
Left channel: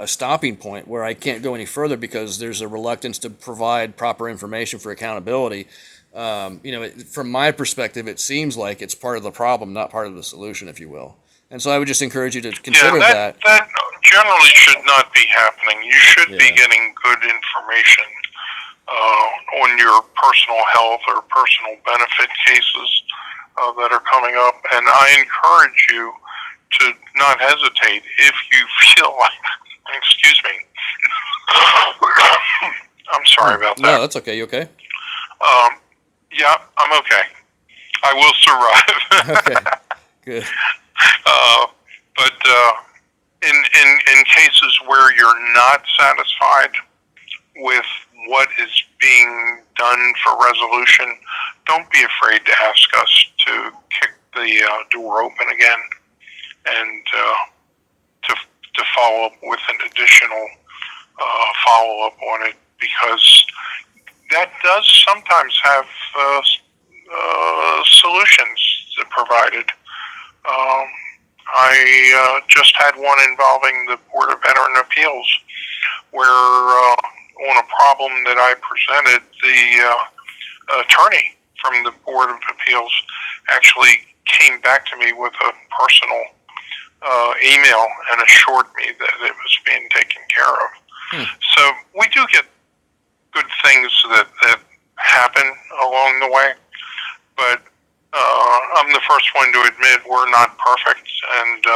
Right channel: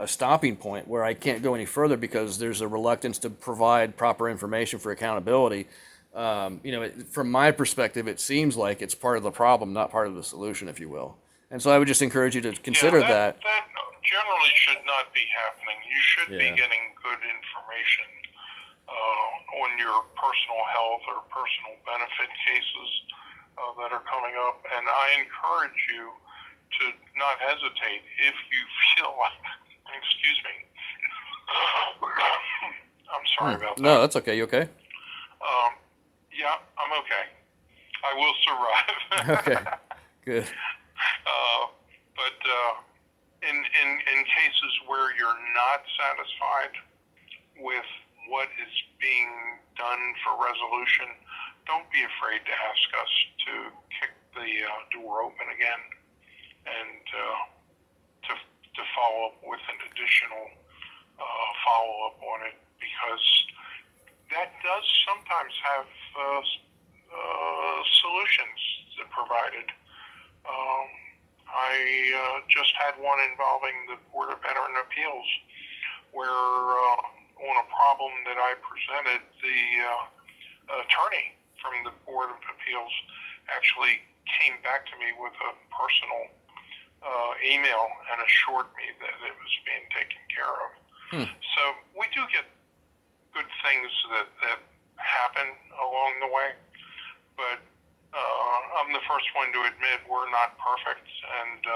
stopping point where I can't go any further because there's a reluctance to provide proper information for accountability. From my perspective, it seems like it's part of the problem, not part of the solution, if you will. And so I would just encourage you to consider that. That generally should not be happening. You should be Yeah. getting good information on your personal health or personal benefit cases that are coming up. And I encourage you to not hesitate if you feel like, excuse me, I'm sorry about that. No, that's okay. You okay? Yeah, I'm okay. I will survive. Okay. Good. But in cases where you're not satisfied with what is being done for resolution, don't be afraid to ask us to kick the door open again and to follow up with an additional follow up on it, because that does sometimes have solutions provided. I just had one involving the Board of Veteran Appeals, where on a problem that I presented, the attorney from the Board of Appeals actually came back to me with a personal email and assured me that it was being taken care of. So we do get good things that happen along the way, but I'm the first one to admit we're not perfect, and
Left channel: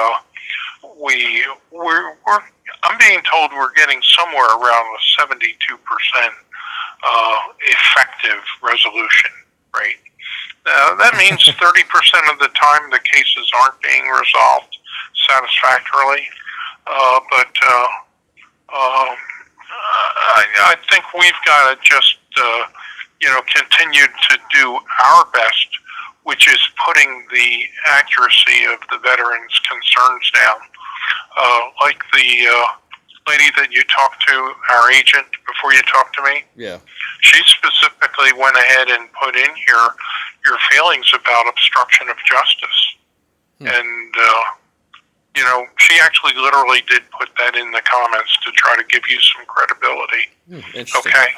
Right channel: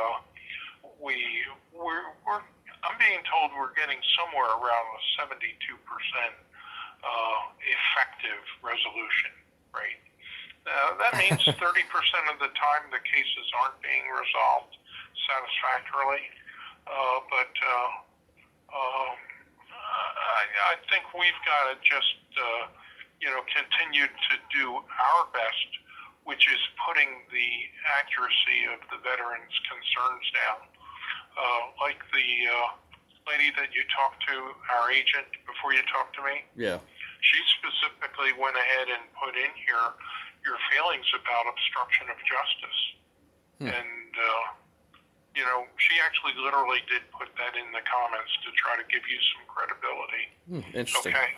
I'm being told we're getting somewhere around a 72% effective resolution rate. That means 30% of the time the cases aren't being resolved satisfactorily, but I think we've got to just continue to do our best, which is putting the accuracy of the veterans' concerns down. Like the lady that you talked to, our agent, before you talked to me. Yeah. She specifically went ahead and put in here your feelings about obstruction of justice. And, she actually literally did put that in the comments to try to give you some credibility. Interesting. Okay?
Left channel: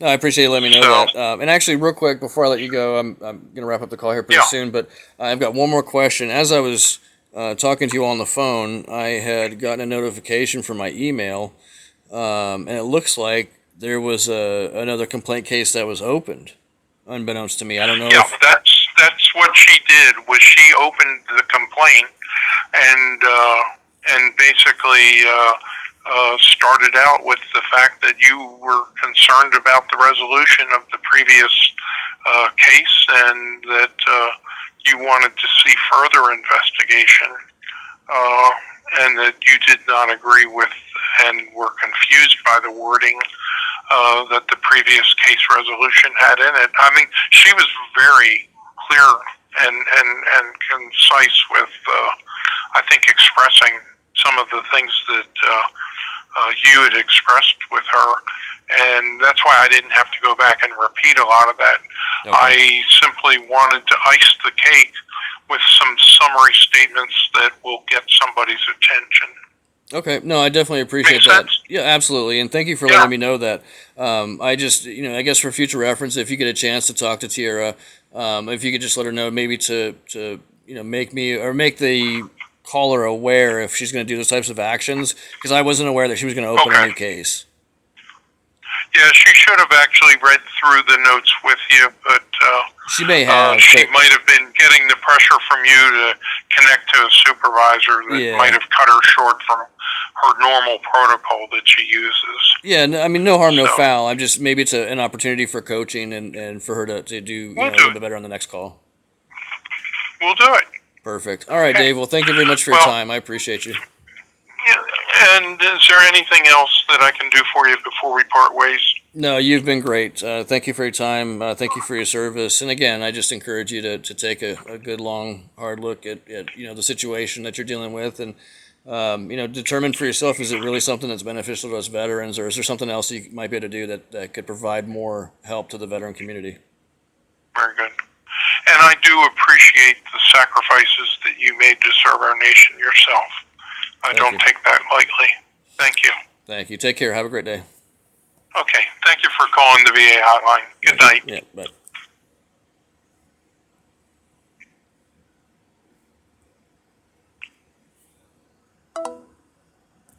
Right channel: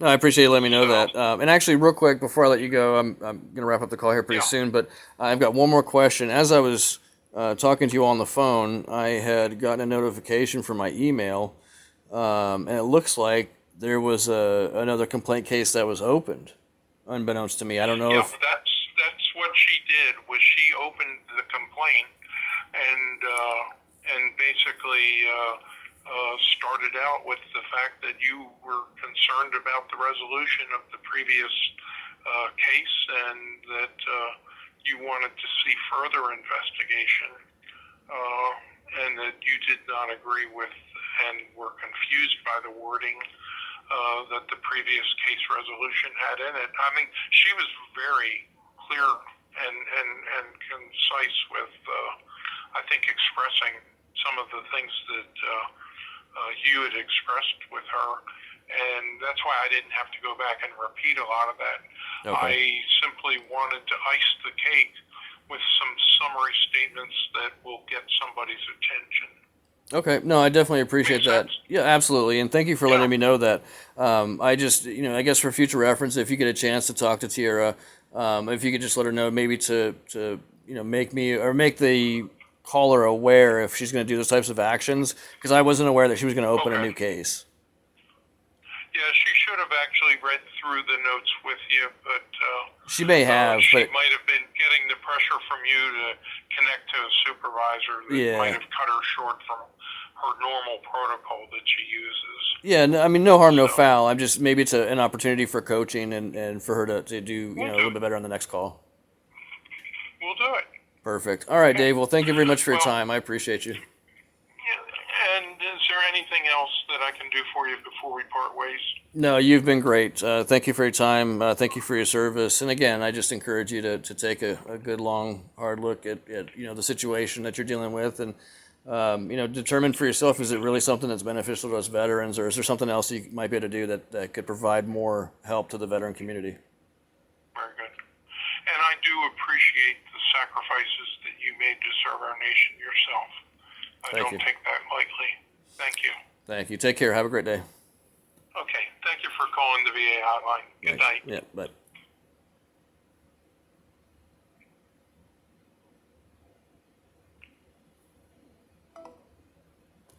No, I appreciate you letting me know So- that. And actually, real quick, before I let you go, I'm going to wrap up the call here pretty Yeah. soon, but I've got one more question. As I was talking to you on the phone, I had gotten a notification from my email, and it looks like there was another complaint case that was opened, unbeknownst to me. I don't know Yeah, if... that's what she did. Was she opened the complaint and basically started out with the fact that you were concerned about the resolution of the previous case, and that you wanted to see further investigation, and that you did not agree with and were confused by the wording that the previous case resolution had in it. I mean, she was very clear and concise with, I think, expressing some of the things that you had expressed with her, and that's why I didn't have to go back and repeat a lot of that. Okay. I simply wanted to ice the cake with some summary statements that will get somebody's attention. Okay, no, I definitely appreciate Makes that. sense? Yeah, absolutely, and thank you for Yeah. letting me know that. I just, I guess for future reference, if you get a chance to talk to Tiara, if you could just let her know, maybe to make me or make the caller aware if she's going to do those types of actions, because I wasn't aware that she was going to open a Okay. new case. Yeah, she should have actually read through the notes with you, but She may have, she but might have been getting the pressure from you to connect to a supervisor that Yeah. might have cut her short from her normal protocol that she uses. yeah, no, I mean, no harm, no So- foul. I'm just maybe it's an opportunity for coaching and for her to do We'll a do little it. bit better on the next call. We'll do it. Perfect. All right, Okay. Dave. Well, thank you very much for your Well- time. I appreciate you. Yeah. And is there anything else that I can do for you before we part ways? No, you've been great. Thank you for your time. Thank you for your service. And again, I just encourage you to take a good, long, hard look at the situation that you're dealing with, and determine for yourself, is it really something that's beneficial to us veterans, or is there something else you might be able to do that could provide more help to the veteran community? Very good. And I do appreciate the sacrifices that you made to serve our nation yourself. I Thank don't you. take that lightly. Thank you. Thank you. Take care. Have a great day. Okay. Thank you for calling the VA hotline. Good night. Yeah, bye.